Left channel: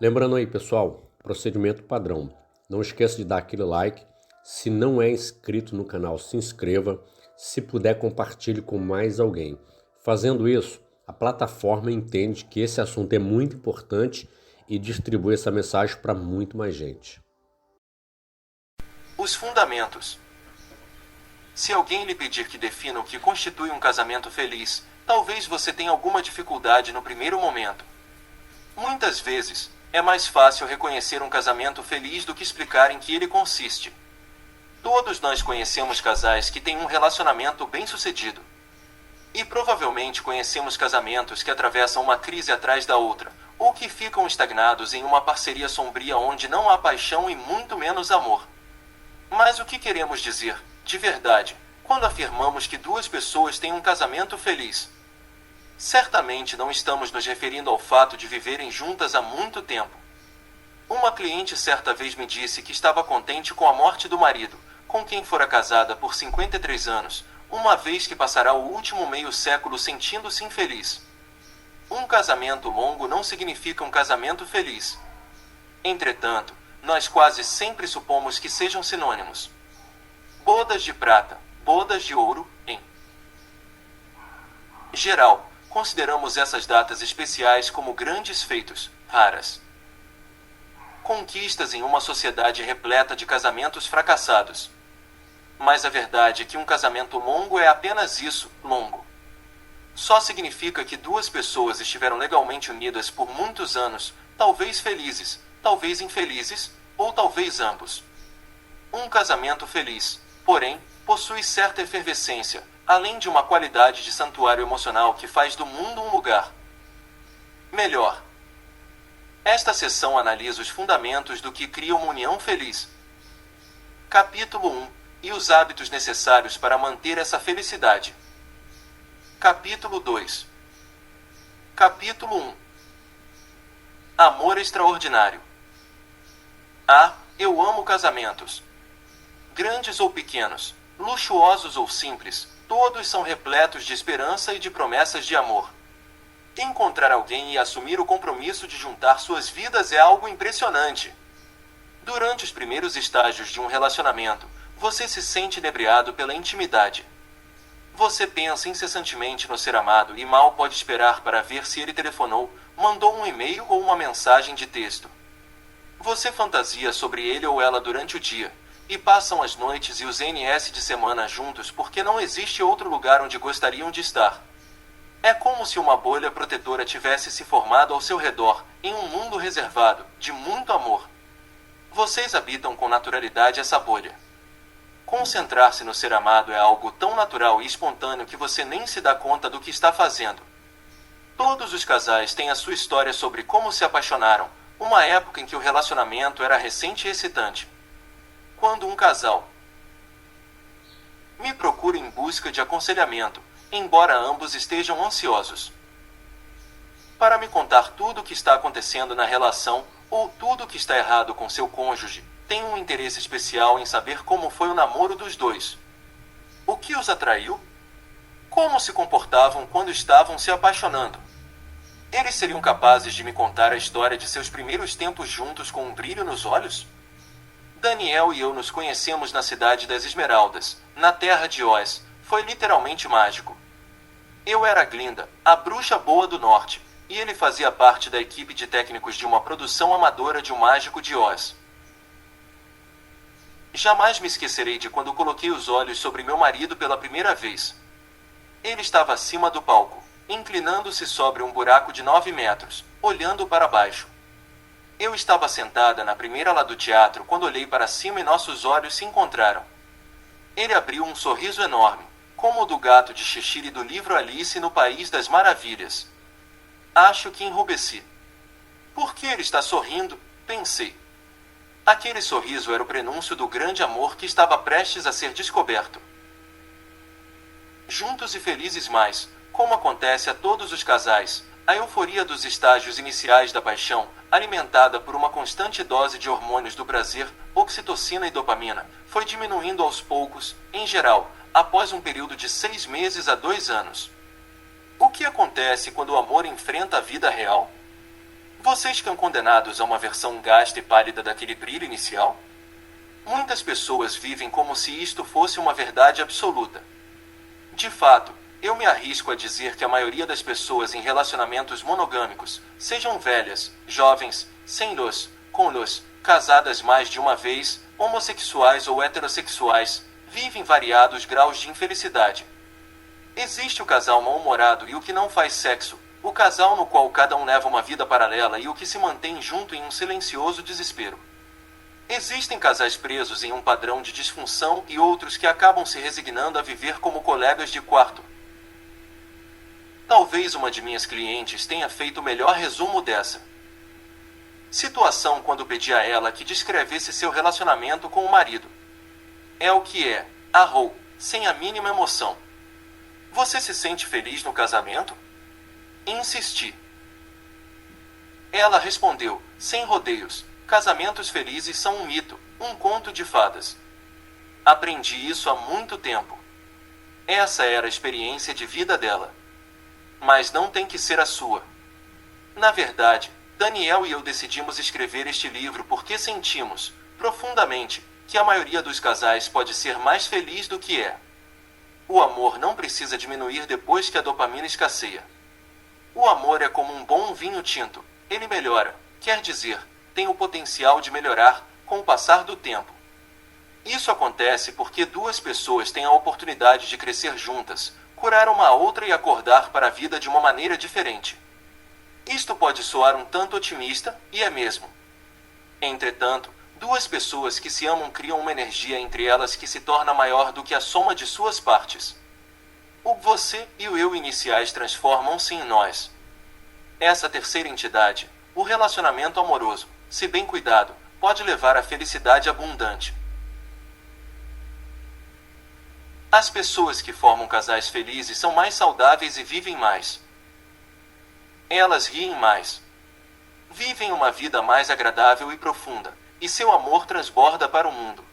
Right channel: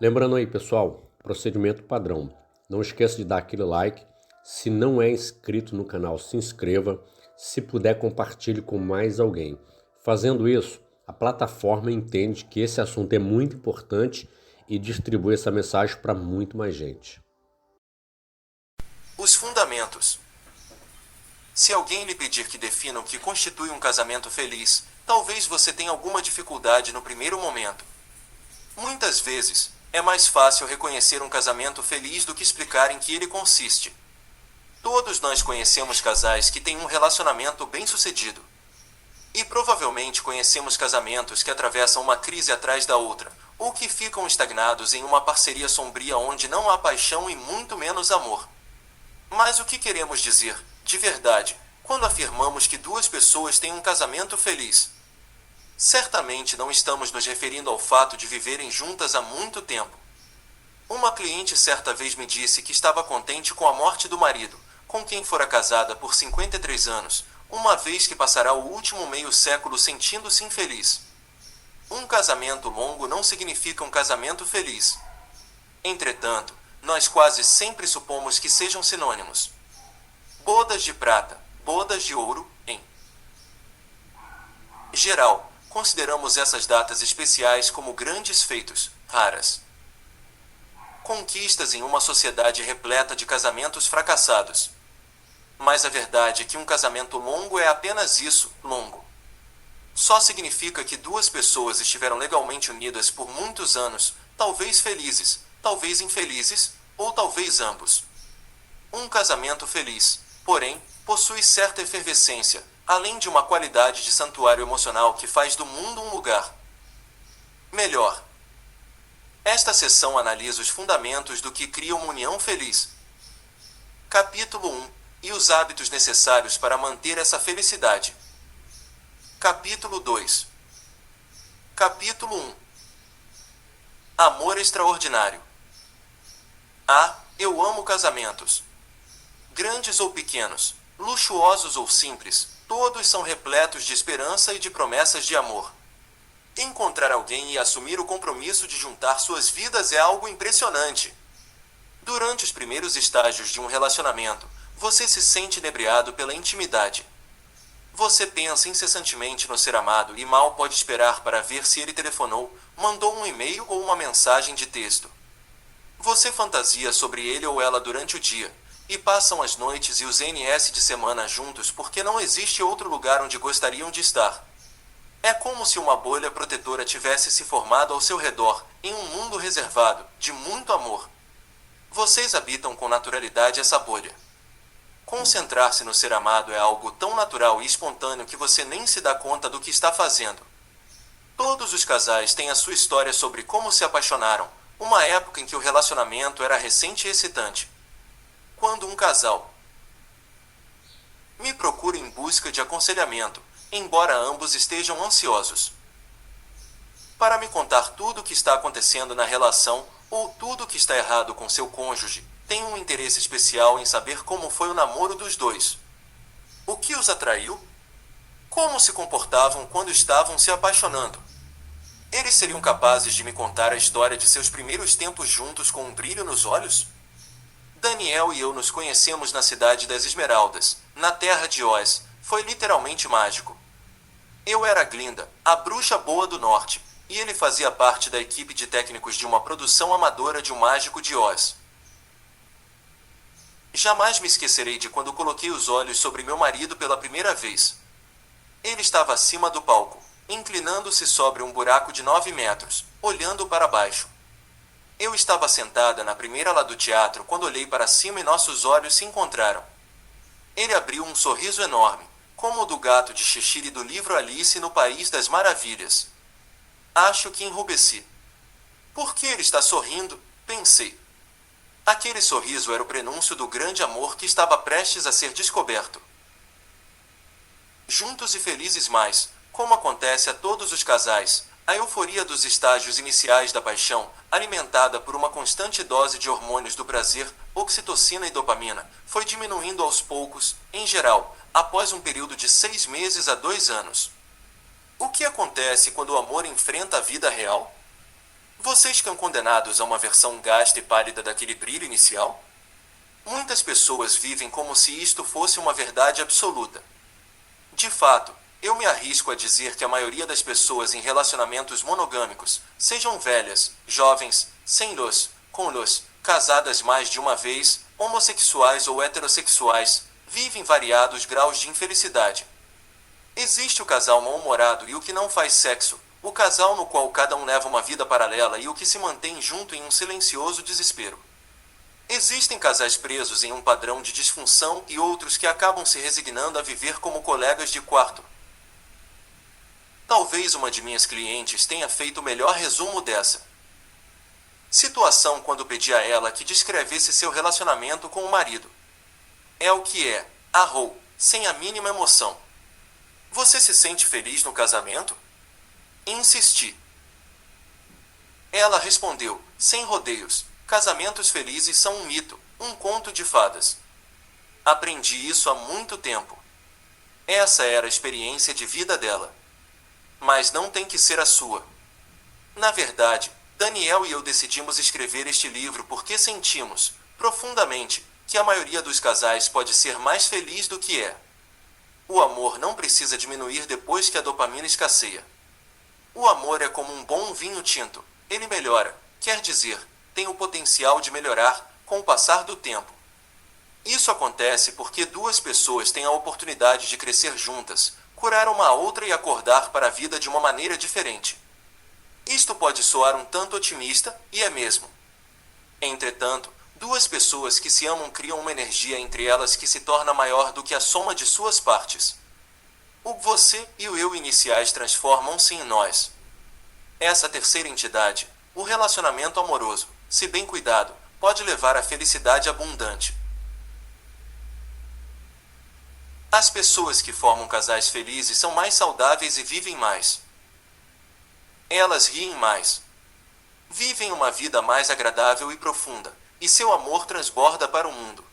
Lembrando aí, pessoal, procedimento padrão. Não esqueça de dar aquele like. Se não é inscrito no canal, se inscreva. Se puder, compartilhe com mais alguém. Fazendo isso, a plataforma entende que esse assunto é muito importante e distribui essa mensagem para muito mais gente. Os fundamentos. Se alguém lhe pedir que defina o que constitui um casamento feliz, talvez você tenha alguma dificuldade no primeiro momento. Muitas vezes, é mais fácil reconhecer um casamento feliz do que explicar em que ele consiste. Todos nós conhecemos casais que têm um relacionamento bem-sucedido. E provavelmente conhecemos casamentos que atravessam uma crise atrás da outra, ou que ficam estagnados em uma parceria sombria onde não há paixão e muito menos amor. Mas o que queremos dizer, de verdade, quando afirmamos que duas pessoas têm um casamento feliz? Certamente não estamos nos referindo ao fato de viverem juntas há muito tempo. Uma cliente certa vez me disse que estava contente com a morte do marido, com quem fora casada por 53 anos, uma vez que passará o último meio século sentindo-se infeliz. Um casamento longo não significa um casamento feliz. Entretanto, nós quase sempre supomos que sejam sinônimos. Bodas de prata, bodas de ouro, em geral, consideramos essas datas especiais como grandes feitos, raras conquistas em uma sociedade repleta de casamentos fracassados. Mas a verdade é que um casamento longo é apenas isso, longo. Só significa que duas pessoas estiveram legalmente unidas por muitos anos, talvez felizes, talvez infelizes, ou talvez ambos. Um casamento feliz, porém, possui certa efervescência, além de uma qualidade de santuário emocional que faz do mundo um lugar melhor. Esta seção analisa os fundamentos do que cria uma união feliz. Capítulo 1. E os hábitos necessários para manter essa felicidade. Capítulo 2. Capítulo 1. Amor extraordinário. Eu amo casamentos. Grandes ou pequenos, luxuosos ou simples, todos são repletos de esperança e de promessas de amor. Encontrar alguém e assumir o compromisso de juntar suas vidas é algo impressionante. Durante os primeiros estágios de um relacionamento, você se sente inebriado pela intimidade. Você pensa incessantemente no ser amado e mal pode esperar para ver se ele telefonou, mandou um e-mail ou uma mensagem de texto. Você fantasia sobre ele ou ela durante o dia, e passam as noites e os NS de semana juntos porque não existe outro lugar onde gostariam de estar. É como se uma bolha protetora tivesse se formado ao seu redor, em um mundo reservado, de muito amor. Vocês habitam com naturalidade essa bolha. Concentrar-se no ser amado é algo tão natural e espontâneo que você nem se dá conta do que está fazendo. Todos os casais têm a sua história sobre como se apaixonaram, uma época em que o relacionamento era recente e excitante. Quando um casal me procura em busca de aconselhamento, embora ambos estejam ansiosos para me contar tudo o que está acontecendo na relação, ou tudo o que está errado com seu cônjuge, tenho um interesse especial em saber como foi o namoro dos dois. O que os atraiu? Como se comportavam quando estavam se apaixonando? Eles seriam capazes de me contar a história de seus primeiros tempos juntos com um brilho nos olhos? Daniel e eu nos conhecemos na cidade das Esmeraldas, na terra de Oz. Foi literalmente mágico. Eu era Glinda, a bruxa boa do norte, e ele fazia parte da equipe de técnicos de uma produção amadora de O Mágico de Oz. Jamais me esquecerei de quando coloquei os olhos sobre meu marido pela primeira vez. Ele estava acima do palco, inclinando-se sobre um buraco de 9 metros, olhando para baixo. Eu estava sentada na primeira ala do teatro quando olhei para cima e nossos olhos se encontraram. Ele abriu um sorriso enorme, como o do gato de Cheshire do livro Alice no País das Maravilhas. Acho que enrubesci. Por que ele está sorrindo? Pensei. Aquele sorriso era o prenúncio do grande amor que estava prestes a ser descoberto. Juntos e felizes mais, como acontece a todos os casais, a euforia dos estágios iniciais da paixão, alimentada por uma constante dose de hormônios do prazer, oxitocina e dopamina, foi diminuindo aos poucos, em geral, após um período de 6 meses a 2 anos. O que acontece quando o amor enfrenta a vida real? Vocês ficam condenados a uma versão gasta e pálida daquele brilho inicial? Muitas pessoas vivem como se isto fosse uma verdade absoluta. De fato, eu me arrisco a dizer que a maioria das pessoas em relacionamentos monogâmicos, sejam velhas, jovens, sem luz, com luz, casadas mais de uma vez, homossexuais ou heterossexuais, vivem variados graus de infelicidade. Existe o casal mal-humorado e o que não faz sexo, o casal no qual cada um leva uma vida paralela e o que se mantém junto em um silencioso desespero. Existem casais presos em um padrão de disfunção e outros que acabam se resignando a viver como colegas de quarto. Talvez uma de minhas clientes tenha feito o melhor resumo dessa situação quando pedi a ela que descrevesse seu relacionamento com o marido. É o que é, arrou, sem a mínima emoção. Você se sente feliz no casamento? Insisti. Ela respondeu, sem rodeios, casamentos felizes são um mito, um conto de fadas. Aprendi isso há muito tempo. Essa era a experiência de vida dela. Mas não tem que ser a sua. Na verdade, Daniel e eu decidimos escrever este livro porque sentimos, profundamente, que a maioria dos casais pode ser mais feliz do que é. O amor não precisa diminuir depois que a dopamina escasseia. O amor é como um bom vinho tinto, ele melhora, quer dizer, tem o potencial de melhorar com o passar do tempo. Isso acontece porque duas pessoas têm a oportunidade de crescer juntas, curar uma a outra e acordar para a vida de uma maneira diferente. Isto pode soar um tanto otimista, e é mesmo. Entretanto, duas pessoas que se amam criam uma energia entre elas que se torna maior do que a soma de suas partes. O você e o eu iniciais transformam-se em nós. Essa terceira entidade, o relacionamento amoroso, se bem cuidado, pode levar à felicidade abundante. As pessoas que formam casais felizes são mais saudáveis e vivem mais. Elas riem mais. Vivem uma vida mais agradável e profunda, e seu amor transborda para o mundo.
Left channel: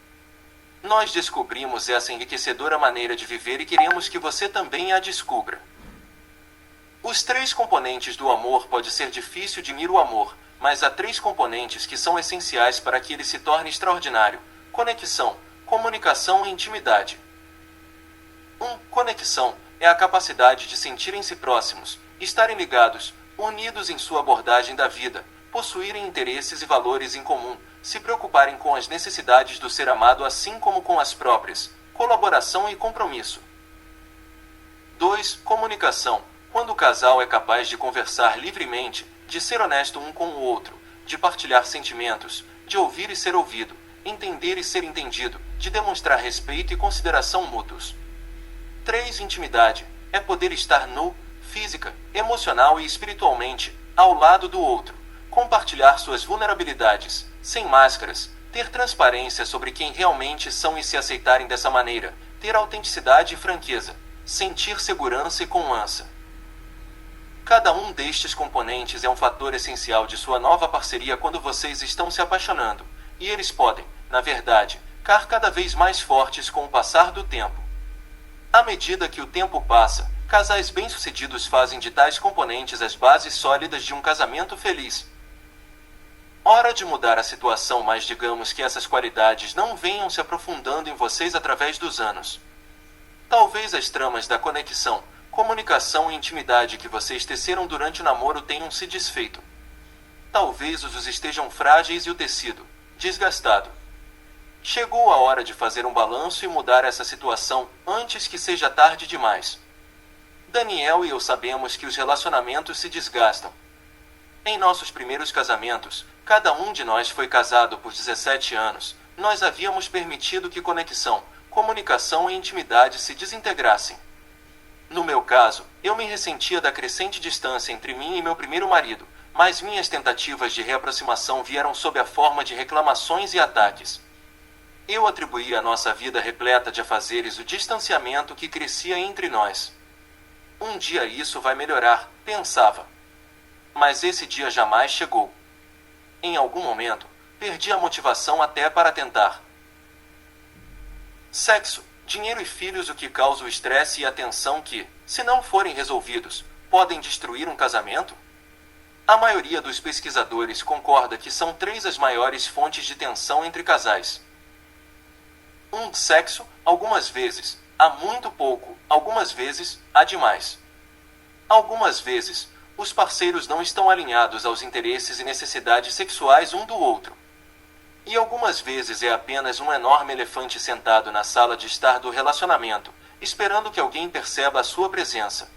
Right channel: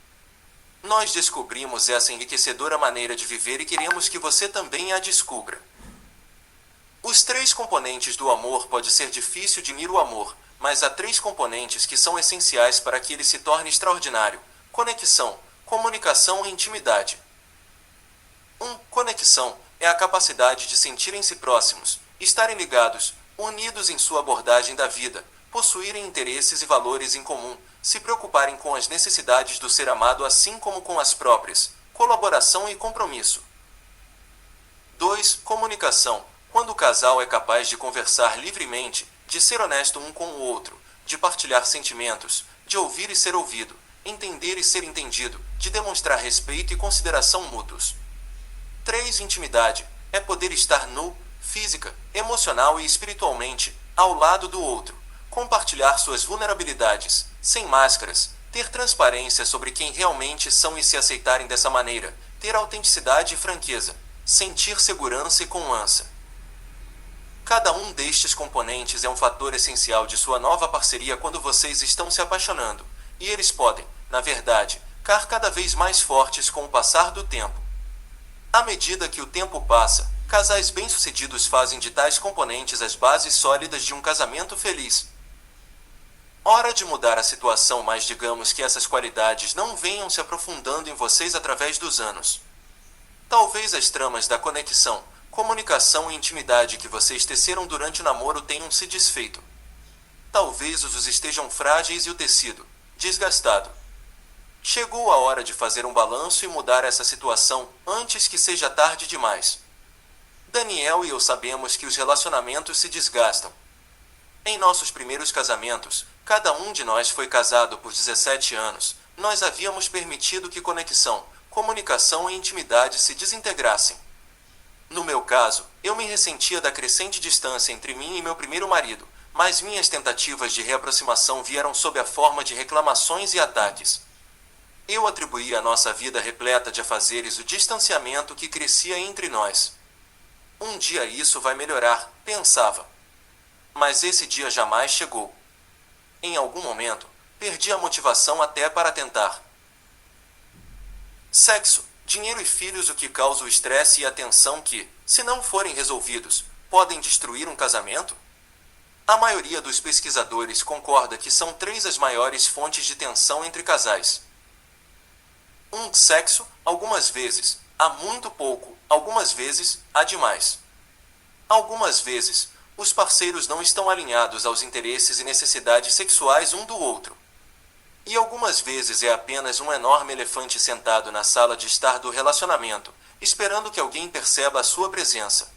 Nós descobrimos essa enriquecedora maneira de viver e queremos que você também a descubra. Os três componentes do amor pode ser difícil de medir o amor, mas há três componentes que são essenciais para que ele se torne extraordinário: conexão, comunicação e intimidade. Conexão é a capacidade de sentirem-se próximos, estarem ligados, unidos em sua abordagem da vida, possuírem interesses e valores em comum, se preocuparem com as necessidades do ser amado assim como com as próprias, colaboração e compromisso. 2. Comunicação, quando o casal é capaz de conversar livremente, de ser honesto um com o outro, de partilhar sentimentos, de ouvir e ser ouvido, entender e ser entendido, de demonstrar respeito e consideração mútuos. 3. Intimidade, é poder estar nu, física, emocional e espiritualmente, ao lado do outro, compartilhar suas vulnerabilidades, sem máscaras, ter transparência sobre quem realmente são e se aceitarem dessa maneira, ter autenticidade e franqueza, sentir segurança e confiança. Cada um destes componentes é um fator essencial de sua nova parceria quando vocês estão se apaixonando, e eles podem, na verdade, ficar cada vez mais fortes com o passar do tempo. À medida que o tempo passa, casais bem-sucedidos fazem de tais componentes as bases sólidas de um casamento feliz. Hora de mudar a situação, mas digamos que essas qualidades não venham se aprofundando em vocês através dos anos. Talvez as tramas da conexão, comunicação e intimidade que vocês teceram durante o namoro tenham se desfeito. Talvez os ossos estejam frágeis e o tecido, desgastado. Chegou a hora de fazer um balanço e mudar essa situação antes que seja tarde demais. Daniel e eu sabemos que os relacionamentos se desgastam. Em nossos primeiros casamentos, cada um de nós foi casado por 17 anos, nós havíamos permitido que conexão, comunicação e intimidade se desintegrassem. No meu caso, eu me ressentia da crescente distância entre mim e meu primeiro marido, mas minhas tentativas de reaproximação vieram sob a forma de reclamações e ataques. Eu atribuía à nossa vida repleta de afazeres o distanciamento que crescia entre nós. Um dia isso vai melhorar, pensava. Mas esse dia jamais chegou. Em algum momento, perdi a motivação até para tentar. Sexo, dinheiro e filhos, o que causa o estresse e a tensão que, se não forem resolvidos, podem destruir um casamento? A maioria dos pesquisadores concorda que são 3 as maiores fontes de tensão entre casais. 1. Sexo, algumas vezes, há muito pouco, algumas vezes, há demais. Algumas vezes, os parceiros não estão alinhados aos interesses e necessidades sexuais um do outro. E algumas vezes é apenas um enorme elefante sentado na sala de estar do relacionamento, esperando que alguém perceba a sua presença.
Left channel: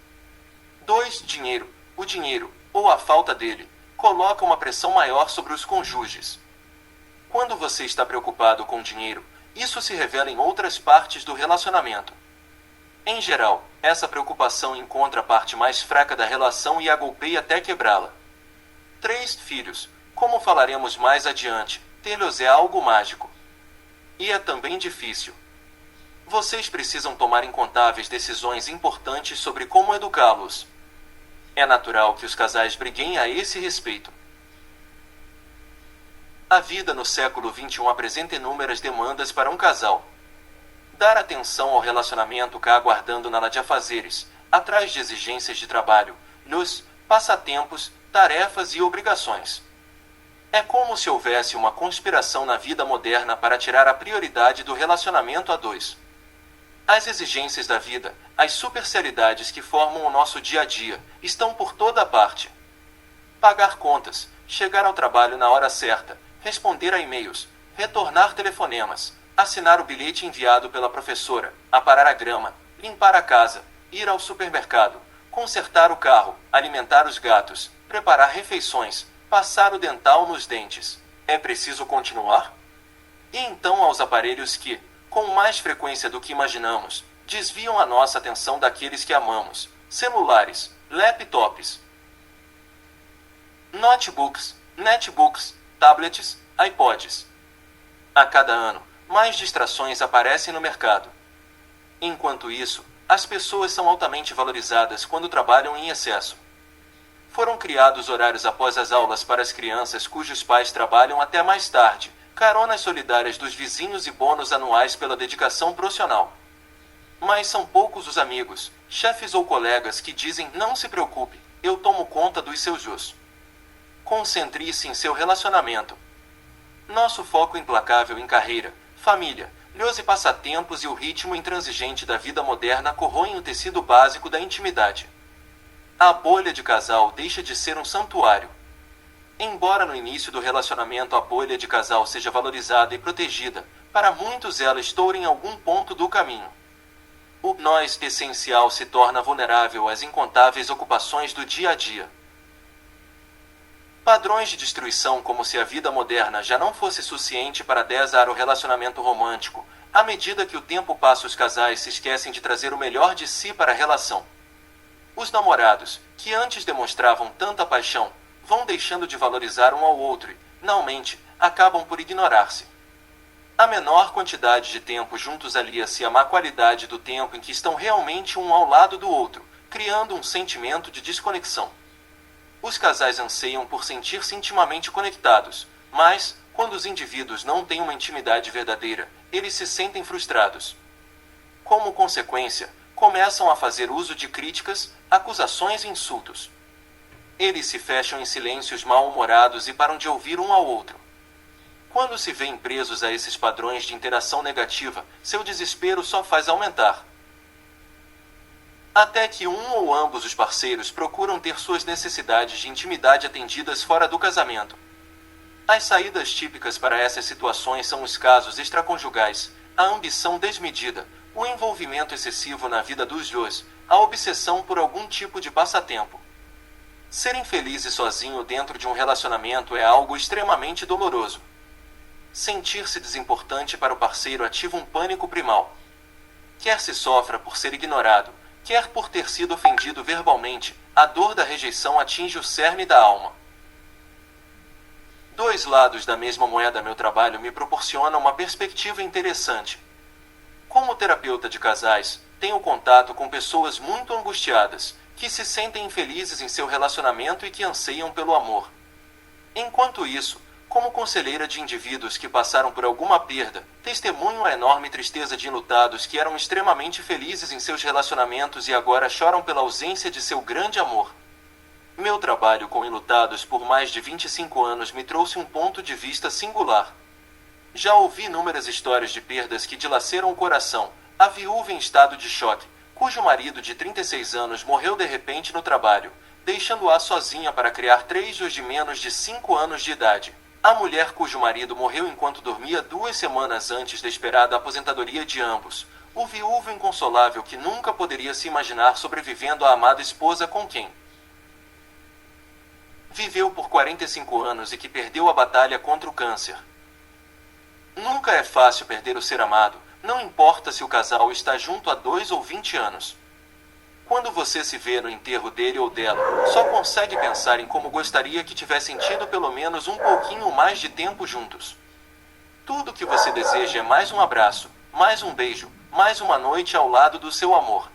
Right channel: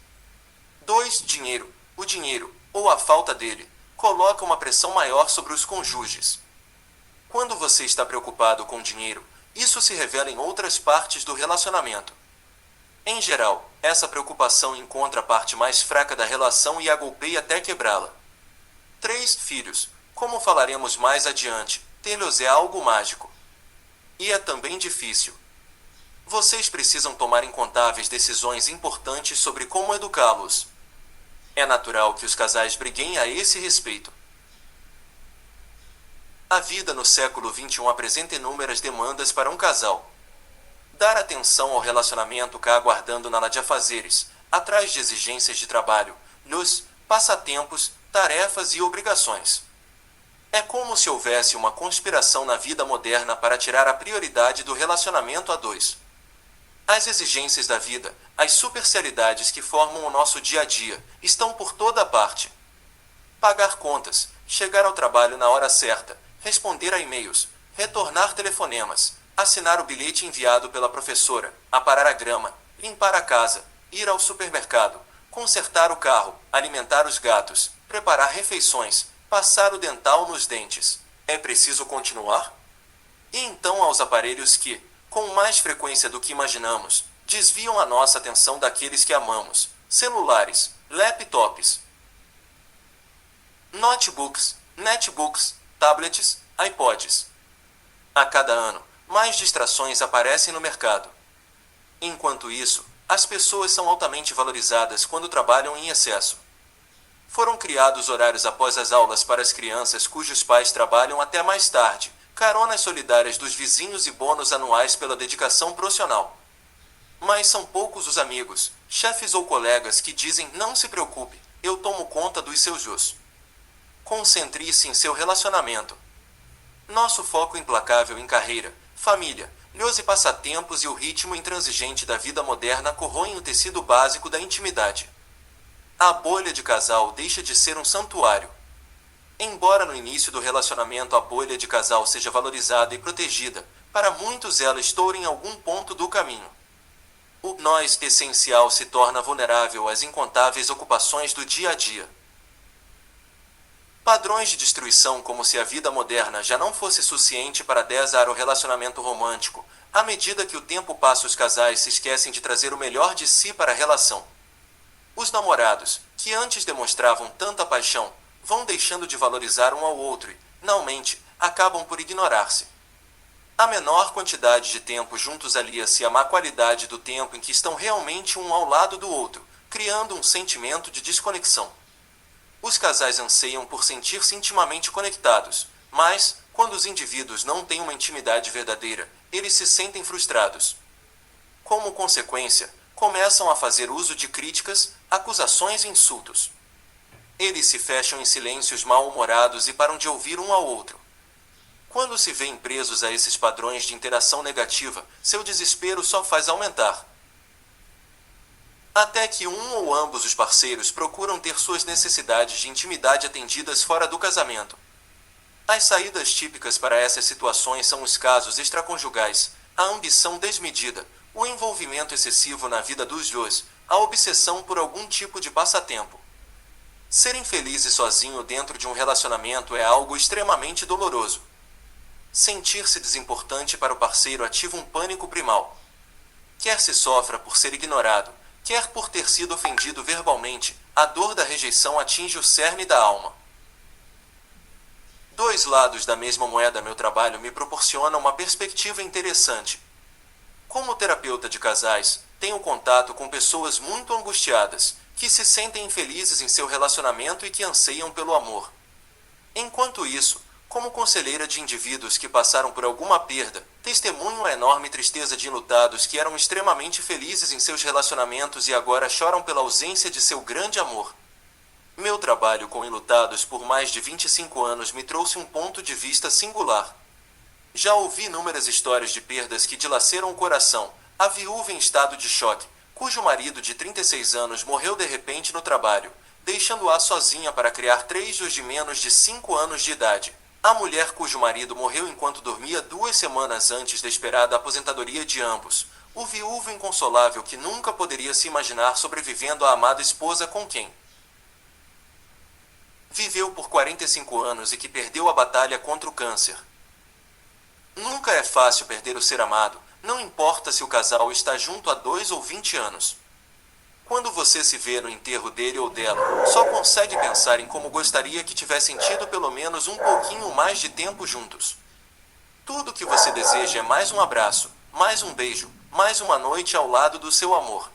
2. Dinheiro. O dinheiro, ou a falta dele, coloca uma pressão maior sobre os cônjuges. Quando você está preocupado com dinheiro, isso se revela em outras partes do relacionamento. Em geral, essa preocupação encontra a parte mais fraca da relação e a golpeia até quebrá-la. 3. Filhos. Como falaremos mais adiante, tê-los é algo mágico. E é também difícil. Vocês precisam tomar incontáveis decisões importantes sobre como educá-los. É natural que os casais briguem a esse respeito. A vida no século XXI apresenta inúmeras demandas para um casal. Dar atenção ao relacionamento cá aguardando nada de afazeres, atrás de exigências de trabalho, luz, passatempos, tarefas e obrigações. É como se houvesse uma conspiração na vida moderna para tirar a prioridade do relacionamento a dois. As exigências da vida, as supercialidades que formam o nosso dia a dia, estão por toda parte. Pagar contas, chegar ao trabalho na hora certa, responder a e-mails, retornar telefonemas, assinar o bilhete enviado pela professora, aparar a grama, limpar a casa, ir ao supermercado, consertar o carro, alimentar os gatos, preparar refeições, passar o dental nos dentes. É preciso continuar? E então aos aparelhos que, com mais frequência do que imaginamos, desviam a nossa atenção daqueles que amamos: celulares, laptops, notebooks, netbooks, tablets, iPods. A cada ano, mais distrações aparecem no mercado. Enquanto isso, as pessoas são altamente valorizadas quando trabalham em excesso. Foram criados horários após as aulas para as crianças cujos pais trabalham até mais tarde, caronas solidárias dos vizinhos e bônus anuais pela dedicação profissional. Mas são poucos os amigos, chefes ou colegas que dizem: não se preocupe, eu tomo conta dos seus jus. Concentre-se em seu relacionamento. Nosso foco implacável em carreira, família, lhos e passatempos e o ritmo intransigente da vida moderna corroem o tecido básico da intimidade. A bolha de casal deixa de ser um santuário. Embora no início do relacionamento a bolha de casal seja valorizada e protegida, para muitos ela estoura em algum ponto do caminho. O nós essencial se torna vulnerável às incontáveis ocupações do dia a dia. Padrões de destruição, como se a vida moderna já não fosse suficiente para desar o relacionamento romântico. À medida que o tempo passa, os casais se esquecem de trazer o melhor de si para a relação. Os namorados, que antes demonstravam tanta paixão, vão deixando de valorizar um ao outro e, finalmente, acabam por ignorar-se. A menor quantidade de tempo juntos alia-se à má qualidade do tempo em que estão realmente um ao lado do outro, criando um sentimento de desconexão. Os casais anseiam por sentir-se intimamente conectados, mas, quando os indivíduos não têm uma intimidade verdadeira, eles se sentem frustrados. Como consequência, começam a fazer uso de críticas, acusações e insultos. Eles se fecham em silêncios mal-humorados e param de ouvir um ao outro. Quando se veem presos a esses padrões de interação negativa, seu desespero só faz aumentar. Até que um ou ambos os parceiros procuram ter suas necessidades de intimidade atendidas fora do casamento. As saídas típicas para essas situações são os casos extraconjugais, a ambição desmedida, o envolvimento excessivo na vida dos dois, a obsessão por algum tipo de passatempo. Ser infeliz e sozinho dentro de um relacionamento é algo extremamente doloroso. Sentir-se desimportante para o parceiro ativa um pânico primal. Quer se sofra por ser ignorado, quer por ter sido ofendido verbalmente, a dor da rejeição atinge o cerne da alma. Dois lados da mesma moeda. Meu trabalho me proporciona uma perspectiva interessante. Como terapeuta de casais, tenho contato com pessoas muito angustiadas, que se sentem infelizes em seu relacionamento e que anseiam pelo amor. Enquanto isso, como conselheira de indivíduos que passaram por alguma perda, testemunho a enorme tristeza de enlutados que eram extremamente felizes em seus relacionamentos e agora choram pela ausência de seu grande amor. Meu trabalho com enlutados por mais de 25 anos me trouxe um ponto de vista singular. Já ouvi inúmeras histórias de perdas que dilaceram o coração. A viúva em estado de choque, cujo marido de 36 anos morreu de repente no trabalho, deixando-a sozinha para criar 3 filhos de menos de 5 anos de idade. A mulher cujo marido morreu enquanto dormia 2 semanas antes da esperada aposentadoria de ambos. O viúvo inconsolável que nunca poderia se imaginar sobrevivendo à amada esposa com quem viveu por 45 anos e que perdeu a batalha contra o câncer. Nunca é fácil perder o ser amado, não importa se o casal está junto há 2 ou 20 anos. Quando você se vê no enterro dele ou dela, só consegue pensar em como gostaria que tivessem tido pelo menos um pouquinho mais de tempo juntos. Tudo que você deseja é mais um abraço, mais um beijo, mais uma noite ao lado do seu amor.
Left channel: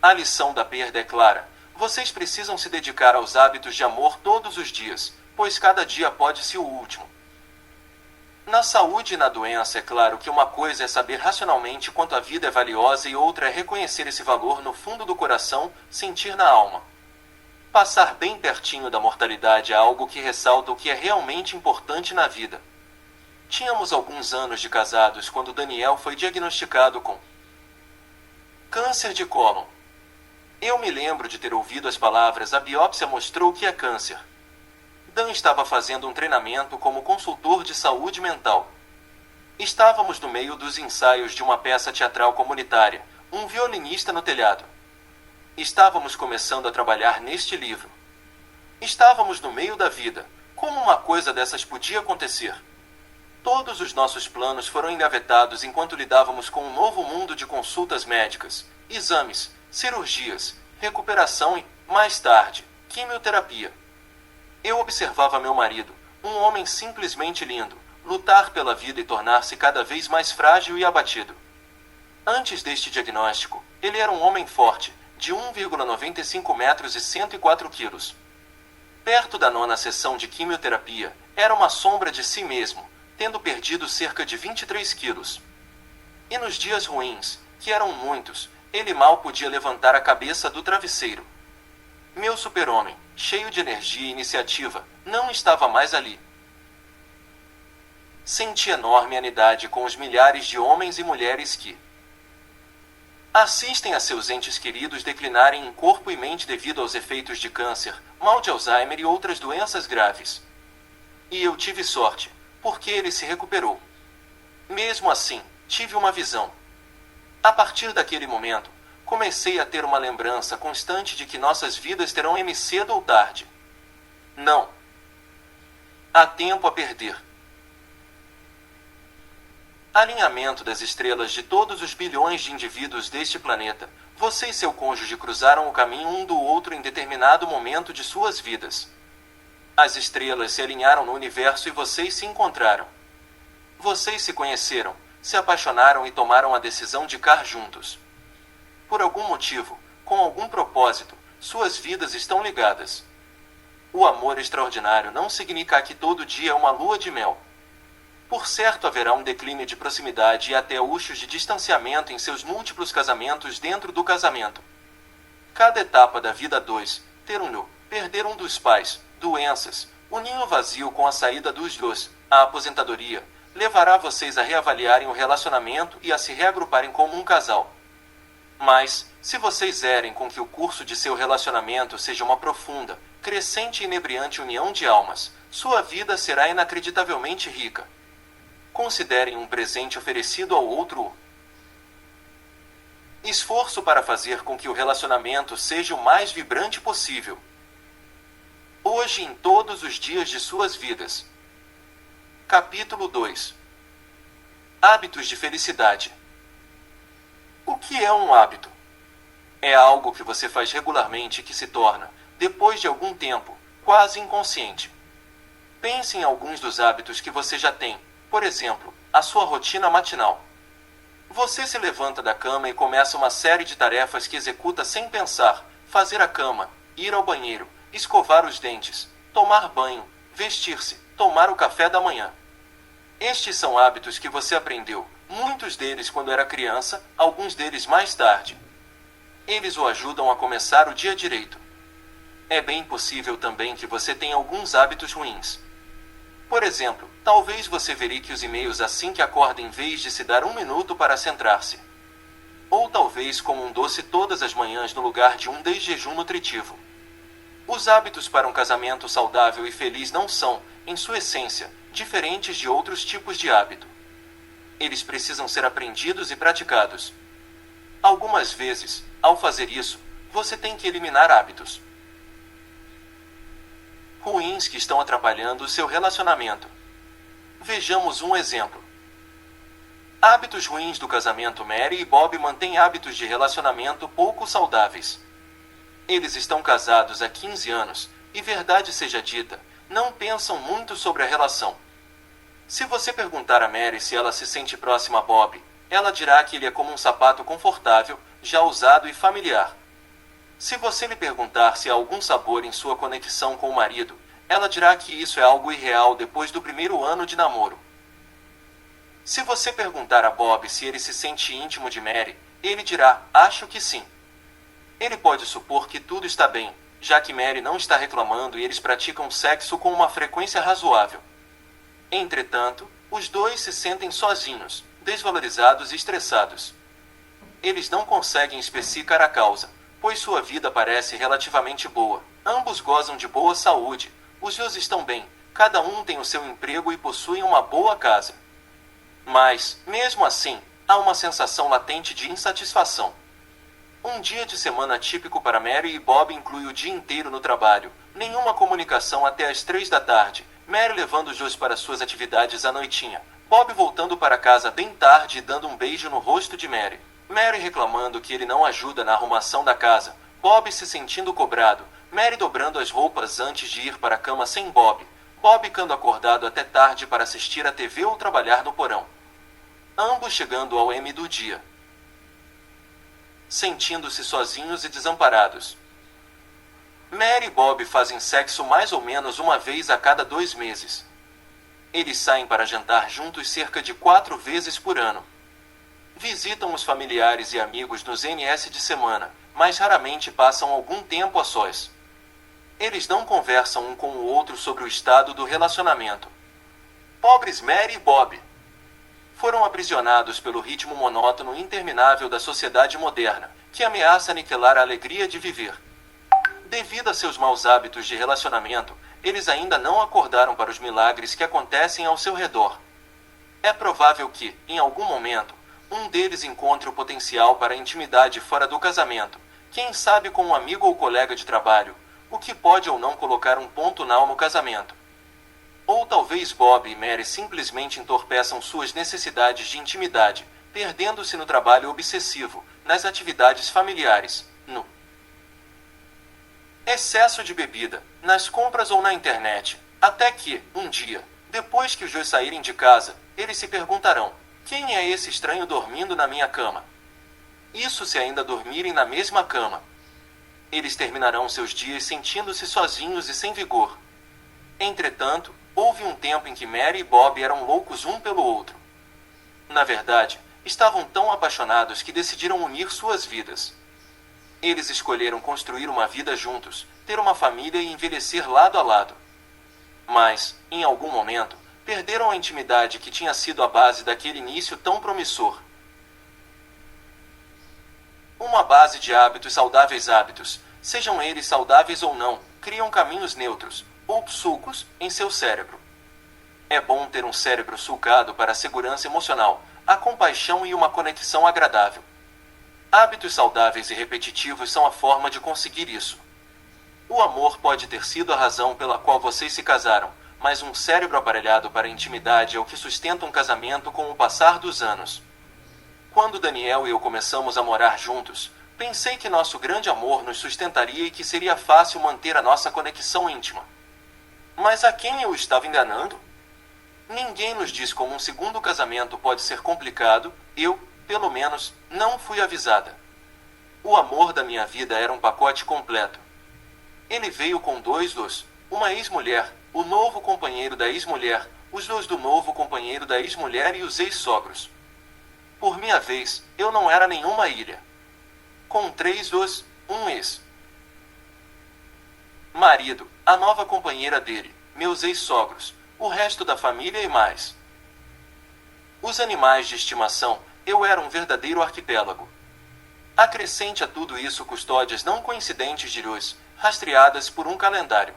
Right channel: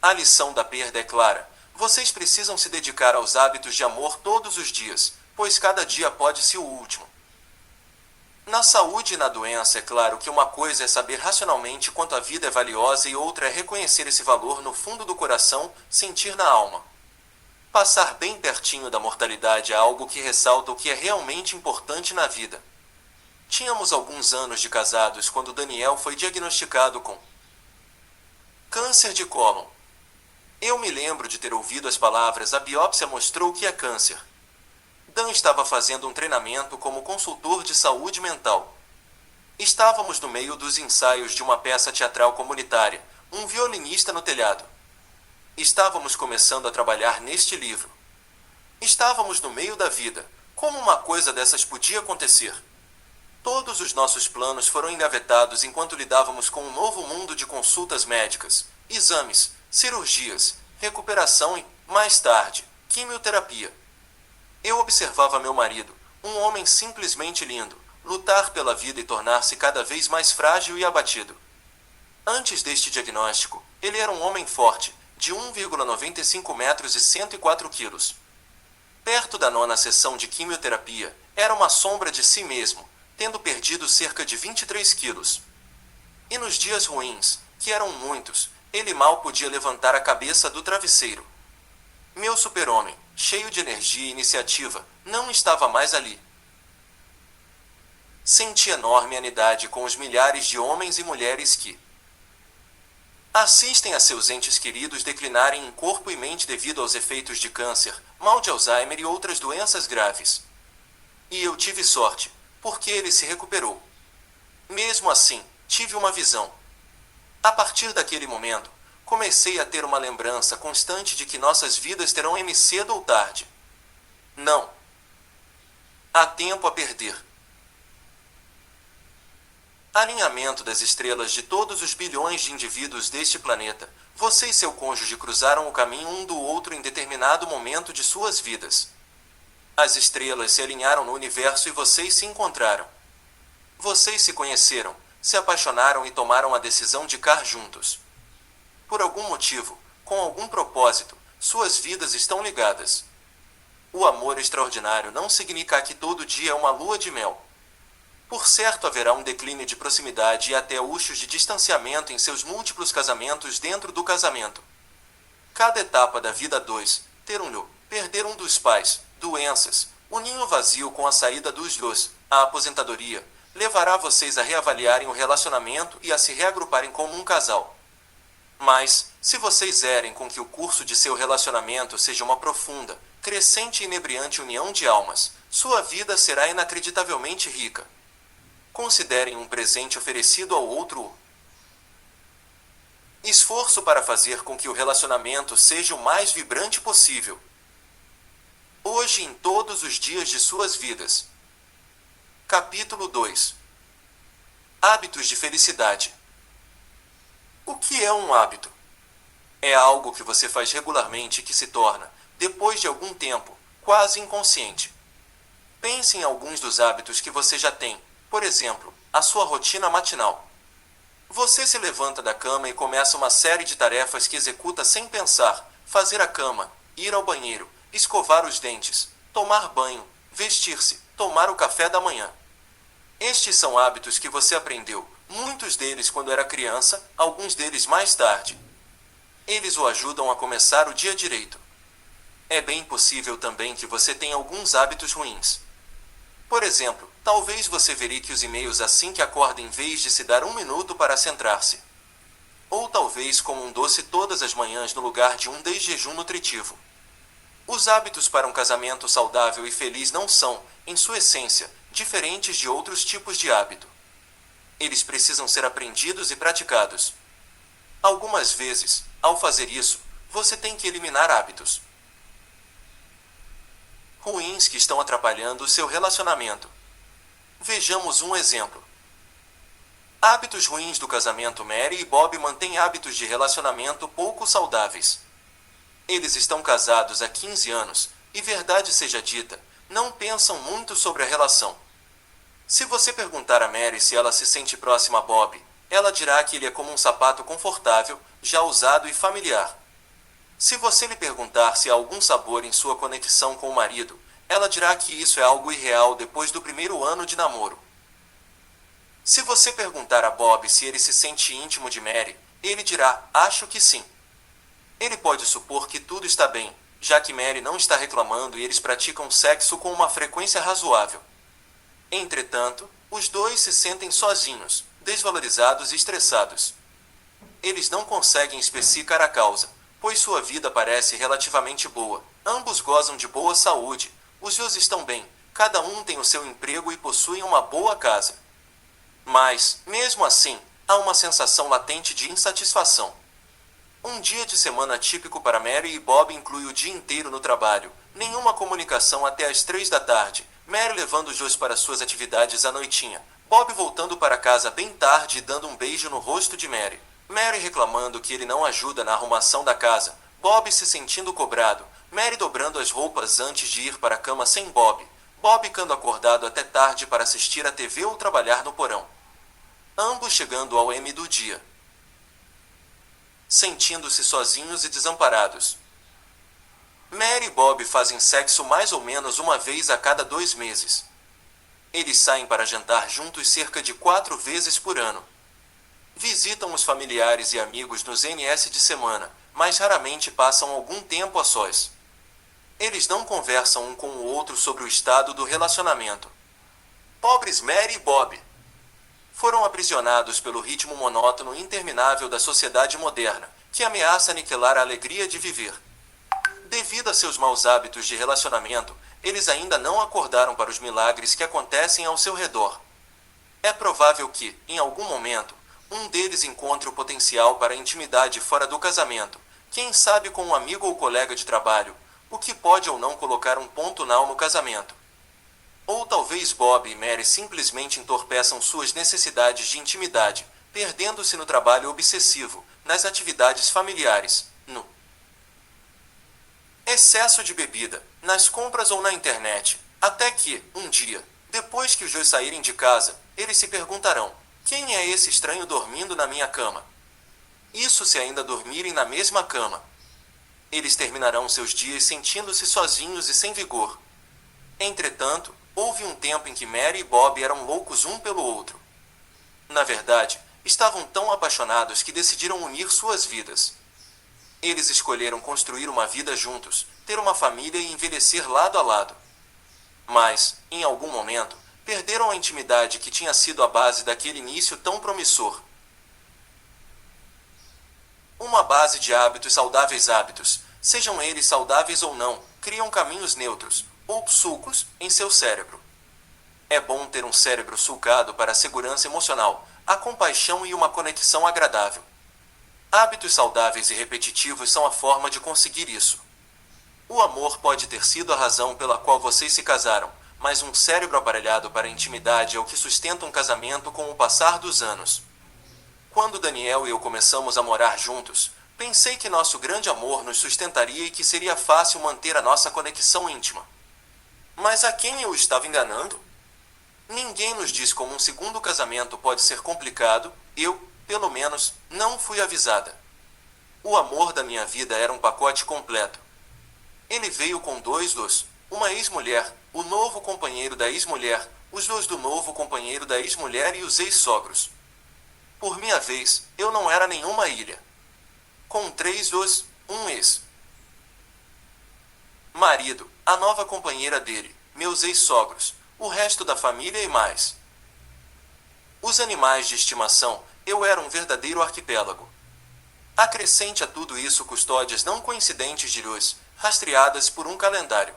A lição da perda é clara. Vocês precisam se dedicar aos hábitos de amor todos os dias, pois cada dia pode ser o último. Na saúde e na doença, é claro que uma coisa é saber racionalmente quanto a vida é valiosa e outra é reconhecer esse valor no fundo do coração, sentir na alma. Passar bem pertinho da mortalidade é algo que ressalta o que é realmente importante na vida. Tínhamos alguns anos de casados quando Daniel foi diagnosticado com câncer de cólon. Eu me lembro de ter ouvido as palavras "a biópsia mostrou que é câncer". Dan estava fazendo um treinamento como consultor de saúde mental. Estávamos no meio dos ensaios de uma peça teatral comunitária, um violinista no telhado. Estávamos começando a trabalhar neste livro. Estávamos no meio da vida. Como uma coisa dessas podia acontecer? Todos os nossos planos foram engavetados enquanto lidávamos com um novo mundo de consultas médicas, exames, cirurgias, recuperação e, mais tarde, quimioterapia. Eu observava meu marido, um homem simplesmente lindo, lutar pela vida e tornar-se cada vez mais frágil e abatido. Antes deste diagnóstico, ele era um homem forte, de 1,95 metros e 104 quilos. Perto da 9ª sessão de quimioterapia, era uma sombra de si mesmo, tendo perdido cerca de 23 quilos. E nos dias ruins, que eram muitos, ele mal podia levantar a cabeça do travesseiro. Meu super-homem, cheio de energia e iniciativa, não estava mais ali. Senti enorme anidade com os milhares de homens e mulheres que assistem a seus entes queridos declinarem em corpo e mente devido aos efeitos de câncer, mal de Alzheimer e outras doenças graves. E eu tive sorte, porque ele se recuperou. Mesmo assim, tive uma visão. A partir daquele momento, comecei a ter uma lembrança constante de que nossas vidas terão fim cedo ou tarde. Não há tempo a perder. Alinhamento das estrelas de todos os bilhões de indivíduos deste planeta, você e seu cônjuge cruzaram o caminho um do outro em determinado momento de suas vidas. As estrelas se alinharam no universo e vocês se encontraram. Vocês se conheceram, se apaixonaram e tomaram a decisão de ficar juntos. Por algum motivo, com algum propósito, suas vidas estão ligadas. O amor extraordinário não significa que todo dia é uma lua de mel. Por certo, haverá um declínio de proximidade e até luxos de distanciamento em seus múltiplos casamentos dentro do casamento. Cada etapa da vida 2, ter um filho, perder um dos pais, doenças, o ninho vazio com a saída dos dois, a aposentadoria, levará vocês a reavaliarem o relacionamento e a se reagruparem como um casal. Mas, se vocês querem com que o curso de seu relacionamento seja uma profunda, crescente e inebriante união de almas, sua vida será inacreditavelmente rica. Considerem um presente oferecido ao outro. Esforço para fazer com que o relacionamento seja o mais vibrante possível. Hoje e em todos os dias de suas vidas. Capítulo 2. Hábitos de felicidade. O que é um hábito? É algo que você faz regularmente e que se torna, depois de algum tempo, quase inconsciente. Pense em alguns dos hábitos que você já tem, por exemplo, a sua rotina matinal. Você se levanta da cama e começa uma série de tarefas que executa sem pensar: fazer a cama, ir ao banheiro, escovar os dentes, tomar banho, vestir-se, tomar o café da manhã. Estes são hábitos que você aprendeu, muitos deles quando era criança, alguns deles mais tarde. Eles o ajudam a começar o dia direito. É bem possível também que você tenha alguns hábitos ruins. Por exemplo, talvez você verifique os e-mails assim que acorda em vez de se dar um minuto para centrar-se. Ou talvez coma um doce todas as manhãs no lugar de um desjejum nutritivo. Os hábitos para um casamento saudável e feliz não são, em sua essência, diferentes de outros tipos de hábito. Eles precisam ser aprendidos e praticados. Algumas vezes, ao fazer isso, você tem que eliminar hábitos ruins que estão atrapalhando o seu relacionamento. Vejamos um exemplo. Hábitos ruins do casamento. Mary e Bob mantêm hábitos de relacionamento pouco saudáveis. Eles estão casados há 15 anos, e verdade seja dita, não pensam muito sobre a relação. Se você perguntar a Mary se ela se sente próxima a Bob, ela dirá que ele é como um sapato confortável, já usado e familiar. Se você lhe perguntar se há algum sabor em sua conexão com o marido, ela dirá que isso é algo irreal depois do primeiro ano de namoro. Se você perguntar a Bob se ele se sente íntimo de Mary, ele dirá, acho que sim. Ele pode supor que tudo está bem, já que Mary não está reclamando e eles praticam sexo com uma frequência razoável. Entretanto, os dois se sentem sozinhos, desvalorizados e estressados. Eles não conseguem especificar a causa, pois sua vida parece relativamente boa. Ambos gozam de boa saúde, os dois estão bem, cada um tem o seu emprego e possuem uma boa casa. Mas, mesmo assim, há uma sensação latente de insatisfação. Um dia de semana típico para Mary e Bob inclui o dia inteiro no trabalho, nenhuma comunicação até às 3 da tarde, Mary levando os dois para suas atividades à noitinha, Bob voltando para casa bem tarde e dando um beijo no rosto de Mary. Mary reclamando que ele não ajuda na arrumação da casa, Bob se sentindo cobrado, Mary dobrando as roupas antes de ir para a cama sem Bob, Bob ficando acordado até tarde para assistir à TV ou trabalhar no porão. Ambos chegando ao M do dia, sentindo-se sozinhos e desamparados. Mary e Bob fazem sexo mais ou menos uma vez a cada 2 meses. Eles saem para jantar juntos cerca de 4 vezes por ano. Visitam os familiares e amigos nos NS de semana, mas raramente passam algum tempo a sós. Eles não conversam um com o outro sobre o estado do relacionamento. Pobres Mary e Bob! Foram aprisionados pelo ritmo monótono e interminável da sociedade moderna, que ameaça aniquilar a alegria de viver. Devido a seus maus hábitos de relacionamento, eles ainda não acordaram para os milagres que acontecem ao seu redor. É provável que, em algum momento, um deles encontre o potencial para a intimidade fora do casamento, quem sabe com um amigo ou colega de trabalho, o que pode ou não colocar um ponto final no casamento. Ou talvez Bob e Mary simplesmente entorpeçam suas necessidades de intimidade, perdendo-se no trabalho obsessivo, nas atividades familiares, no excesso de bebida, nas compras ou na internet, até que, um dia, depois que os dois saírem de casa, eles se perguntarão: quem é esse estranho dormindo na minha cama? Isso se ainda dormirem na mesma cama. Eles terminarão seus dias sentindo-se sozinhos e sem vigor. Entretanto, houve um tempo em que Mary e Bob eram loucos um pelo outro. Na verdade, estavam tão apaixonados que decidiram unir suas vidas. Eles escolheram construir uma vida juntos, ter uma família e envelhecer lado a lado. Mas, em algum momento, perderam a intimidade que tinha sido a base daquele início tão promissor. Uma base de hábitos saudáveis. Hábitos, sejam eles saudáveis ou não, criam caminhos neutros, ou sulcos, em seu cérebro. É bom ter um cérebro sulcado para a segurança emocional, a compaixão e uma conexão agradável. Hábitos saudáveis e repetitivos são a forma de conseguir isso. O amor pode ter sido a razão pela qual vocês se casaram, mas um cérebro aparelhado para a intimidade é o que sustenta um casamento com o passar dos anos. Quando Daniel e eu começamos a morar juntos, pensei que nosso grande amor nos sustentaria e que seria fácil manter a nossa conexão íntima. Mas a quem eu estava enganando? Ninguém nos diz como um segundo casamento pode ser complicado, eu, pelo menos, não fui avisada. O amor da minha vida era um pacote completo. Ele veio com uma ex-mulher, o novo companheiro da ex-mulher, os dois do novo companheiro da ex-mulher e os ex-sogros. Por minha vez, eu não era nenhuma ilha. Com 3 um ex. marido, a nova companheira dele, meus ex-sogros, o resto da família e mais. Os animais de estimação, eu era um verdadeiro arquipélago. Acrescente a tudo isso custódias não coincidentes de luz, rastreadas por um calendário.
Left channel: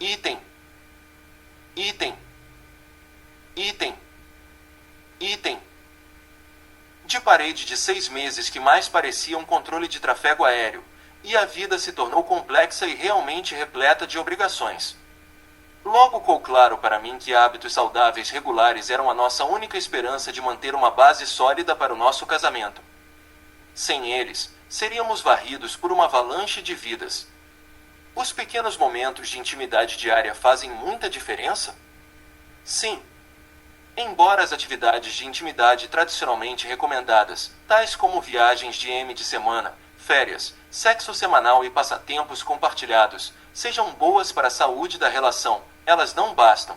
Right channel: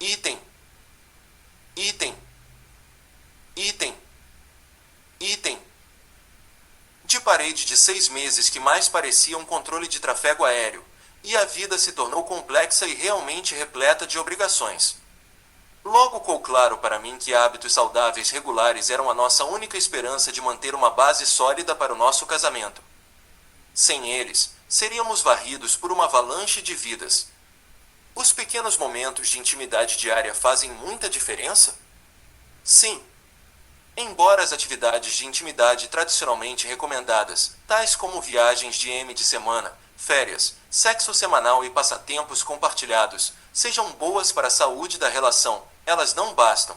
Item. Item. Item. Item. De parede de 6 meses que mais parecia um controle de tráfego aéreo, e a vida se tornou complexa e realmente repleta de obrigações. Logo ficou claro para mim que hábitos saudáveis regulares eram a nossa única esperança de manter uma base sólida para o nosso casamento. Sem eles, seríamos varridos por uma avalanche de vidas. Os pequenos momentos de intimidade diária fazem muita diferença? Sim. Embora as atividades de intimidade tradicionalmente recomendadas, tais como viagens de semana, férias, sexo semanal e passatempos compartilhados, sejam boas para a saúde da relação, elas não bastam.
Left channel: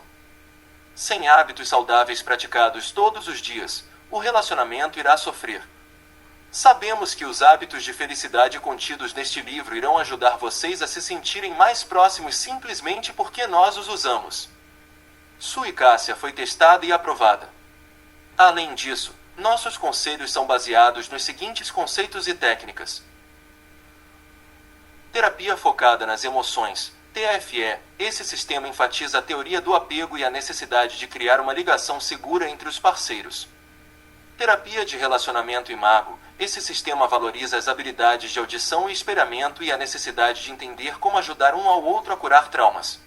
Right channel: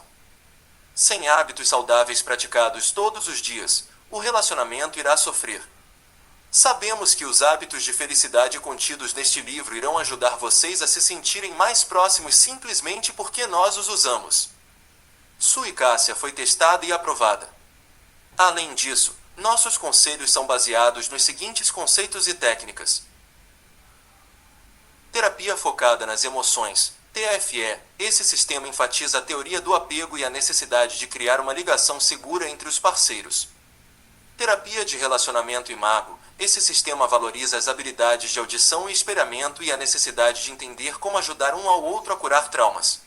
Sem hábitos saudáveis praticados todos os dias, o relacionamento irá sofrer. Sabemos que os hábitos de felicidade contidos neste livro irão ajudar vocês a se sentirem mais próximos simplesmente porque nós os usamos. Sua eficácia foi testada e aprovada. Além disso, nossos conselhos são baseados nos seguintes conceitos e técnicas. Terapia focada nas emoções, TFE. Esse sistema enfatiza a teoria do apego e a necessidade de criar uma ligação segura entre os parceiros. Terapia de relacionamento imago. Esse sistema valoriza as habilidades de audição e espelhamento e a necessidade de entender como ajudar um ao outro a curar traumas.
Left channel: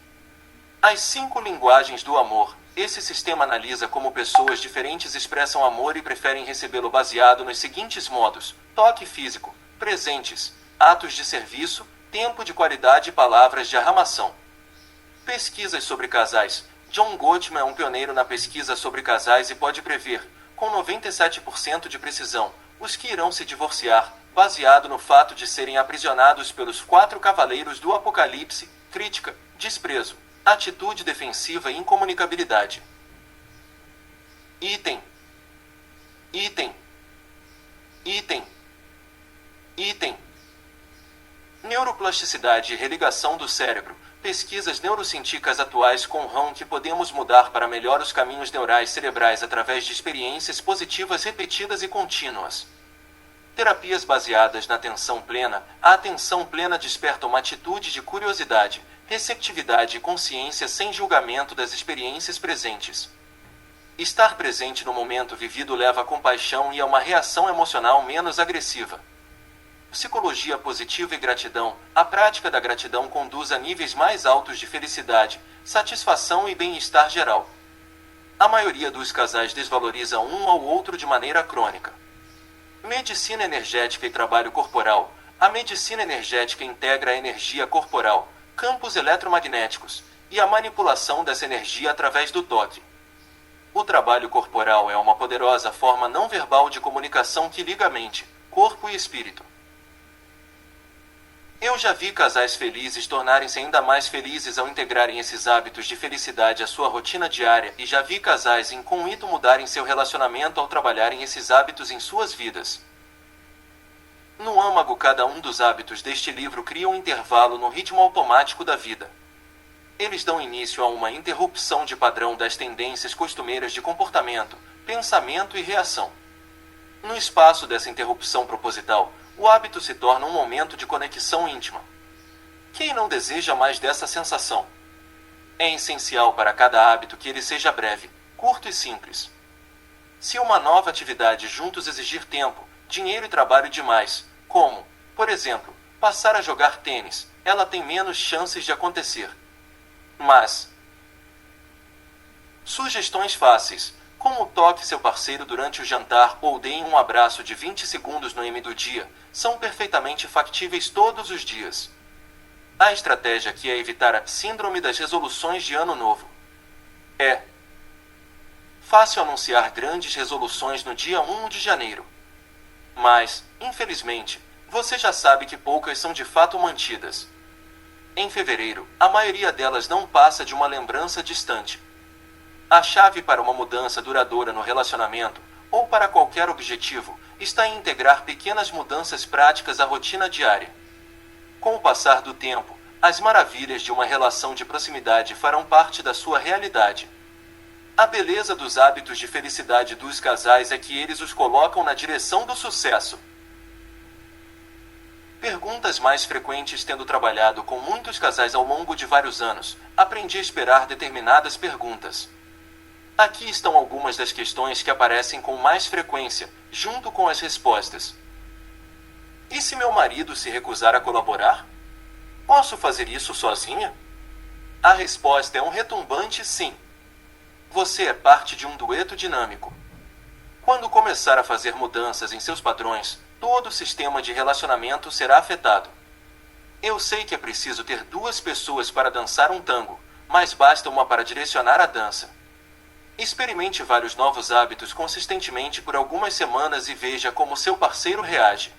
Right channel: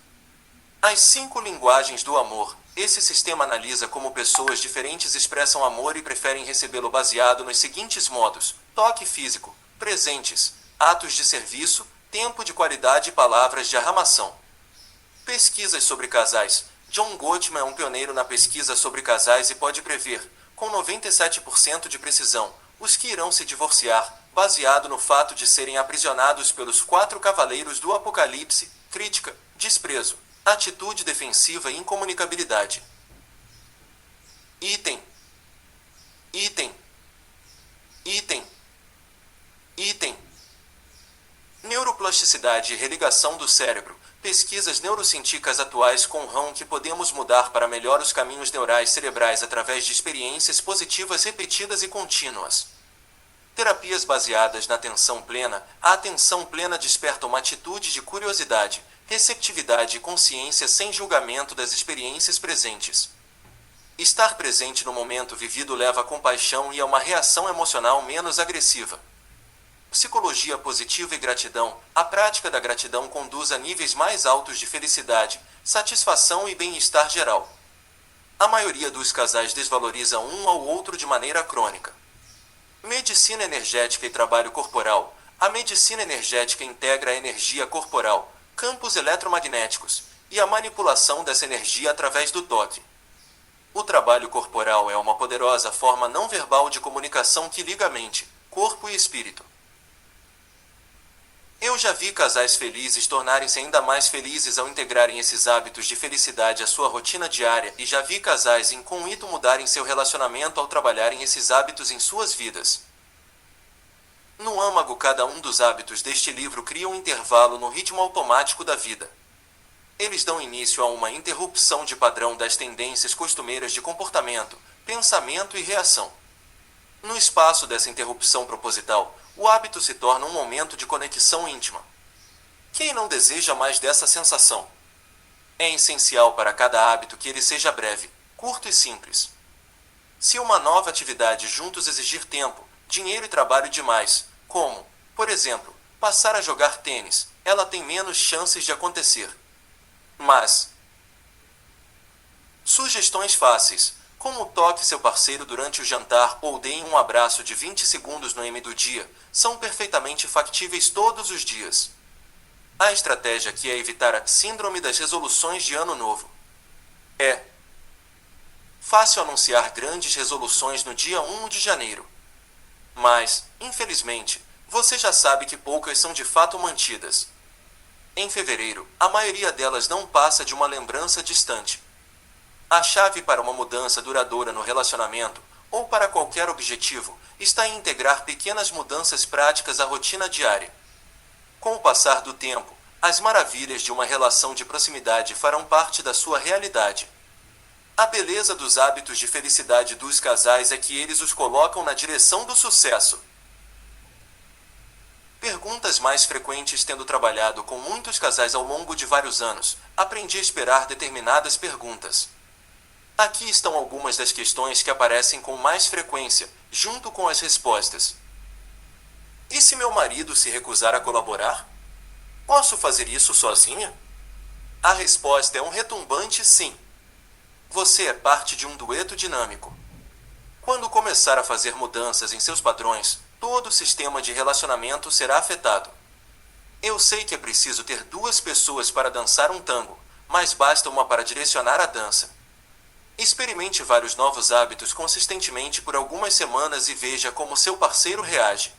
As 5 linguagens do amor. Esse sistema analisa como pessoas diferentes expressam amor e preferem recebê-lo baseado nos seguintes modos: toque físico, presentes, atos de serviço, tempo de qualidade e palavras de arramação. Pesquisas sobre casais. John Gottman é um pioneiro na pesquisa sobre casais e pode prever, com 97% de precisão, os que irão se divorciar, baseado no fato de serem aprisionados pelos 4 cavaleiros do Apocalipse: crítica, desprezo, atitude defensiva e incomunicabilidade. Item. Item. Item. Item. Neuroplasticidade e religação do cérebro. Pesquisas neurocientíficas atuais compram que podemos mudar para melhor os caminhos neurais cerebrais através de experiências positivas repetidas e contínuas. Terapias baseadas na atenção plena. A atenção plena desperta uma atitude de curiosidade, receptividade e consciência sem julgamento das experiências presentes. Estar presente no momento vivido leva a compaixão e a uma reação emocional menos agressiva. Psicologia positiva e gratidão. A prática da gratidão conduz a níveis mais altos de felicidade, satisfação e bem-estar geral. A maioria dos casais desvaloriza um ao outro de maneira crônica. Medicina energética e trabalho corporal. A medicina energética integra a energia corporal, campos eletromagnéticos, e a manipulação dessa energia através do toque. O trabalho corporal é uma poderosa forma não verbal de comunicação que liga a mente, corpo e espírito. Eu já vi casais felizes tornarem-se ainda mais felizes ao integrarem esses hábitos de felicidade à sua rotina diária, e já vi casais em conjunto mudarem seu relacionamento ao trabalharem esses hábitos em suas vidas. No âmago, cada um dos hábitos deste livro cria um intervalo no ritmo automático da vida. Eles dão início a uma interrupção de padrão das tendências costumeiras de comportamento, pensamento e reação. No espaço dessa interrupção proposital, o hábito se torna um momento de conexão íntima. Quem não deseja mais dessa sensação? É essencial para cada hábito que ele seja breve, curto e simples. Se uma nova atividade juntos exigir tempo, dinheiro e trabalho demais, como, por exemplo, passar a jogar tênis, ela tem menos chances de acontecer. Mas sugestões fáceis, como toque seu parceiro durante o jantar ou deem um abraço de 20 segundos no M do dia, são perfeitamente factíveis todos os dias. A estratégia aqui é evitar a síndrome das resoluções de ano novo. É fácil anunciar grandes resoluções no dia 1 de janeiro. Mas, infelizmente, você já sabe que poucas são de fato mantidas. Em fevereiro, a maioria delas não passa de uma lembrança distante. A chave para uma mudança duradoura no relacionamento, ou para qualquer objetivo, está em integrar pequenas mudanças práticas à rotina diária. Com o passar do tempo, as maravilhas de uma relação de proximidade farão parte da sua realidade. A beleza dos hábitos de felicidade dos casais é que eles os colocam na direção do sucesso. Perguntas mais frequentes. Tendo trabalhado com muitos casais ao longo de vários anos, aprendi a esperar determinadas perguntas. Aqui estão algumas das questões que aparecem com mais frequência, junto com as respostas. E se meu marido se recusar a colaborar? Posso fazer isso sozinha? A resposta é um retumbante sim. Você é parte de um dueto dinâmico. Quando começar a fazer mudanças em seus padrões, todo o sistema de relacionamento será afetado. Eu sei que é preciso ter duas pessoas para dançar um tango, mas basta uma para direcionar a dança. Experimente vários novos hábitos consistentemente por algumas semanas e veja como seu parceiro reage.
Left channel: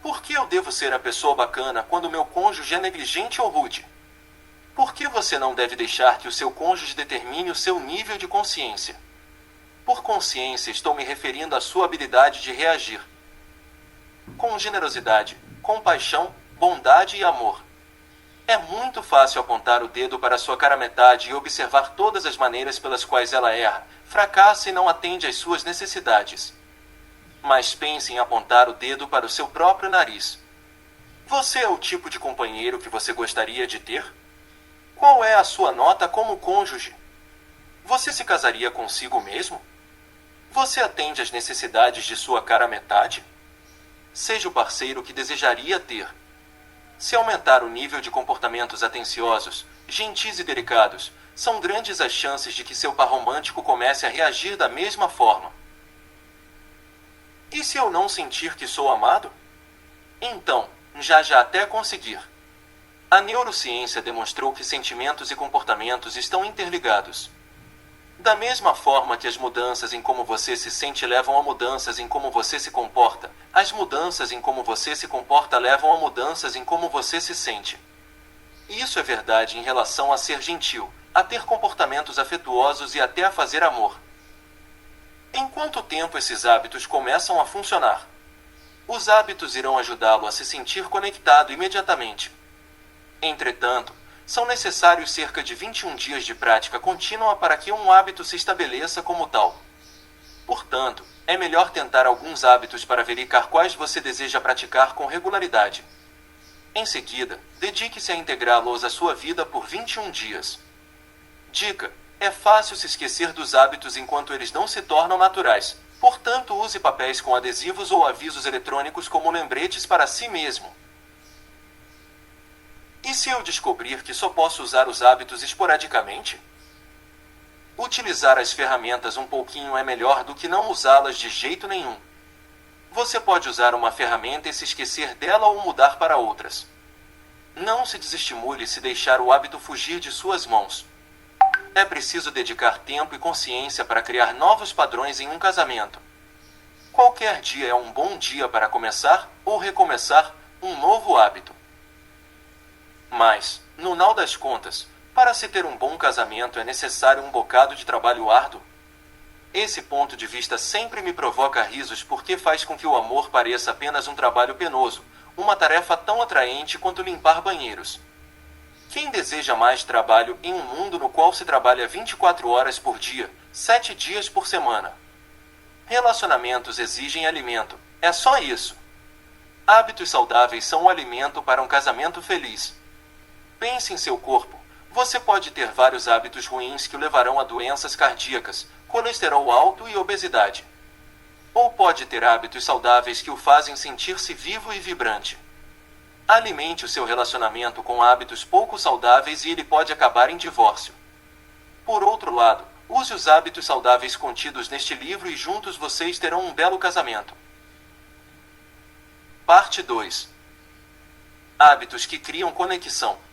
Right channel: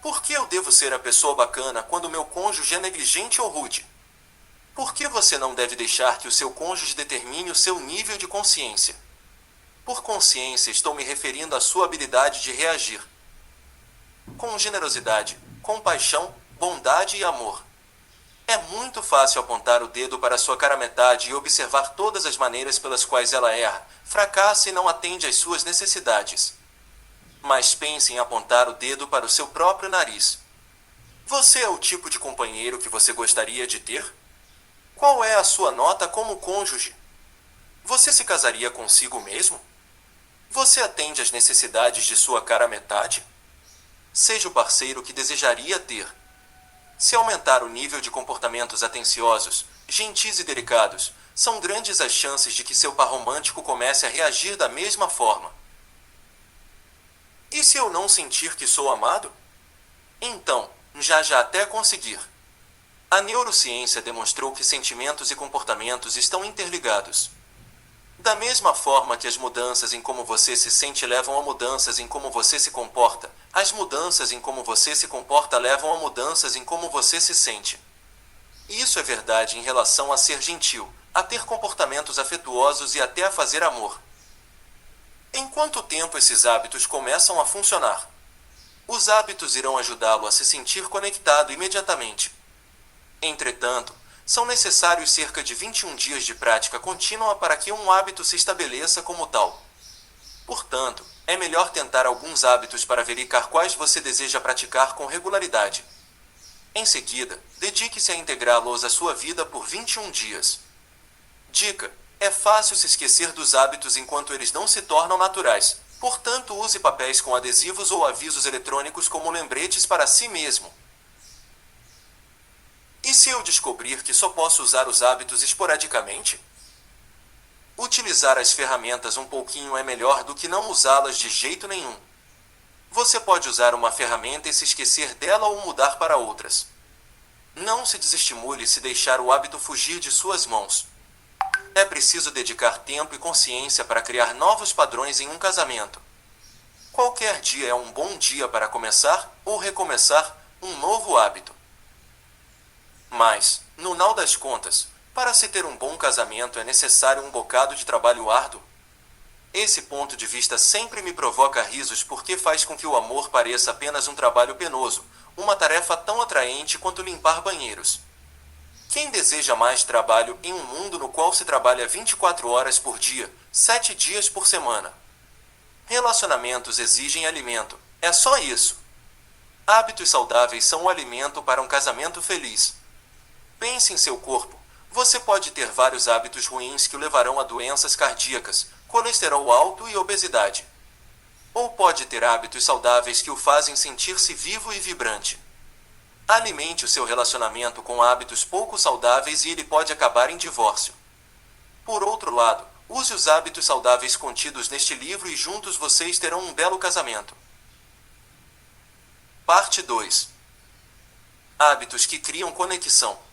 Por que eu devo ser a pessoa bacana quando meu cônjuge é negligente ou rude? Por que você não deve deixar que o seu cônjuge determine o seu nível de consciência? Por consciência, estou me referindo à sua habilidade de reagir com generosidade, compaixão, bondade e amor. É muito fácil apontar o dedo para sua cara-metade e observar todas as maneiras pelas quais ela erra, fracassa e não atende às suas necessidades. Mas pense em apontar o dedo para o seu próprio nariz. Você é o tipo de companheiro que você gostaria de ter? Qual é a sua nota como cônjuge? Você se casaria consigo mesmo? Você atende às necessidades de sua cara-metade? Seja o parceiro que desejaria ter. Se aumentar o nível de comportamentos atenciosos, gentis e delicados, são grandes as chances de que seu par romântico comece a reagir da mesma forma. E se eu não sentir que sou amado? Então, já até conseguir. A neurociência demonstrou que sentimentos e comportamentos estão interligados. Da mesma forma que as mudanças em como você se sente levam a mudanças em como você se comporta, as mudanças em como você se comporta levam a mudanças em como você se sente. Isso é verdade em relação a ser gentil, a ter comportamentos afetuosos e até a fazer amor. Em quanto tempo esses hábitos começam a funcionar? Os hábitos irão ajudá-lo a se sentir conectado imediatamente. Entretanto, são necessários cerca de 21 dias de prática contínua para que um hábito se estabeleça como tal. Portanto, é melhor tentar alguns hábitos para verificar quais você deseja praticar com regularidade. Em seguida, dedique-se a integrá-los à sua vida por 21 dias. Dica: é fácil se esquecer dos hábitos enquanto eles não se tornam naturais, portanto use papéis com adesivos ou avisos eletrônicos como lembretes para si mesmo. E se eu descobrir que só posso usar os hábitos esporadicamente? Utilizar as ferramentas um pouquinho é melhor do que não usá-las de jeito nenhum. Você pode usar uma ferramenta e se esquecer dela ou mudar para outras. Não se desestimule se deixar o hábito fugir de suas mãos. É preciso dedicar tempo e consciência para criar novos padrões em um casamento. Qualquer dia é um bom dia para começar, ou recomeçar, um novo hábito. Mas, no final das contas, para se ter um bom casamento é necessário um bocado de trabalho árduo? Esse ponto de vista sempre me provoca risos porque faz com que o amor pareça apenas um trabalho penoso, uma tarefa tão atraente quanto limpar banheiros. Quem deseja mais trabalho em um mundo no qual se trabalha 24 horas por dia, 7 dias por semana? Relacionamentos exigem alimento, é só isso. Hábitos saudáveis são o alimento para um casamento feliz. Pense em seu corpo. Você pode ter vários hábitos ruins que o levarão a doenças cardíacas, colesterol alto e obesidade. Ou pode ter hábitos saudáveis que o fazem sentir-se vivo e vibrante. Alimente o seu relacionamento com hábitos pouco saudáveis e ele pode acabar em divórcio. Por outro lado, use os hábitos saudáveis contidos neste livro e juntos vocês terão um belo casamento. Parte 2. Hábitos que criam conexão.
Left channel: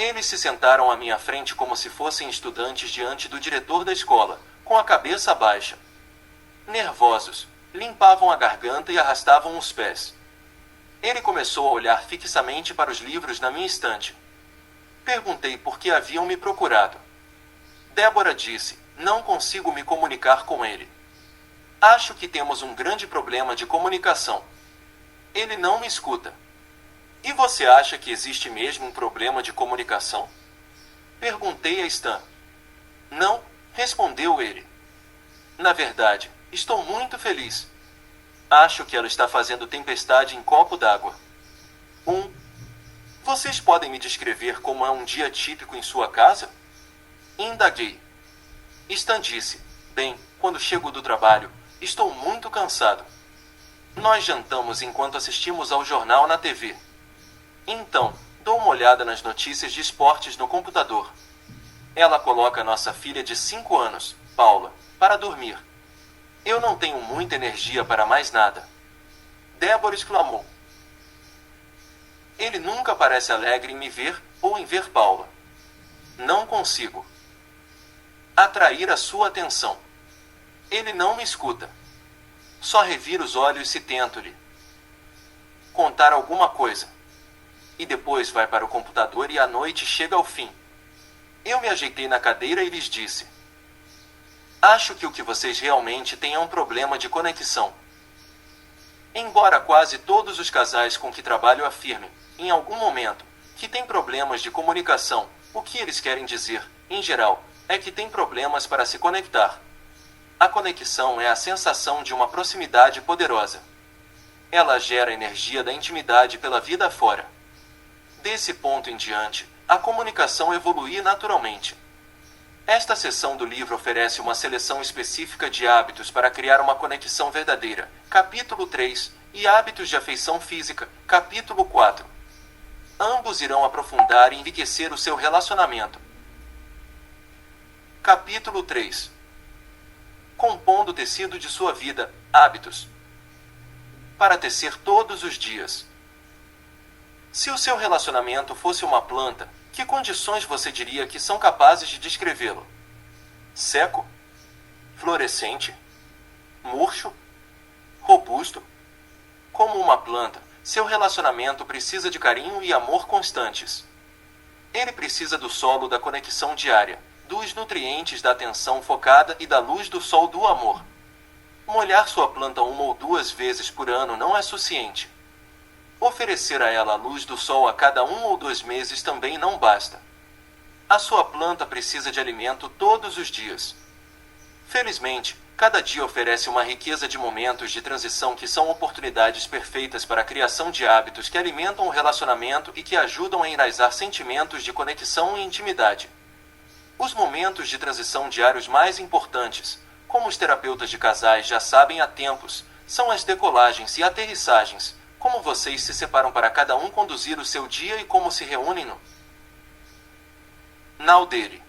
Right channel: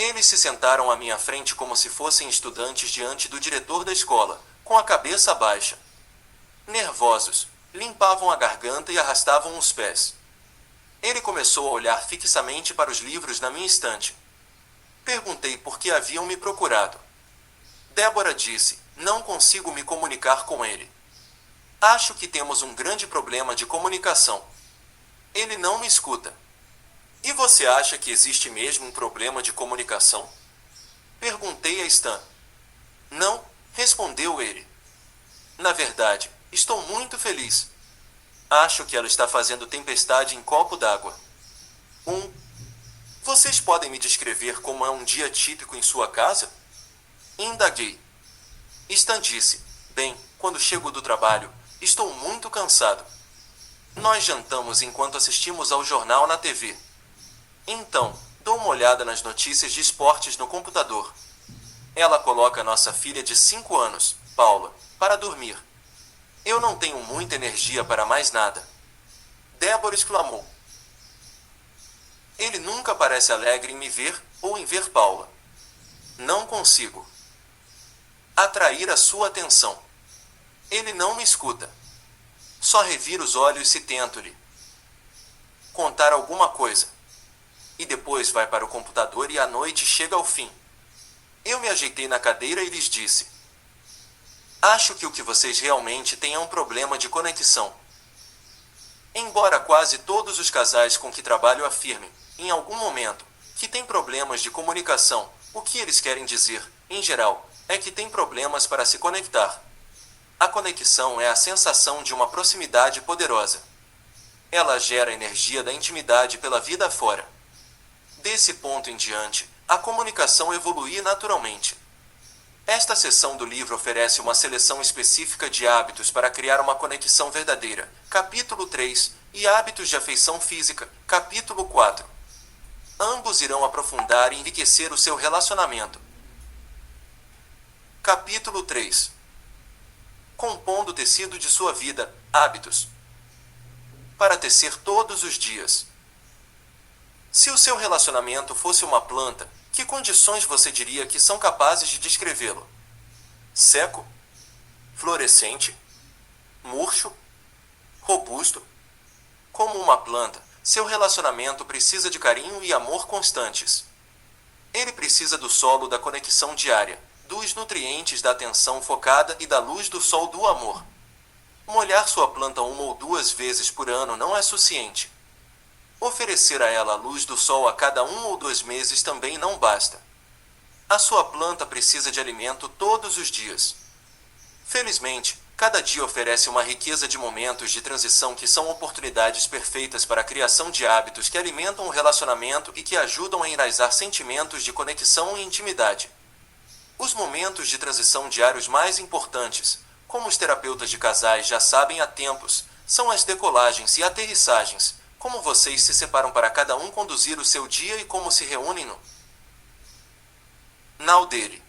Eles se sentaram à minha frente como se fossem estudantes diante do diretor da escola, com a cabeça baixa. Nervosos, limpavam a garganta e arrastavam os pés. Ele começou a olhar fixamente para os livros na minha estante. Perguntei por que haviam me procurado. Débora disse: não consigo me comunicar com ele. Acho que temos um grande problema de comunicação. Ele não me escuta. E você acha que existe mesmo um problema de comunicação? Perguntei a Stan. Não, respondeu ele. Na verdade, estou muito feliz. Acho que ela está fazendo tempestade em copo d'água. Vocês podem me descrever como é um dia típico em sua casa? Indaguei. Stan disse, bem, quando chego do trabalho, estou muito cansado. Nós jantamos enquanto assistimos ao jornal na TV. Então, dou uma olhada nas notícias de esportes no computador. Ela coloca nossa filha de 5 anos, Paula, para dormir. Eu não tenho muita energia para mais nada. Débora exclamou. Ele nunca parece alegre em me ver ou em ver Paula. Não consigo atrair a sua atenção. Ele não me escuta. Só revira os olhos se tento-lhe contar alguma coisa. E depois vai para o computador e a noite chega ao fim. Eu me ajeitei na cadeira e lhes disse. Acho que o que vocês realmente têm é um problema de conexão. Embora quase todos os casais com que trabalho afirmem, em algum momento, que têm problemas de comunicação, o que eles querem dizer, em geral, é que têm problemas para se conectar. A conexão é a sensação de uma proximidade poderosa. Ela gera a energia da intimidade pela vida afora. Desse ponto em diante, a comunicação evolui naturalmente. Esta seção do livro oferece uma seleção específica de hábitos para criar uma conexão verdadeira, capítulo 3, e hábitos de afeição física, capítulo 4. Ambos irão aprofundar e enriquecer o seu relacionamento. Capítulo 3. Compondo o tecido de sua vida, hábitos. Para tecer todos os dias. Se o seu relacionamento fosse uma planta, que condições você diria que são capazes de descrevê-lo? Seco? Florescente? Murcho? Robusto? Como uma planta, seu relacionamento precisa de carinho e amor constantes. Ele precisa do solo da conexão diária, dos nutrientes da atenção focada e da luz do sol do amor. Molhar sua planta 1 ou 2 vezes por ano não é suficiente. Oferecer a ela a luz do sol a cada 1 ou 2 meses também não basta. A sua planta precisa de alimento todos os dias. Felizmente, cada dia oferece uma riqueza de momentos de transição que são oportunidades perfeitas para a criação de hábitos que alimentam o relacionamento e que ajudam a enraizar sentimentos de conexão e intimidade. Os momentos de transição diários mais importantes, como os terapeutas de casais já sabem há tempos, são as decolagens e aterrissagens, como vocês se separam para cada um conduzir o seu dia e como se reúnem no nau dele.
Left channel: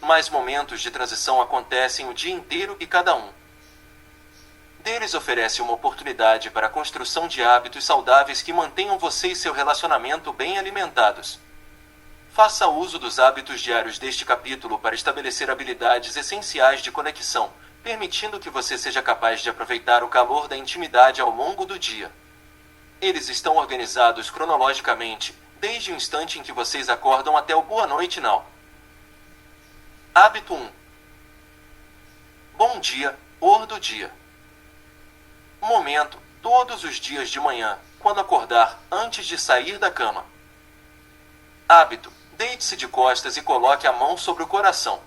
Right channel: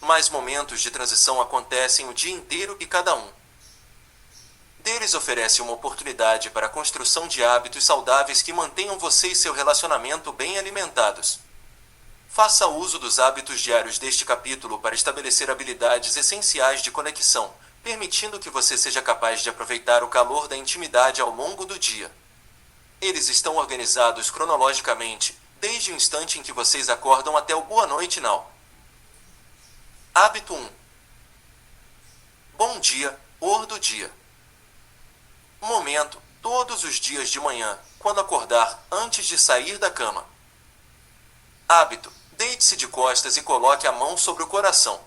Mas momentos de transição acontecem o dia inteiro e cada um deles oferece uma oportunidade para a construção de hábitos saudáveis que mantenham você e seu relacionamento bem alimentados. Faça uso dos hábitos diários deste capítulo para estabelecer habilidades essenciais de conexão, permitindo que você seja capaz de aproveitar o calor da intimidade ao longo do dia. Eles estão organizados cronologicamente, desde o instante em que vocês acordam até o boa noite now. Hábito 1. Bom dia, or do dia. Momento, todos os dias de manhã, quando acordar, antes de sair da cama. Hábito, deite-se de costas e coloque a mão sobre o coração.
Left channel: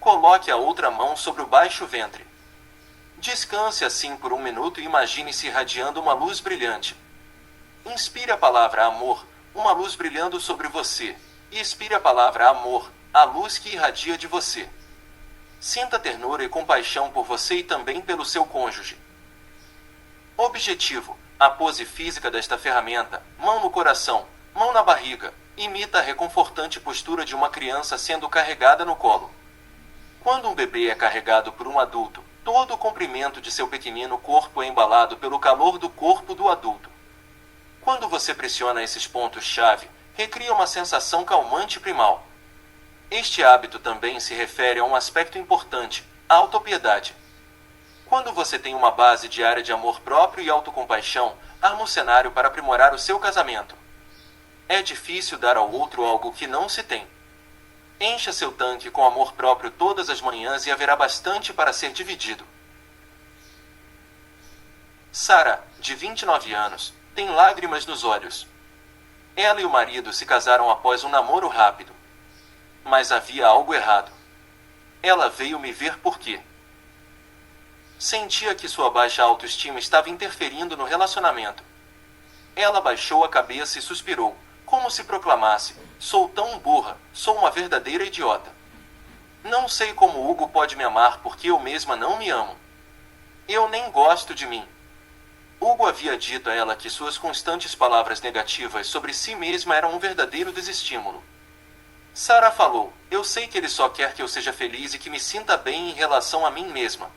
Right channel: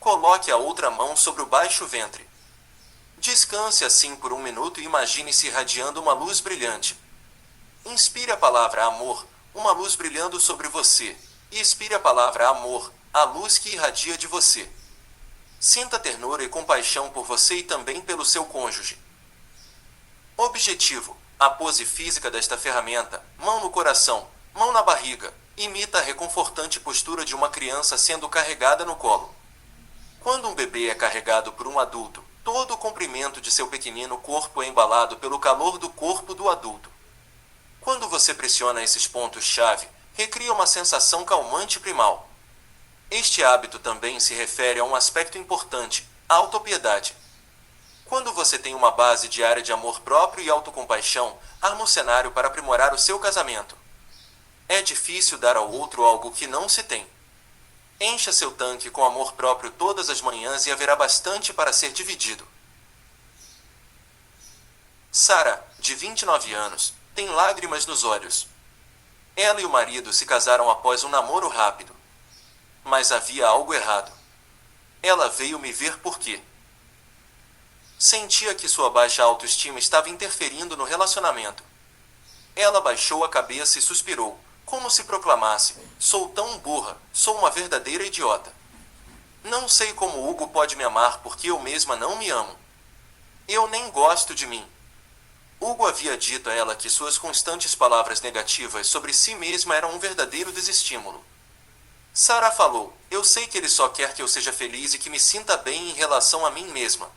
Coloque a outra mão sobre o baixo ventre. Descanse assim por 1 minuto e imagine-se irradiando uma luz brilhante. Inspire a palavra amor, uma luz brilhando sobre você, e expire a palavra amor, a luz que irradia de você. Sinta ternura e compaixão por você e também pelo seu cônjuge. Objetivo: a pose física desta ferramenta, mão no coração, mão na barriga, imita a reconfortante postura de uma criança sendo carregada no colo. Quando um bebê é carregado por um adulto, todo o comprimento de seu pequenino corpo é embalado pelo calor do corpo do adulto. Quando você pressiona esses pontos-chave, recria uma sensação calmante primal. Este hábito também se refere a um aspecto importante, a autopiedade. Quando você tem uma base diária de amor próprio e autocompaixão, arma um cenário para aprimorar o seu casamento. É difícil dar ao outro algo que não se tem. Encha seu tanque com amor próprio todas as manhãs e haverá bastante para ser dividido. Sarah, de 29 anos, tem lágrimas nos olhos. Ela e o marido se casaram após um namoro rápido. Mas havia algo errado. Ela veio me ver porque sentia que sua baixa autoestima estava interferindo no relacionamento. Ela baixou a cabeça e suspirou, como se proclamasse: sou tão burra, sou uma verdadeira idiota. Não sei como Hugo pode me amar porque eu mesma não me amo. Eu nem gosto de mim. Hugo havia dito a ela que suas constantes palavras negativas sobre si mesma eram um verdadeiro desestímulo. Sarah falou: eu sei que ele só quer que eu seja feliz e que me sinta bem em relação a mim mesma.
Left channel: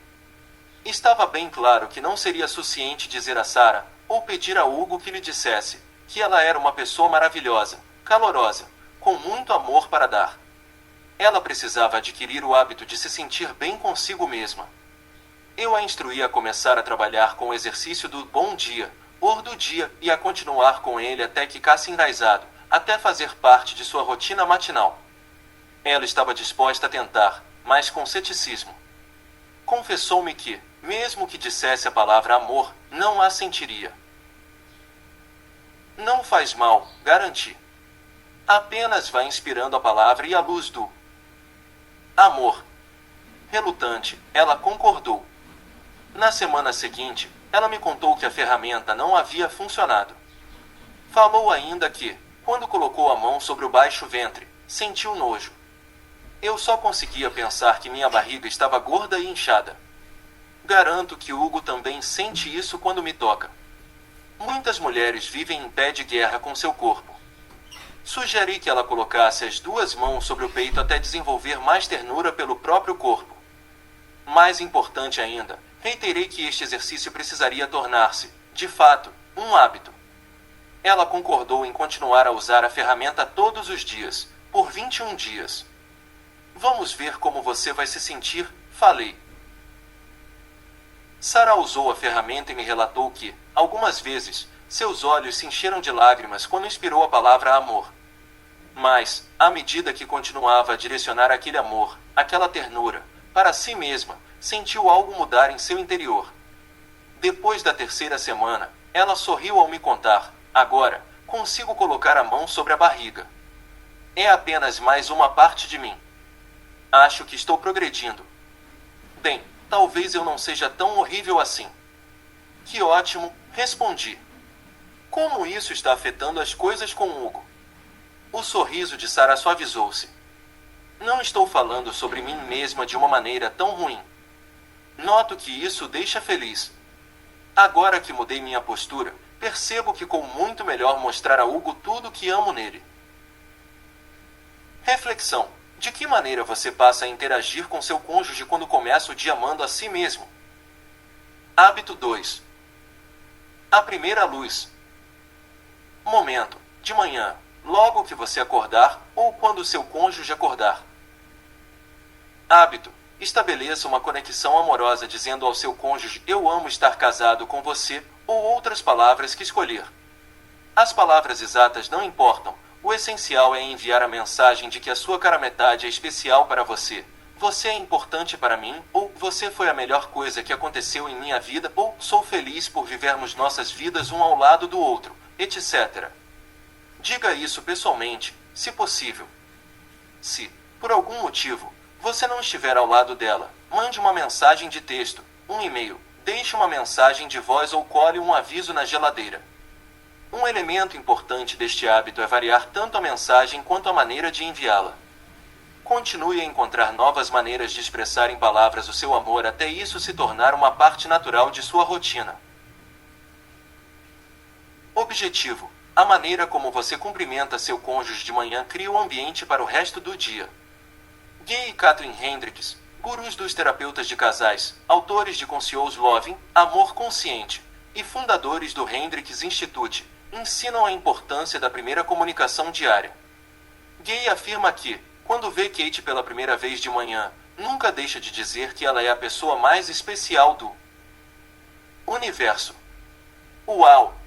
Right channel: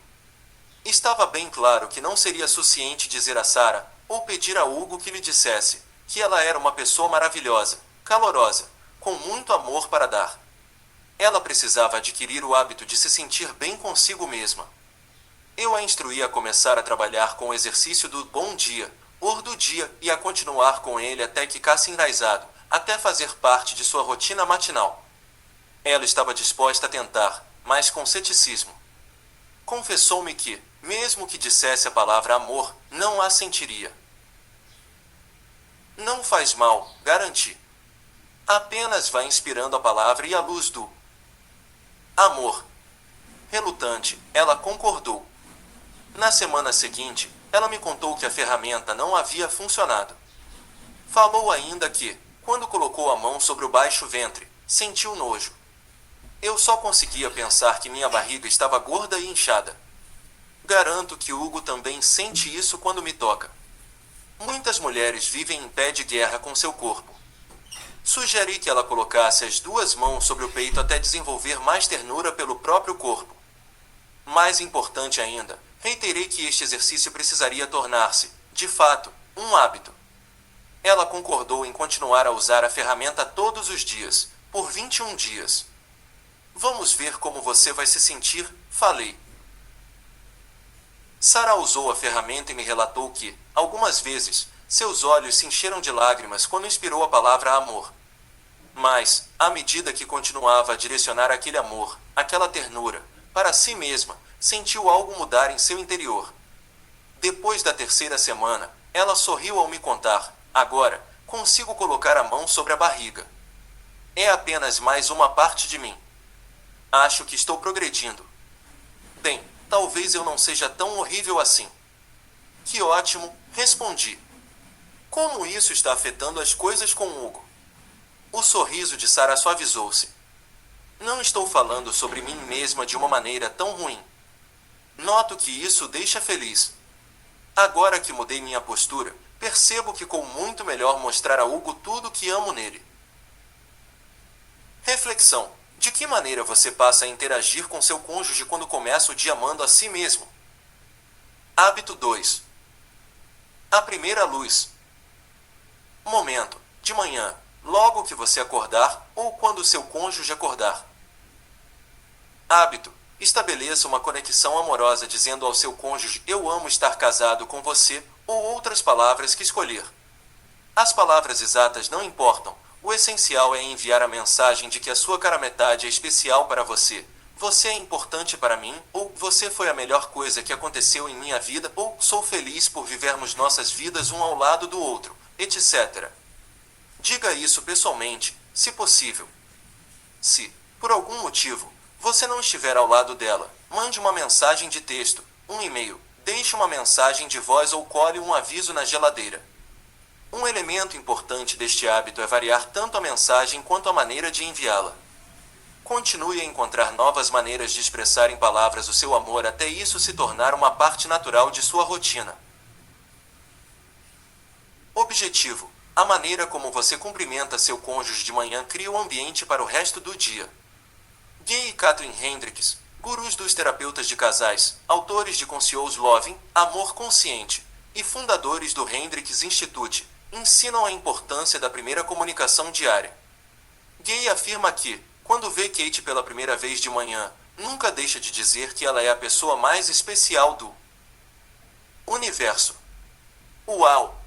Estava bem claro que não seria suficiente dizer a Sarah, ou pedir a Hugo que lhe dissesse, que ela era uma pessoa maravilhosa, calorosa, com muito amor para dar. Ela precisava adquirir o hábito de se sentir bem consigo mesma. Eu a instruí a começar a trabalhar com o exercício do bom dia, or do dia, e a continuar com ele até que ficasse enraizado, até fazer parte de sua rotina matinal. Ela estava disposta a tentar, mas com ceticismo. Confessou-me que, mesmo que dissesse a palavra amor, não a sentiria. Não faz mal, garanti. Apenas vá inspirando a palavra e a luz do amor. Relutante, ela concordou. Na semana seguinte, ela me contou que a ferramenta não havia funcionado. Falou ainda que, quando colocou a mão sobre o baixo ventre, sentiu nojo. Eu só conseguia pensar que minha barriga estava gorda e inchada. Garanto que Hugo também sente isso quando me toca. Muitas mulheres vivem em pé de guerra com seu corpo. Sugeri que ela colocasse as duas mãos sobre o peito até desenvolver mais ternura pelo próprio corpo. Mais importante ainda, reiterei que este exercício precisaria tornar-se, de fato, um hábito. Ela concordou em continuar a usar a ferramenta todos os dias, por 21 dias. Vamos ver como você vai se sentir, falei. Sarah usou a ferramenta e me relatou que, algumas vezes, seus olhos se encheram de lágrimas quando inspirou a palavra amor. Mas, à medida que continuava a direcionar aquele amor, aquela ternura, para si mesma, sentiu algo mudar em seu interior. Depois da terceira semana, ela sorriu ao me contar: agora, consigo colocar a mão sobre a barriga. É apenas mais uma parte de mim. Acho que estou progredindo. Bem, talvez eu não seja tão horrível assim. Que ótimo, respondi. Como isso está afetando as coisas com Hugo? O sorriso de Sarah suavizou-se. Não estou falando sobre mim mesma de uma maneira tão ruim. Noto que isso deixa feliz. Agora que mudei minha postura, percebo que ficou muito melhor mostrar a Hugo tudo o que amo nele. Reflexão: de que maneira você passa a interagir com seu cônjuge quando começa o dia amando a si mesmo? Hábito 2. A primeira luz. Momento: de manhã, logo que você acordar, ou quando seu cônjuge acordar. Hábito: estabeleça uma conexão amorosa dizendo ao seu cônjuge: eu amo estar casado com você, ou outras palavras que escolher. As palavras exatas não importam, o essencial é enviar a mensagem de que a sua cara-metade é especial para você. Você é importante para mim, ou você foi a melhor coisa que aconteceu em minha vida, ou sou feliz por vivermos nossas vidas um ao lado do outro, etc. Diga isso pessoalmente, se possível. Se, por algum motivo, você não estiver ao lado dela, mande uma mensagem de texto, um e-mail, deixe uma mensagem de voz ou cole um aviso na geladeira. Um elemento importante deste hábito é variar tanto a mensagem quanto a maneira de enviá-la. Continue a encontrar novas maneiras de expressar em palavras o seu amor até isso se tornar uma parte natural de sua rotina. Objetivo: a maneira como você cumprimenta seu cônjuge de manhã cria o ambiente para o resto do dia. Gay e Katherine Hendricks, gurus dos terapeutas de casais, autores de Conscious Loving, Amor Consciente, e fundadores do Hendricks Institute, ensinam a importância da primeira comunicação diária. Gay afirma que, quando vê Kate pela primeira vez de manhã, nunca deixa de dizer que ela é a pessoa mais especial do universo. Uau!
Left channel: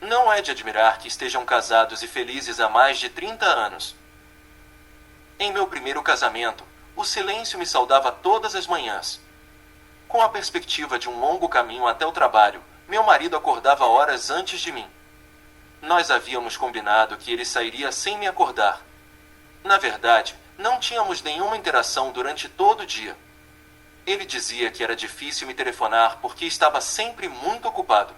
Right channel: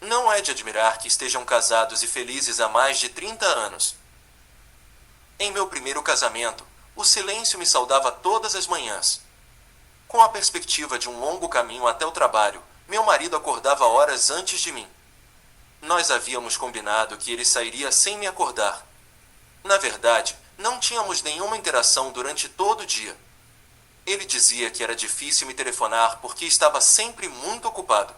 Não é de admirar que estejam casados e felizes há mais de 30 anos. Em meu primeiro casamento, o silêncio me saudava todas as manhãs. Com a perspectiva de um longo caminho até o trabalho, meu marido acordava horas antes de mim. Nós havíamos combinado que ele sairia sem me acordar. Na verdade, não tínhamos nenhuma interação durante todo o dia. Ele dizia que era difícil me telefonar porque estava sempre muito ocupado.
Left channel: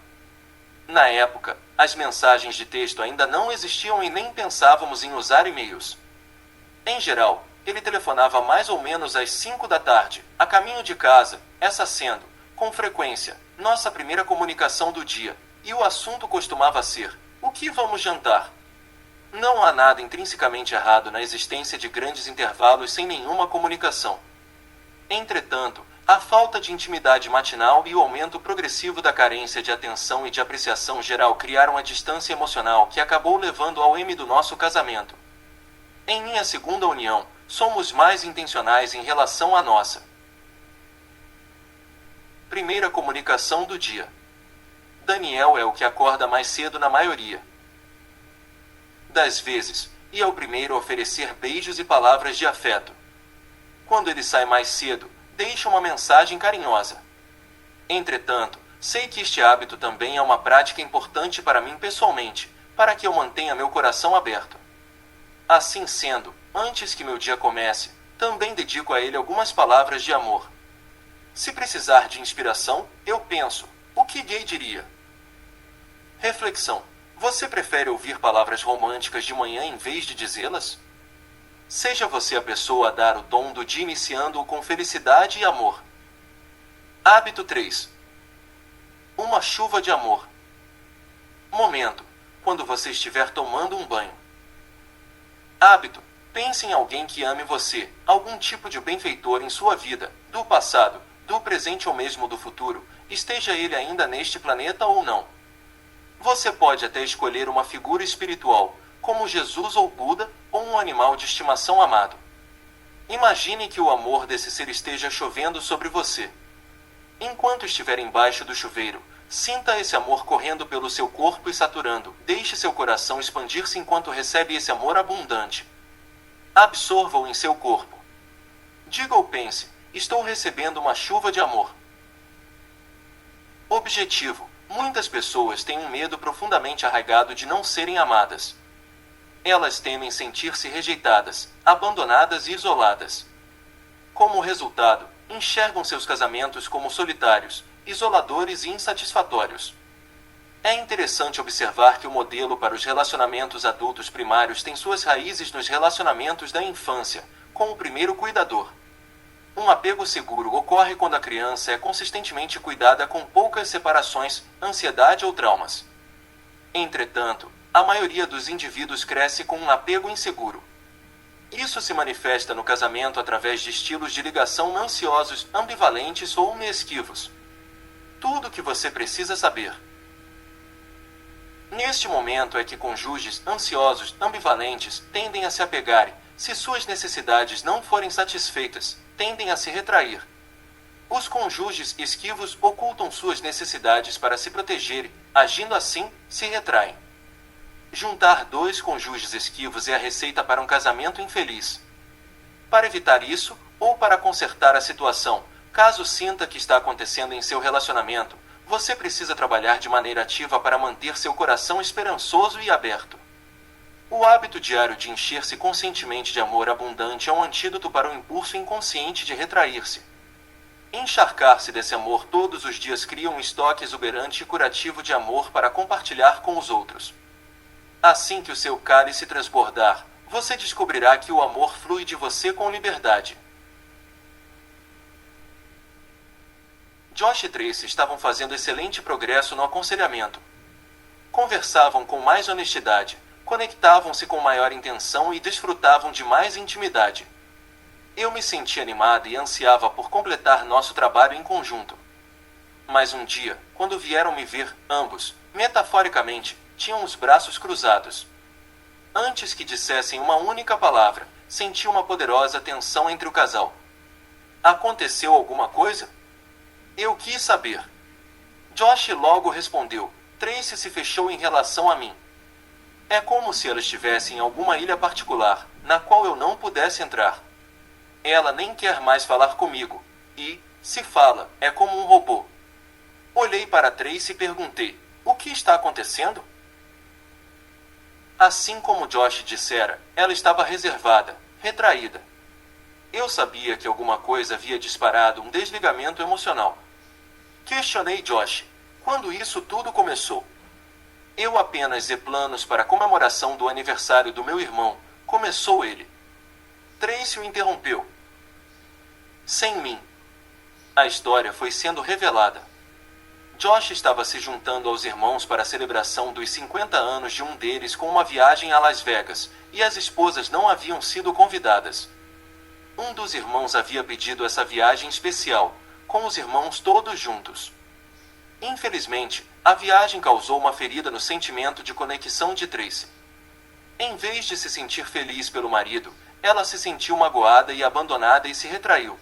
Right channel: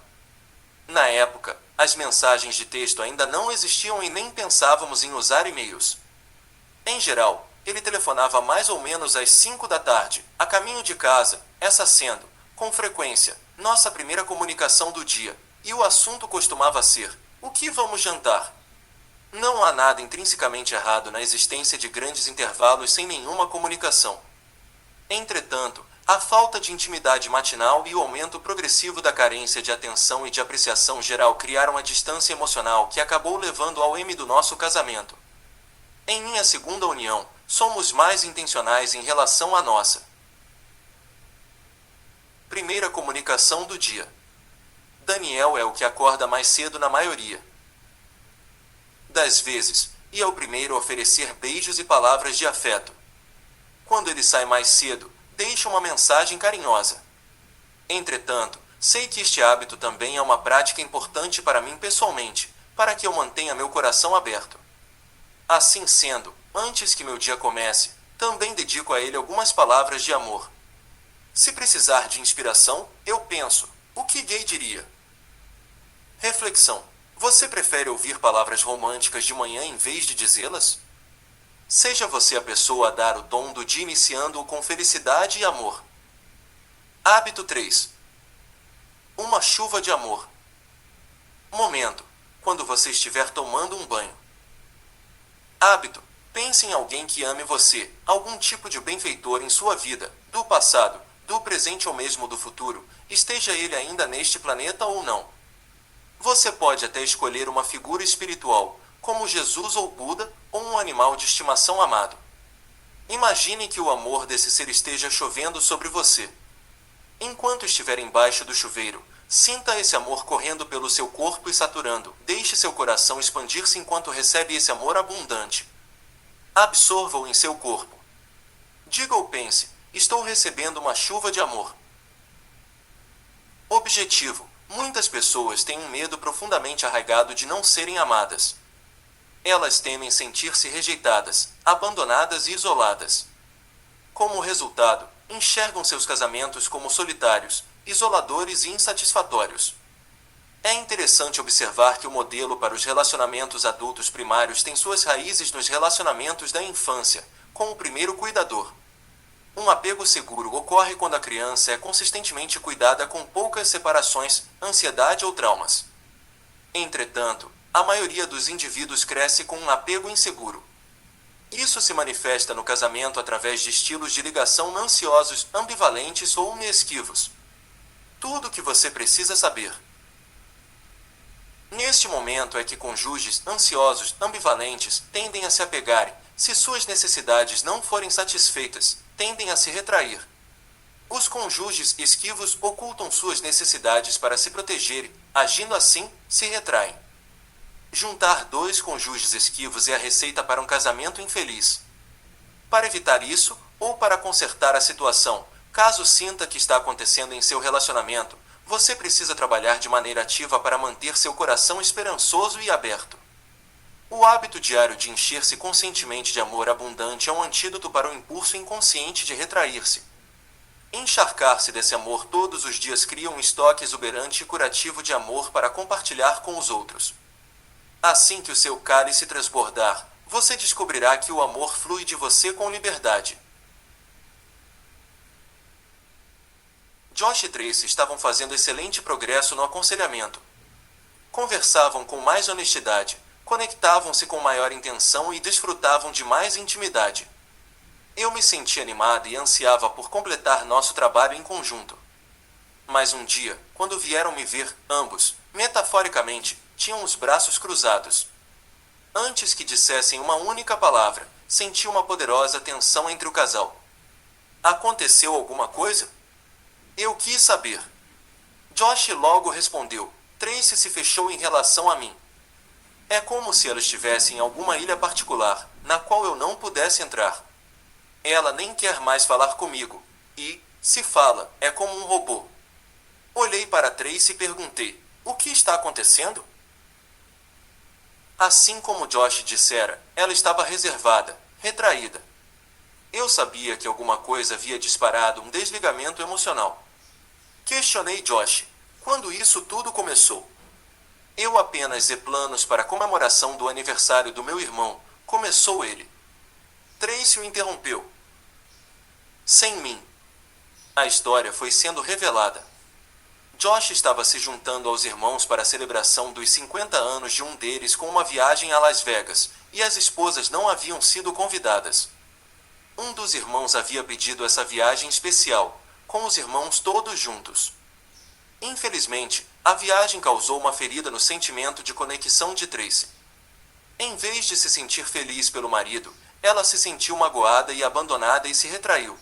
Na época, as mensagens de texto ainda não existiam e nem pensávamos em usar e-mails. Em geral, ele telefonava mais ou menos às 5 da tarde, a caminho de casa, essa sendo, com frequência, nossa primeira comunicação do dia, e o assunto costumava ser: o que vamos jantar? Não há nada intrinsecamente errado na existência de grandes intervalos sem nenhuma comunicação. Entretanto, a falta de intimidade matinal e o aumento progressivo da carência de atenção e de apreciação geral criaram a distância emocional que acabou levando ao M do nosso casamento. Em minha segunda união, somos mais intencionais em relação à nossa primeira comunicação do dia. Daniel é o que acorda mais cedo na maioria das vezes, e é o primeiro a oferecer beijos e palavras de afeto. Quando ele sai mais cedo, deixa uma mensagem carinhosa. Entretanto, sei que este hábito também é uma prática importante para mim pessoalmente, para que eu mantenha meu coração aberto. Assim sendo, antes que meu dia comece, também dedico a ele algumas palavras de amor. Se precisar de inspiração, eu penso: o que gay diria? Reflexão: você prefere ouvir palavras românticas de manhã em vez de dizê-las? Seja você a pessoa a dar o dom do dia iniciando-o com felicidade e amor. Hábito 3. Uma chuva de amor. Momento: quando você estiver tomando um banho. Hábito: pense em alguém que ame você, algum tipo de benfeitor em sua vida, do passado, do presente ou mesmo do futuro, esteja ele ainda neste planeta ou não. Você pode até escolher uma figura espiritual, como Jesus ou Buda, ou um animal de estimação amado. Imagine que o amor desse ser esteja chovendo sobre você. Enquanto estiver embaixo do chuveiro, sinta esse amor correndo pelo seu corpo e saturando. Deixe seu coração expandir-se enquanto recebe esse amor abundante. Absorva-o em seu corpo. Diga ou pense: estou recebendo uma chuva de amor. Objetivo: muitas pessoas têm um medo profundamente arraigado de não serem amadas. Elas temem sentir-se rejeitadas, abandonadas e isoladas. Como resultado, enxergam seus casamentos como solitários, isoladores e insatisfatórios. É interessante observar que o modelo para os relacionamentos adultos primários tem suas raízes nos relacionamentos da infância, com o primeiro cuidador. Um apego seguro ocorre quando a criança é consistentemente cuidada com poucas separações, ansiedade ou traumas. Entretanto, a maioria dos indivíduos cresce com um apego inseguro. Isso se manifesta no casamento através de estilos de ligação ansiosos, ambivalentes ou mesquivos. Tudo o que você precisa saber neste momento é que cônjuges ansiosos, ambivalentes, tendem a se apegarem. Se suas necessidades não forem satisfeitas, tendem a se retrair. Os cônjuges esquivos ocultam suas necessidades para se protegerem, agindo assim, se retraem. Juntar dois cônjuges esquivos é a receita para um casamento infeliz. Para evitar isso, ou para consertar a situação, caso sinta que está acontecendo em seu relacionamento, você precisa trabalhar de maneira ativa para manter seu coração esperançoso e aberto. O hábito diário de encher-se conscientemente de amor abundante é um antídoto para o impulso inconsciente de retrair-se. Encharcar-se desse amor todos os dias cria um estoque exuberante e curativo de amor para compartilhar com os outros. Assim que o seu cálice transbordar, você descobrirá que o amor flui de você com liberdade. Josh e Tracy estavam fazendo excelente progresso no aconselhamento. Conversavam com mais honestidade, conectavam-se com maior intenção e desfrutavam de mais intimidade. Eu me senti animada e ansiava por completar nosso trabalho em conjunto. Mas um dia, quando vieram me ver, ambos, metaforicamente, tinham os braços cruzados. Antes que dissessem uma única palavra, senti uma poderosa tensão entre o casal. Aconteceu alguma coisa? Eu quis saber. Josh logo respondeu. Tracy se fechou em relação a mim. É como se ela estivesse em alguma ilha particular, na qual eu não pudesse entrar. Ela nem quer mais falar comigo, e, se fala, é como um robô. Olhei para Tracy e perguntei: o que está acontecendo? Assim como Josh dissera, ela estava reservada, retraída. Eu sabia que alguma coisa havia disparado um desligamento emocional. Questionei Josh. Quando isso tudo começou? Eu apenas planos para a comemoração do aniversário do meu irmão, começou ele. Tracy o interrompeu. Sem mim. A história foi sendo revelada. Josh estava se juntando aos irmãos para a celebração dos 50 anos de um deles com uma viagem a Las Vegas, e as esposas não haviam sido convidadas. Um dos irmãos havia pedido essa viagem especial, com os irmãos todos juntos. Infelizmente, a viagem causou uma ferida no sentimento de conexão de Tracy. Em vez de se sentir feliz pelo marido, ela se sentiu magoada e abandonada e se retraiu.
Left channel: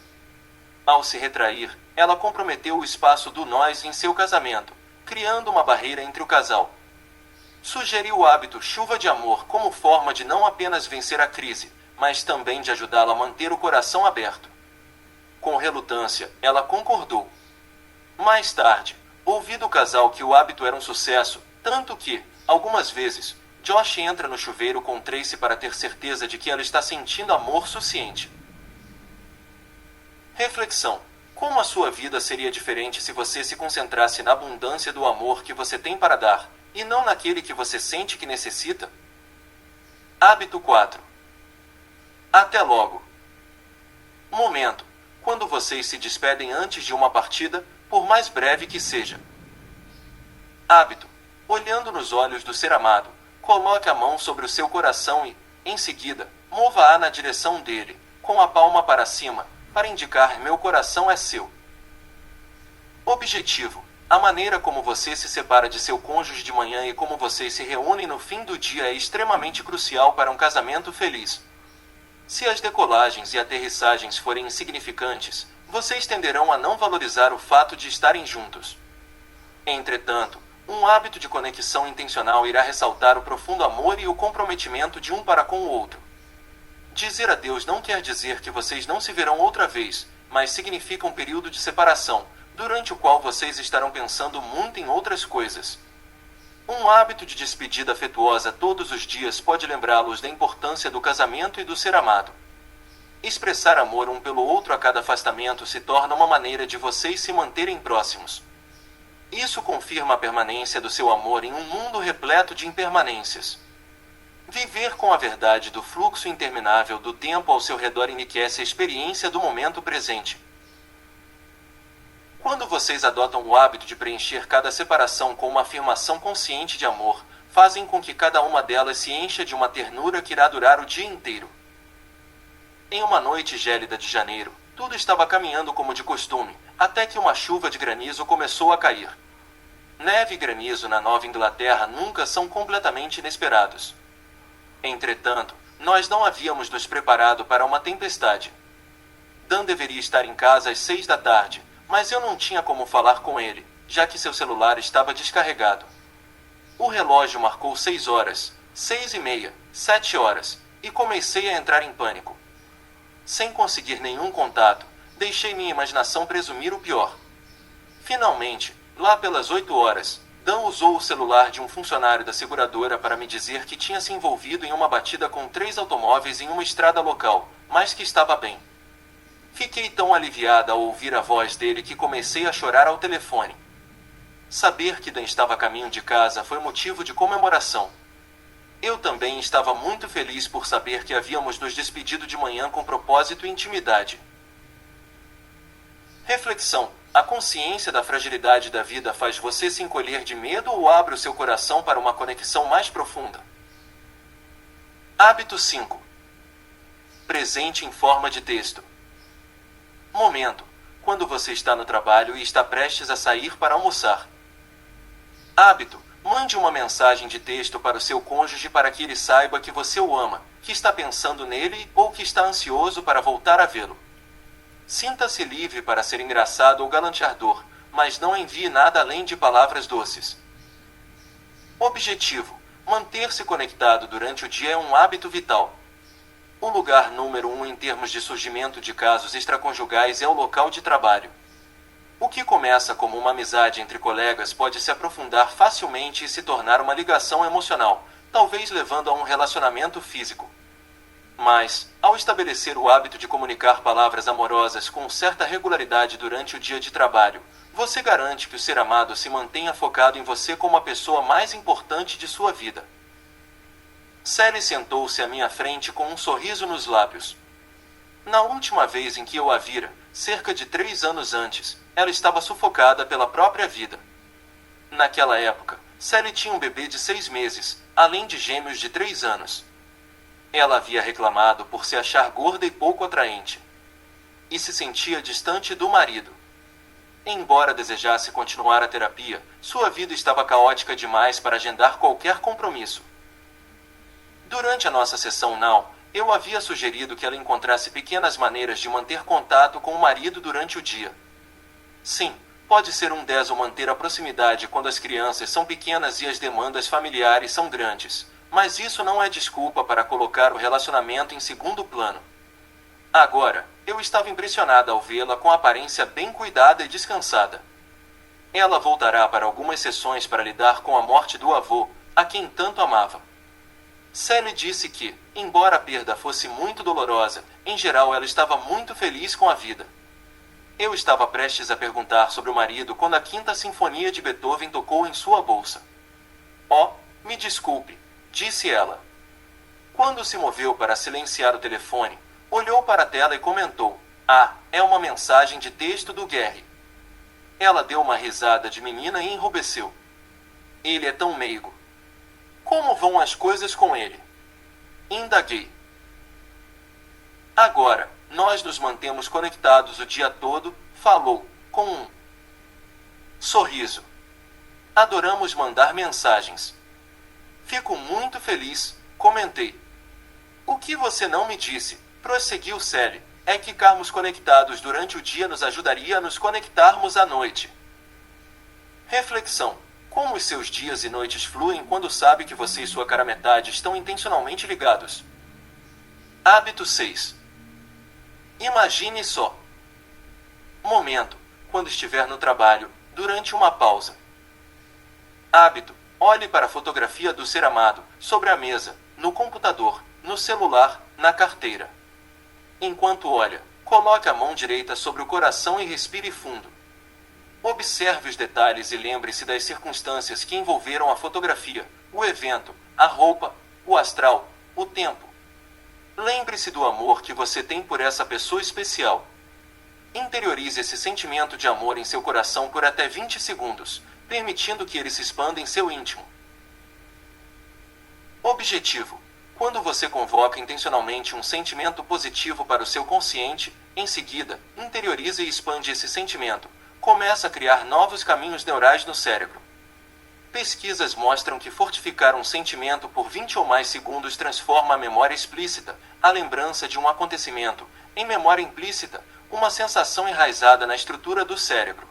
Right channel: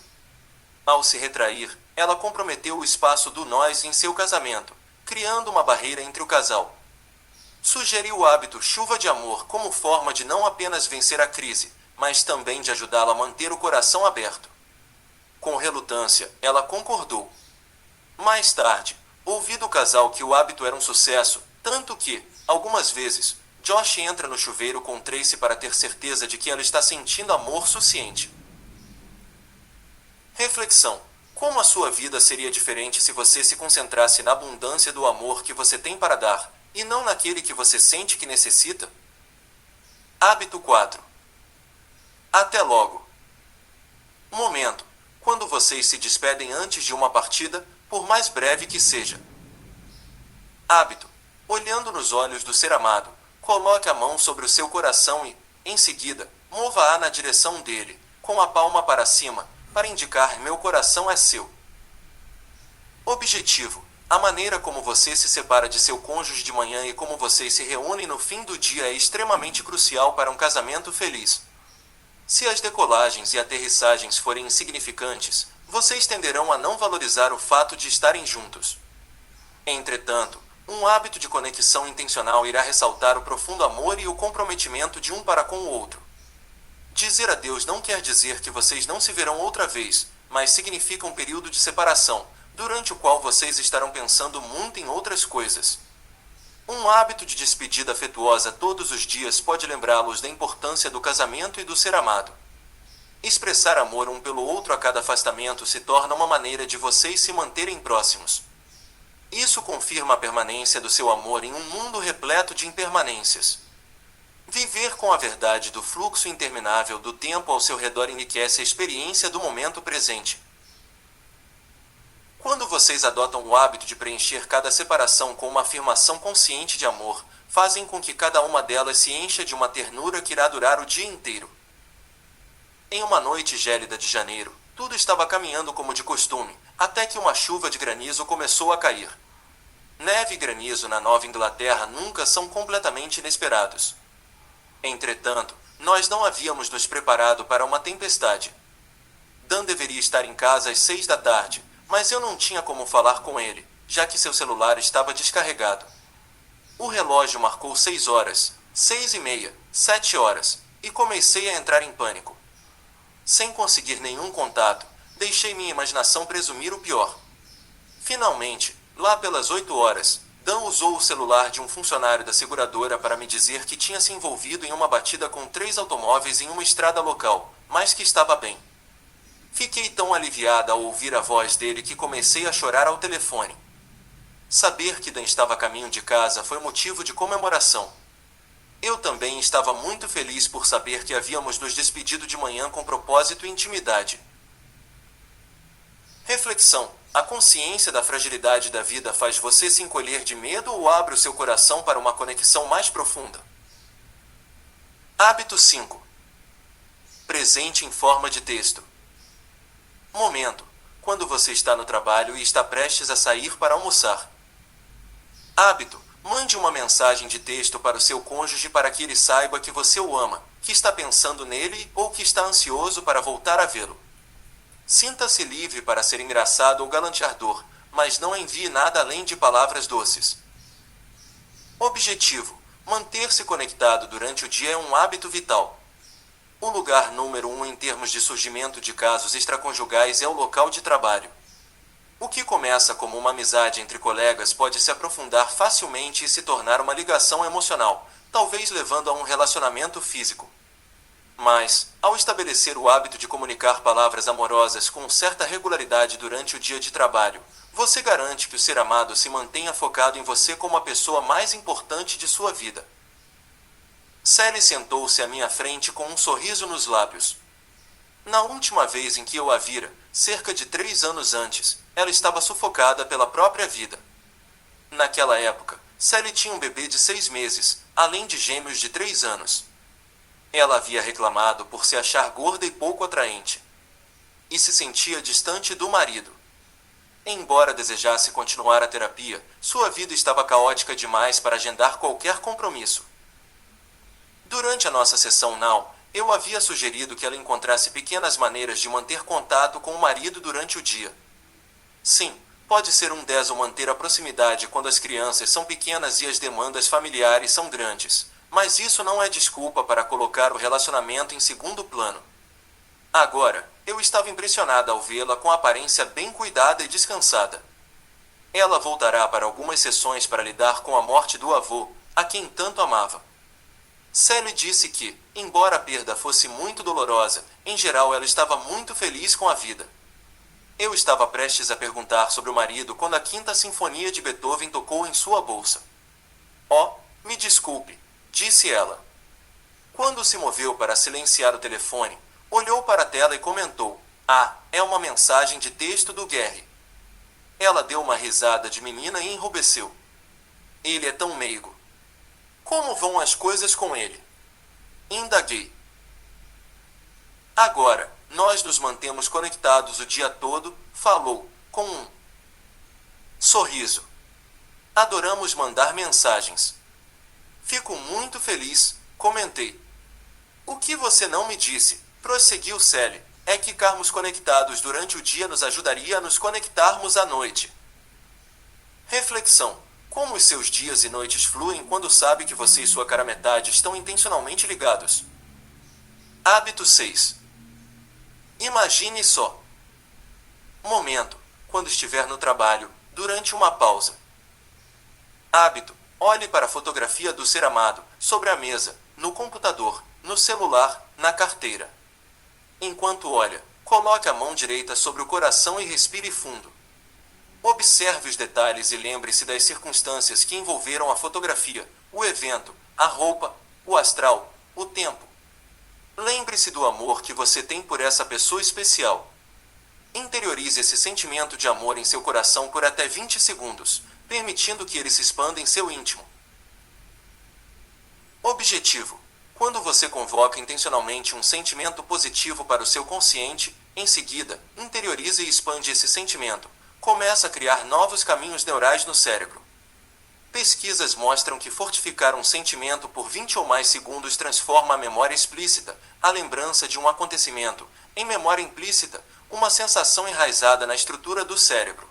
Ao se retrair, ela comprometeu o espaço do nós em seu casamento, criando uma barreira entre o casal. Sugeriu o hábito chuva de amor como forma de não apenas vencer a crise, mas também de ajudá-la a manter o coração aberto. Com relutância, ela concordou. Mais tarde, ouvi do casal que o hábito era um sucesso, tanto que, algumas vezes, Josh entra no chuveiro com Tracy para ter certeza de que ela está sentindo amor suficiente. Reflexão: como a sua vida seria diferente se você se concentrasse na abundância do amor que você tem para dar, e não naquele que você sente que necessita? Hábito 4. Até logo. Momento: quando vocês se despedem antes de uma partida, por mais breve que seja. Hábito: olhando nos olhos do ser amado, coloque a mão sobre o seu coração e, em seguida, mova-a na direção dele, com a palma para cima, para indicar meu coração é seu. Objetivo: a maneira como você se separa de seu cônjuge de manhã e como vocês se reúnem no fim do dia é extremamente crucial para um casamento feliz. Se as decolagens e aterrissagens forem insignificantes, vocês tenderão a não valorizar o fato de estarem juntos. Entretanto, um hábito de conexão intencional irá ressaltar o profundo amor e o comprometimento de um para com o outro. Dizer adeus não quer dizer que vocês não se verão outra vez, mas significa um período de separação, durante o qual vocês estarão pensando muito em outras coisas. Um hábito de despedida afetuosa todos os dias pode lembrá-los da importância do casamento e do ser amado. Expressar amor um pelo outro a cada afastamento se torna uma maneira de vocês se manterem próximos. Isso confirma a permanência do seu amor em um mundo repleto de impermanências. Viver com a verdade do fluxo interminável do tempo ao seu redor enriquece a experiência do momento presente. Quando vocês adotam o hábito de preencher cada separação com uma afirmação consciente de amor, fazem com que cada uma delas se encha de uma ternura que irá durar o dia inteiro. Em uma noite gélida de janeiro, tudo estava caminhando como de costume, até que uma chuva de granizo começou a cair. Neve e granizo na Nova Inglaterra nunca são completamente inesperados. Entretanto, nós não havíamos nos preparado para uma tempestade. Dan deveria estar em casa às 6 da tarde, mas eu não tinha como falar com ele, já que seu celular estava descarregado. O relógio marcou 6 horas, 6:30, 7 horas, e comecei a entrar em pânico. Sem conseguir nenhum contato, deixei minha imaginação presumir o pior. Finalmente, lá pelas 8 horas, Dan usou o celular de um funcionário da seguradora para me dizer que tinha se envolvido em uma batida com 3 automóveis em uma estrada local, mas que estava bem. Fiquei tão aliviada ao ouvir a voz dele que comecei a chorar ao telefone. Saber que Dan estava a caminho de casa foi motivo de comemoração. Eu também estava muito feliz por saber que havíamos nos despedido de manhã com propósito e intimidade. Reflexão: a consciência da fragilidade da vida faz você se encolher de medo ou abre o seu coração para uma conexão mais profunda? Hábito 5. Presente em forma de texto. Momento: quando você está no trabalho e está prestes a sair para almoçar. Hábito: mande uma mensagem de texto para o seu cônjuge para que ele saiba que você o ama, que está pensando nele ou que está ansioso para voltar a vê-lo. Sinta-se livre para ser engraçado ou galanteador, mas não envie nada além de palavras doces. Objetivo: manter-se conectado durante o dia é um hábito vital. O lugar número 1 em termos de surgimento de casos extraconjugais é o local de trabalho. O que começa como uma amizade entre colegas pode se aprofundar facilmente e se tornar uma ligação emocional, talvez levando a um relacionamento físico. Mas, ao estabelecer o hábito de comunicar palavras amorosas com certa regularidade durante o dia de trabalho, você garante que o ser amado se mantenha focado em você como a pessoa mais importante de sua vida. Sally sentou-se à minha frente com um sorriso nos lábios. Na última vez em que eu a vira, cerca de 3 anos antes, ela estava sufocada pela própria vida. Naquela época, Sally tinha um bebê de 6 meses, além de gêmeos de 3 anos. Ela havia reclamado por se achar gorda e pouco atraente. E se sentia distante do marido. Embora desejasse continuar a terapia, sua vida estava caótica demais para agendar qualquer compromisso. Durante a nossa sessão Now, eu havia sugerido que ela encontrasse pequenas maneiras de manter contato com o marido durante o dia. Sim, pode ser um 10 ou manter a proximidade quando as crianças são pequenas e as demandas familiares são grandes. Mas isso não é desculpa para colocar o relacionamento em segundo plano. Agora, eu estava impressionada ao vê-la com a aparência bem cuidada e descansada. Ela voltará para algumas sessões para lidar com a morte do avô, a quem tanto amava. Sally disse que, embora a perda fosse muito dolorosa, em geral ela estava muito feliz com a vida. Eu estava prestes a perguntar sobre o marido quando a Quinta Sinfonia de Beethoven tocou em sua bolsa. Oh, me desculpe, disse ela. Quando se moveu para silenciar o telefone, olhou para a tela e comentou: "Ah, é uma mensagem de texto do Gary." Ela deu uma risada de menina e enrubesceu. Ele é tão meigo. Como vão as coisas com ele? Indaguei. Agora, nós nos mantemos conectados o dia todo, falou, com um sorriso. Adoramos mandar mensagens. Fico muito feliz, comentei. O que você não me disse, prosseguiu Sally, é que ficarmos conectados durante o dia nos ajudaria a nos conectarmos à noite. Reflexão. Como os seus dias e noites fluem quando sabe que você e sua cara metade estão intencionalmente ligados? Hábito 6. Imagine só. Momento, quando estiver no trabalho, durante uma pausa. Hábito. Olhe para a fotografia do ser amado, sobre a mesa, no computador, no celular, na carteira. Enquanto olha, coloque a mão direita sobre o coração e respire fundo. Observe os detalhes e lembre-se das circunstâncias que envolveram a fotografia, o evento, a roupa, o astral, o tempo. Lembre-se do amor que você tem por essa pessoa especial. Interiorize esse sentimento de amor em seu coração por até 20 segundos, permitindo que ele se expanda em seu íntimo. Objetivo. Quando você convoca intencionalmente um sentimento positivo para o seu consciente, em seguida, interioriza e expande esse sentimento. Começa a criar novos caminhos neurais no cérebro. Pesquisas mostram que fortificar um sentimento por 20 ou mais segundos transforma a memória explícita, a lembrança de um acontecimento, em memória implícita, uma sensação enraizada na estrutura do cérebro.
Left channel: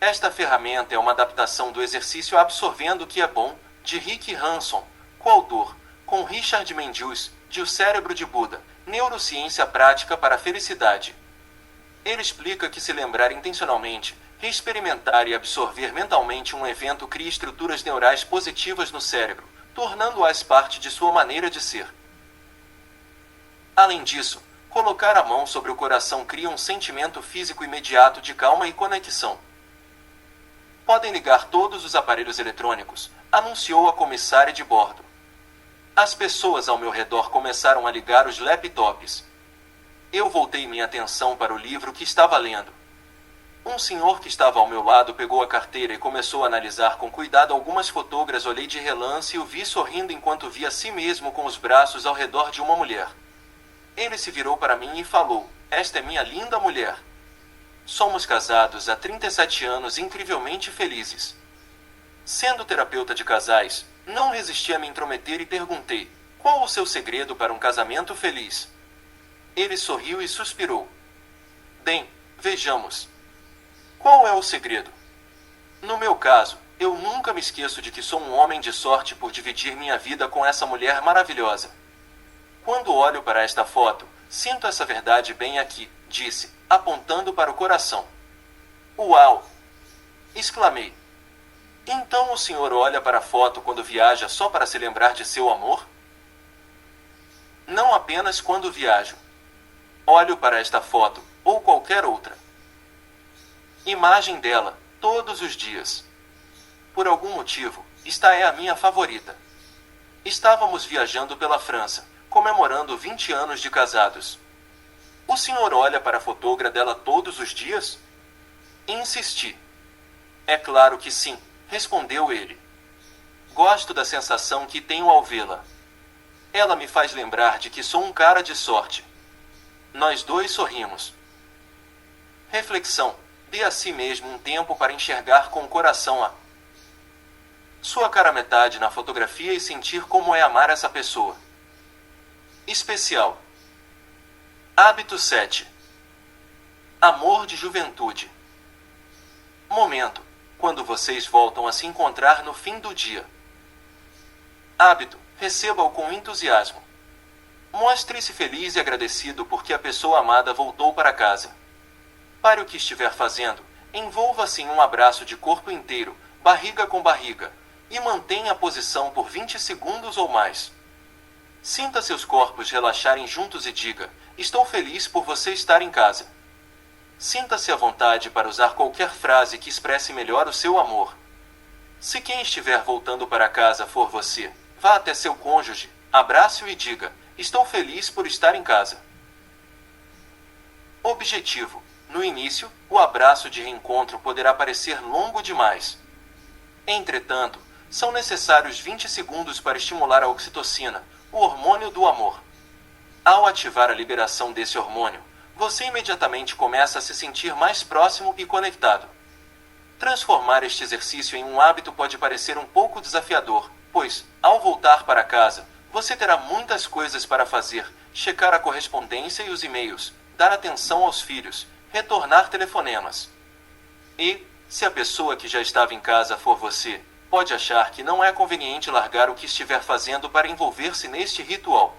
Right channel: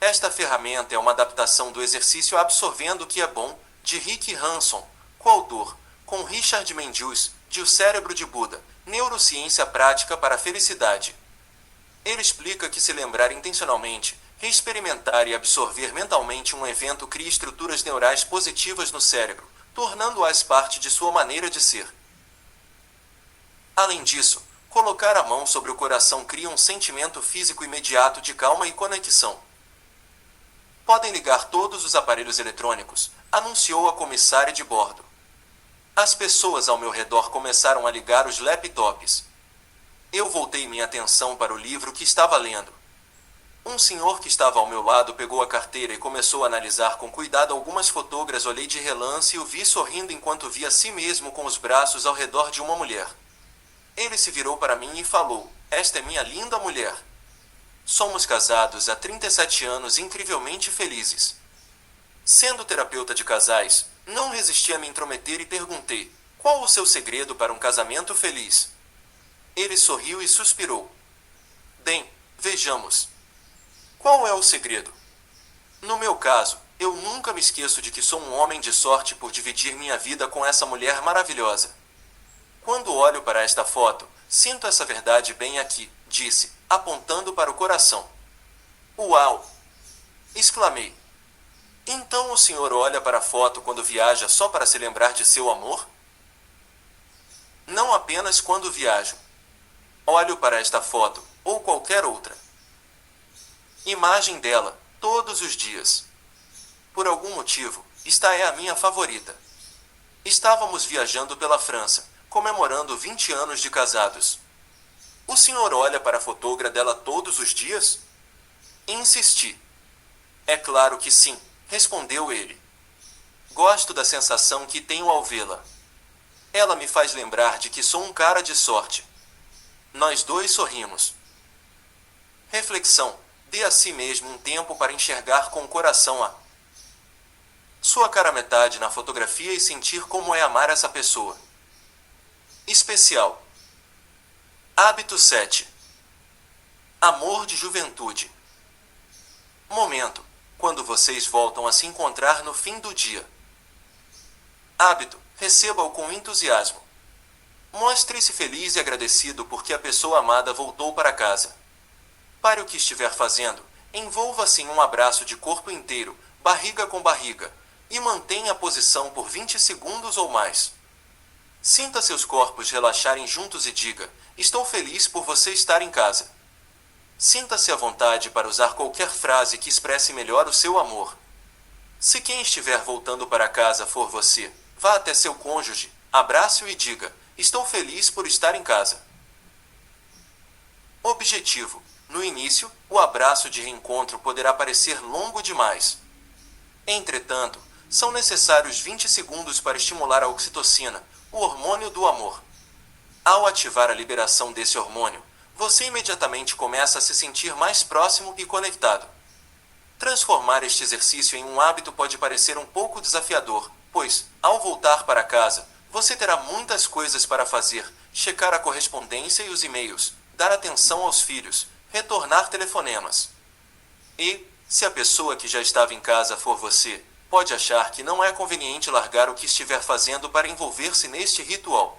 Esta ferramenta é uma adaptação do exercício Absorvendo o que é Bom, de Rick Hanson, coautor, com Richard Mendius, de O Cérebro de Buda, Neurociência Prática para a Felicidade. Ele explica que se lembrar intencionalmente, reexperimentar e absorver mentalmente um evento cria estruturas neurais positivas no cérebro, tornando-as parte de sua maneira de ser. Além disso, colocar a mão sobre o coração cria um sentimento físico imediato de calma e conexão. Podem ligar todos os aparelhos eletrônicos, anunciou a comissária de bordo. As pessoas ao meu redor começaram a ligar os laptops. Eu voltei minha atenção para o livro que estava lendo. Um senhor que estava ao meu lado pegou a carteira e começou a analisar com cuidado algumas fotografias. Olhei de relance e o vi sorrindo enquanto via a si mesmo com os braços ao redor de uma mulher. Ele se virou para mim e falou: "Esta é minha linda mulher. Somos casados há 37 anos e incrivelmente felizes." Sendo terapeuta de casais, não resisti a me intrometer e perguntei: "Qual o seu segredo para um casamento feliz?" Ele sorriu e suspirou. "Bem, vejamos. Qual é o segredo? No meu caso, eu nunca me esqueço de que sou um homem de sorte por dividir minha vida com essa mulher maravilhosa. Quando olho para esta foto, sinto essa verdade bem aqui", disse, apontando para o coração. "Uau!" exclamei. Então o senhor olha para a foto quando viaja só para se lembrar de seu amor? Não apenas quando viajo. Olho para esta foto, ou qualquer outra. Imagem dela, todos os dias. Por algum motivo, esta é a minha favorita. Estávamos viajando pela França, comemorando 20 anos de casados. O senhor olha para a fotógrafa dela todos os dias? Insisti. É claro que sim, respondeu ele. Gosto da sensação que tenho ao vê-la. Ela me faz lembrar de que sou um cara de sorte. Nós dois sorrimos. Reflexão. Dê a si mesmo um tempo para enxergar com o coração a sua cara metade na fotografia e sentir como é amar essa pessoa. Especial. Hábito 7. Amor de juventude. Momento. Quando vocês voltam a se encontrar no fim do dia. Hábito. Receba-o com entusiasmo. Mostre-se feliz e agradecido porque a pessoa amada voltou para casa. Pare o que estiver fazendo, envolva-se em um abraço de corpo inteiro, barriga com barriga, e mantenha a posição por 20 segundos ou mais. Sinta seus corpos relaxarem juntos e diga: estou feliz por você estar em casa. Sinta-se à vontade para usar qualquer frase que expresse melhor o seu amor. Se quem estiver voltando para casa for você, vá até seu cônjuge, abrace-o e diga: estou feliz por estar em casa. Objetivo. No início, o abraço de reencontro poderá parecer longo demais. Entretanto, são necessários 20 segundos para estimular a oxitocina, o hormônio do amor. Ao ativar a liberação desse hormônio, você imediatamente começa a se sentir mais próximo e conectado. Transformar este exercício em um hábito pode parecer um pouco desafiador, pois, ao voltar para casa, você terá muitas coisas para fazer: checar a correspondência e os e-mails, dar atenção aos filhos, retornar telefonemas. E, se a pessoa que já estava em casa for você, pode achar que não é conveniente largar o que estiver fazendo para envolver-se neste ritual.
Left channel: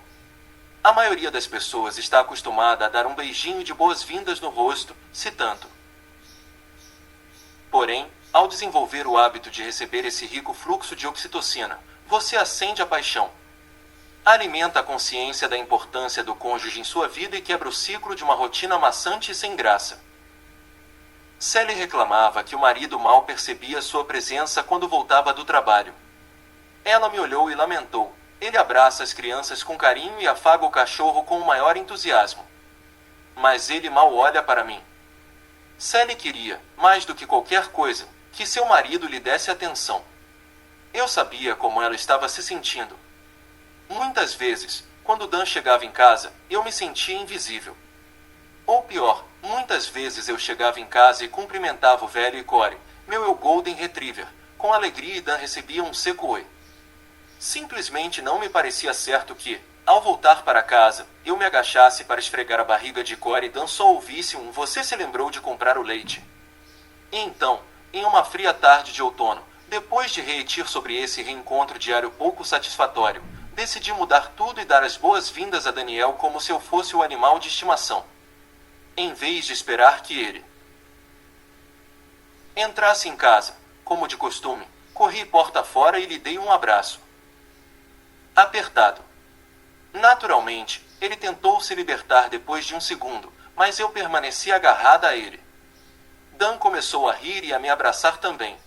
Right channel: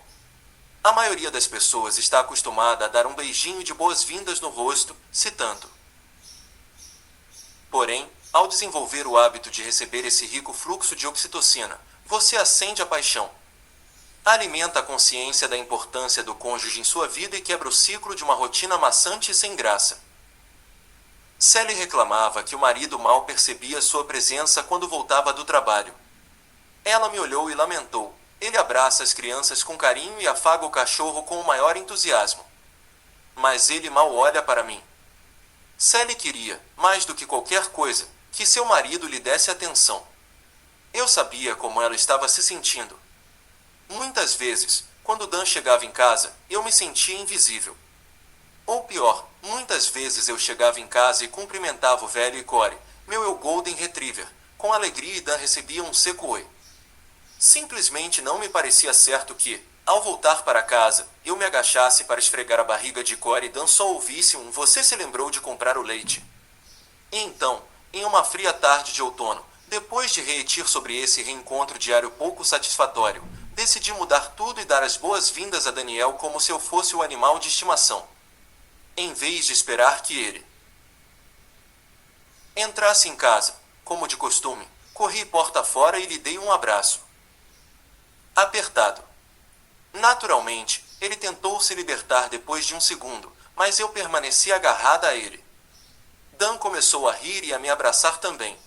A maioria das pessoas está acostumada a dar um beijinho de boas-vindas no rosto, se tanto. Porém, ao desenvolver o hábito de receber esse rico fluxo de oxitocina, você acende a paixão. Alimenta a consciência da importância do cônjuge em sua vida e quebra o ciclo de uma rotina maçante e sem graça. Sally reclamava que o marido mal percebia sua presença quando voltava do trabalho. Ela me olhou e lamentou: ele abraça as crianças com carinho e afaga o cachorro com o maior entusiasmo. Mas ele mal olha para mim. Sally queria, mais do que qualquer coisa, que seu marido lhe desse atenção. Eu sabia como ela estava se sentindo. Muitas vezes, quando Dan chegava em casa, eu me sentia invisível. Ou pior, muitas vezes eu chegava em casa e cumprimentava o velho Icore, meu eu Golden Retriever, com alegria, e Dan recebia um seco oi. Simplesmente não me parecia certo que, ao voltar para casa, eu me agachasse para esfregar a barriga de Icore e Dan só ouvisse um "você se lembrou de comprar o leite?". E então, em uma fria tarde de outono, depois de refletir sobre esse reencontro diário pouco satisfatório, decidi mudar tudo e dar as boas-vindas a Daniel como se eu fosse o animal de estimação. Em vez de esperar que ele entrasse em casa, como de costume, corri porta fora e lhe dei um abraço apertado. Naturalmente, ele tentou se libertar depois de um segundo, mas eu permaneci agarrada a ele. Dan começou a rir e a me abraçar também.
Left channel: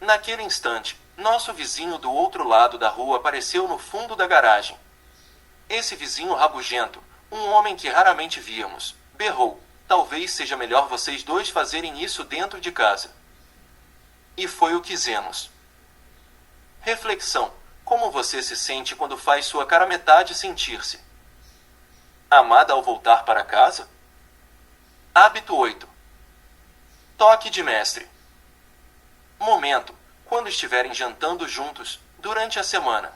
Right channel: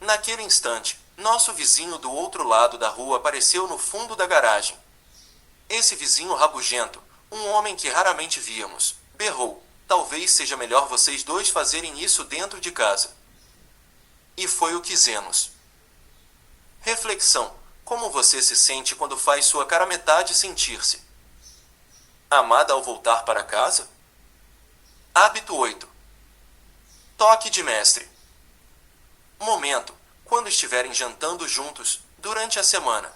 Naquele instante, nosso vizinho do outro lado da rua apareceu no fundo da garagem. Esse vizinho rabugento, um homem que raramente víamos, berrou: talvez seja melhor vocês dois fazerem isso dentro de casa. E foi o que fizemos. Reflexão: como você se sente quando faz sua cara metade sentir-se amada ao voltar para casa? Hábito 8. Toque de mestre. Momento: quando estiverem jantando juntos, durante a semana.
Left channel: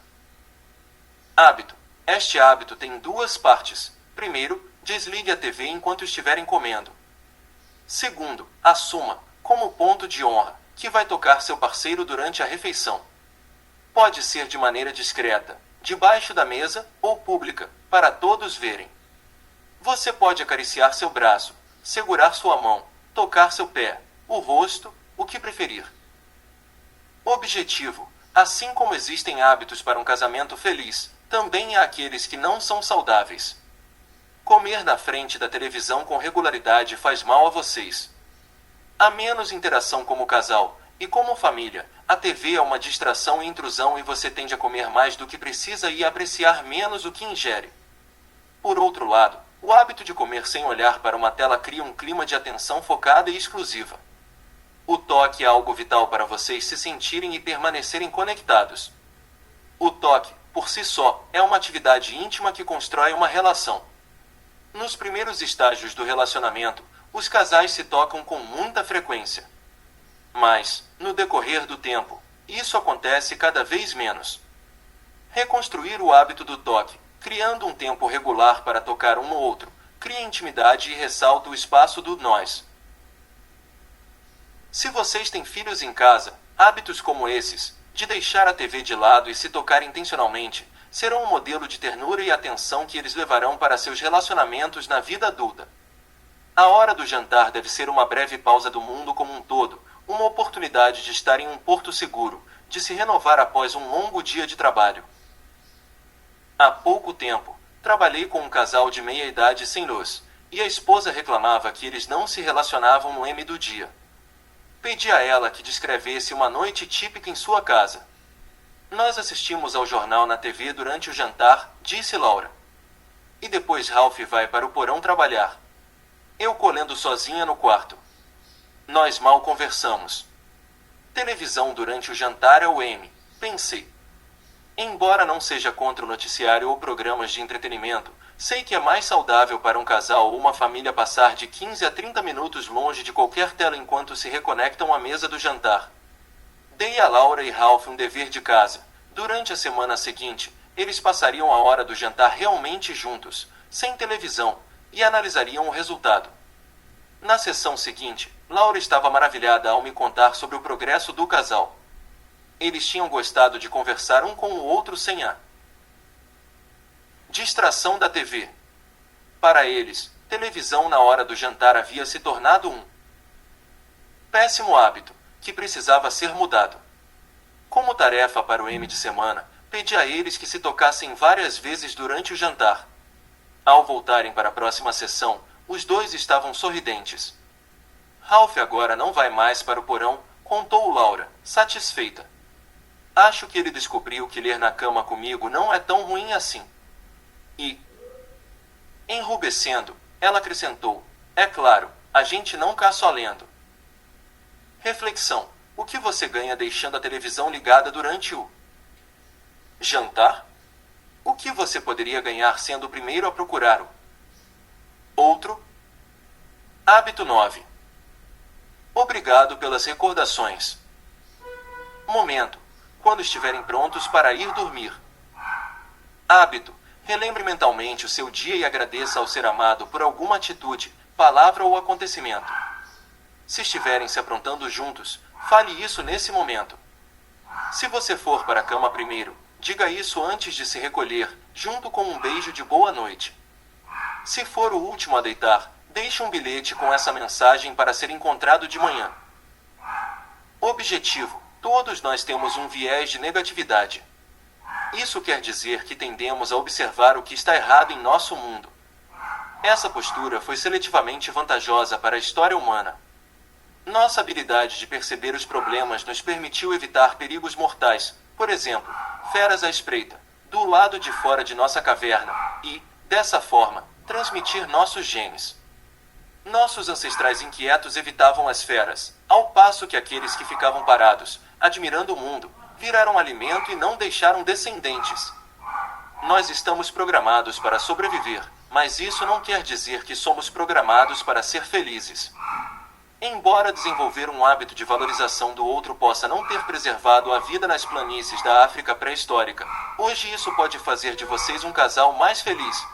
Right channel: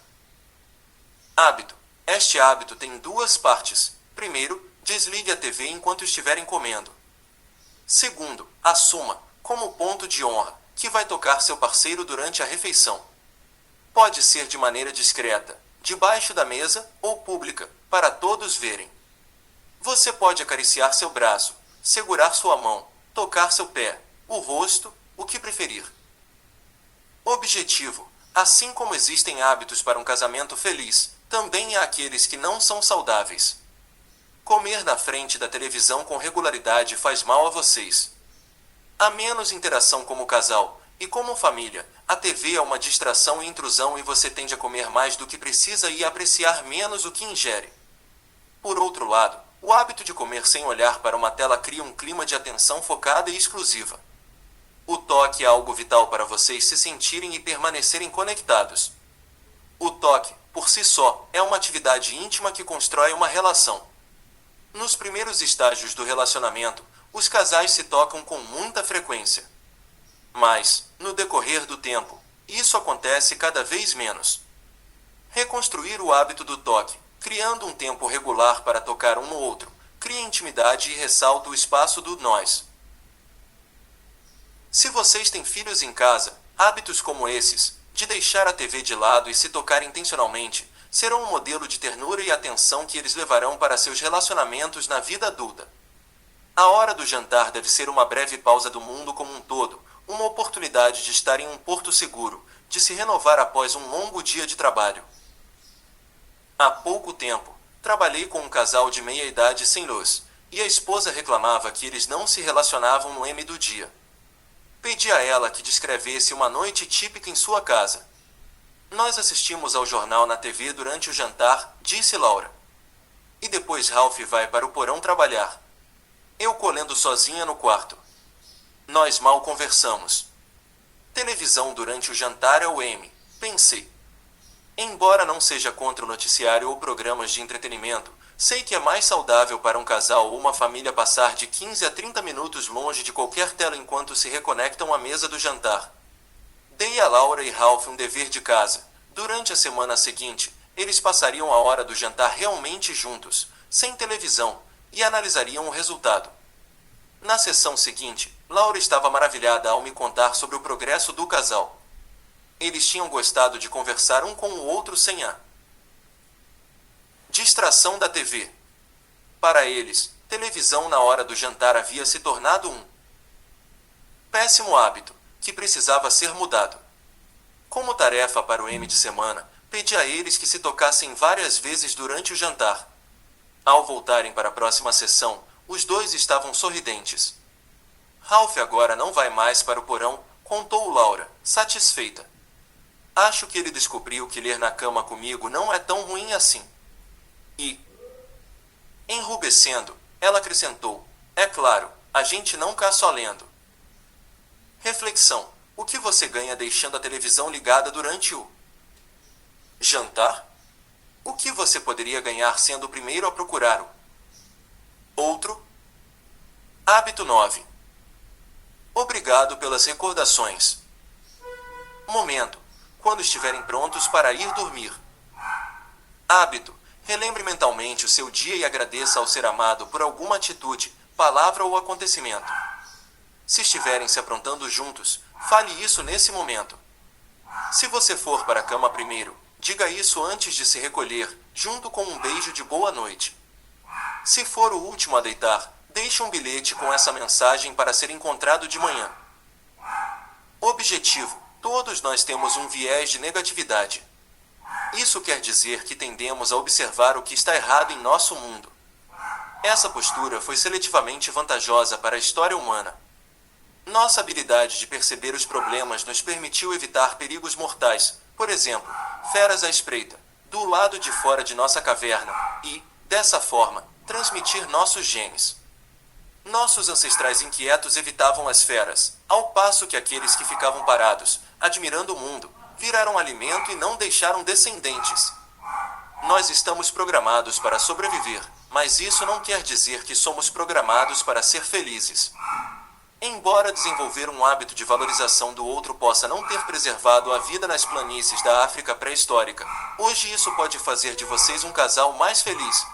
Hábito: este hábito tem duas partes. Primeiro, desligue a TV enquanto estiverem comendo. Segundo, assuma, como ponto de honra, que vai tocar seu parceiro durante a refeição. Pode ser de maneira discreta, debaixo da mesa, ou pública, para todos verem. Você pode acariciar seu braço, segurar sua mão, tocar seu pé, o rosto, o que preferir. Objetivo: assim como existem hábitos para um casamento feliz, também há aqueles que não são saudáveis. Comer na frente da televisão com regularidade faz mal a vocês. Há menos interação como casal, e como família, a TV é uma distração e intrusão e você tende a comer mais do que precisa e a apreciar menos o que ingere. Por outro lado, o hábito de comer sem olhar para uma tela cria um clima de atenção focada e exclusiva. O toque é algo vital para vocês se sentirem e permanecerem conectados. O toque, por si só, é uma atividade íntima que constrói uma relação. Nos primeiros estágios do relacionamento, os casais se tocam com muita frequência. Mas, no decorrer do tempo, isso acontece cada vez menos. Reconstruir o hábito do toque, criando um tempo regular para tocar um no outro, cria intimidade e ressalta o espaço do nós. Se vocês têm filhos em casa, hábitos como esses, de deixar a TV de lado e se tocar intencionalmente, serão um modelo de ternura e atenção que eles levarão para seus relacionamentos na vida adulta. A hora do jantar deve ser uma breve pausa do mundo como um todo, uma oportunidade de estar em um porto seguro, de se renovar após um longo dia de trabalho. Há pouco tempo, trabalhei com um casal de meia-idade sem luz, e a esposa reclamava que eles não se relacionavam no M do dia. Pedi a ela que descrevesse uma noite típica em sua casa. Nós assistimos ao jornal na TV durante o jantar, disse Laura. E depois Ralph vai para o porão trabalhar. Eu colhendo sozinha no quarto. Nós mal conversamos. Televisão durante o jantar é o M, pensei. Embora não seja contra o noticiário ou programas de entretenimento, sei que é mais saudável para um casal ou uma família passar de 15 a 30 minutos longe de qualquer tela enquanto se reconectam à mesa do jantar. Dei a Laura e Ralph um dever de casa. Durante a semana seguinte, eles passariam a hora do jantar realmente juntos, sem televisão, e analisariam o resultado. Na sessão seguinte, Laura estava maravilhada ao me contar sobre o progresso do casal. Eles tinham gostado de conversar um com o outro sem a distração da TV. Para eles, televisão na hora do jantar havia se tornado um péssimo hábito, que precisava ser mudado. Como tarefa para o M de semana, pedi a eles que se tocassem várias vezes durante o jantar. Ao voltarem para a próxima sessão, os dois estavam sorridentes. Ralph agora não vai mais para o porão, contou Laura, satisfeita. Acho que ele descobriu que ler na cama comigo não é tão ruim assim. E, enrubescendo, ela acrescentou, é claro, a gente não cá só lendo. Reflexão, o que você ganha deixando a televisão ligada durante o jantar? O que você poderia ganhar sendo o primeiro a procurar o outro? Hábito 9. Obrigado pelas recordações. Momento, quando estiverem prontos para ir dormir. Hábito. Relembre mentalmente o seu dia e agradeça ao ser amado por alguma atitude, palavra ou acontecimento. Se estiverem se aprontando juntos, fale isso nesse momento. Se você for para a cama primeiro, diga isso antes de se recolher, junto com um beijo de boa noite. Se for o último a deitar, deixe um bilhete com essa mensagem para ser encontrado de manhã. Objetivo: todos nós temos um viés de negatividade. Isso quer dizer que tendemos a observar o que está errado em nosso mundo. Essa postura foi seletivamente vantajosa para a história humana. Nossa habilidade de perceber os problemas nos permitiu evitar perigos mortais, por exemplo, feras à espreita, do lado de fora de nossa caverna, e, dessa forma, transmitir nossos genes. Nossos ancestrais inquietos evitavam as feras, ao passo que aqueles que ficavam parados, admirando o mundo, viraram alimento e não deixaram descendentes. Nós estamos programados para sobreviver, mas isso não quer dizer que somos programados para ser felizes. Embora desenvolver um hábito de valorização do outro possa não ter preservado a vida nas planícies da África pré-histórica, hoje isso pode fazer de vocês um casal mais feliz.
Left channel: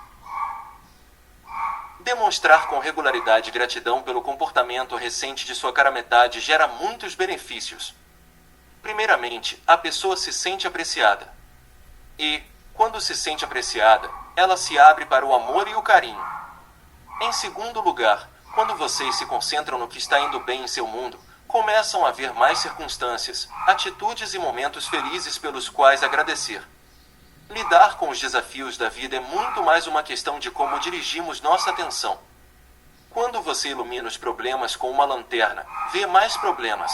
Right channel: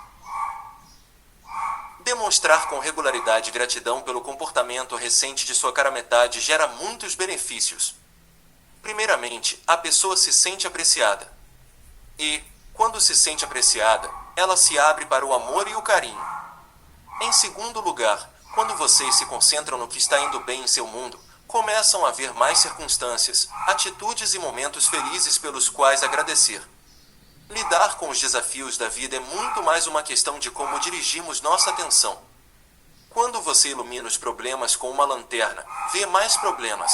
Demonstrar com regularidade gratidão pelo comportamento recente de sua cara-metade gera muitos benefícios. Primeiramente, a pessoa se sente apreciada. E, quando se sente apreciada, ela se abre para o amor e o carinho. Em segundo lugar, quando vocês se concentram no que está indo bem em seu mundo, Começam a haver mais circunstâncias, atitudes e momentos felizes pelos quais agradecer. Lidar com os desafios da vida é muito mais uma questão de como dirigimos nossa atenção. Quando você ilumina os problemas com uma lanterna, vê mais problemas.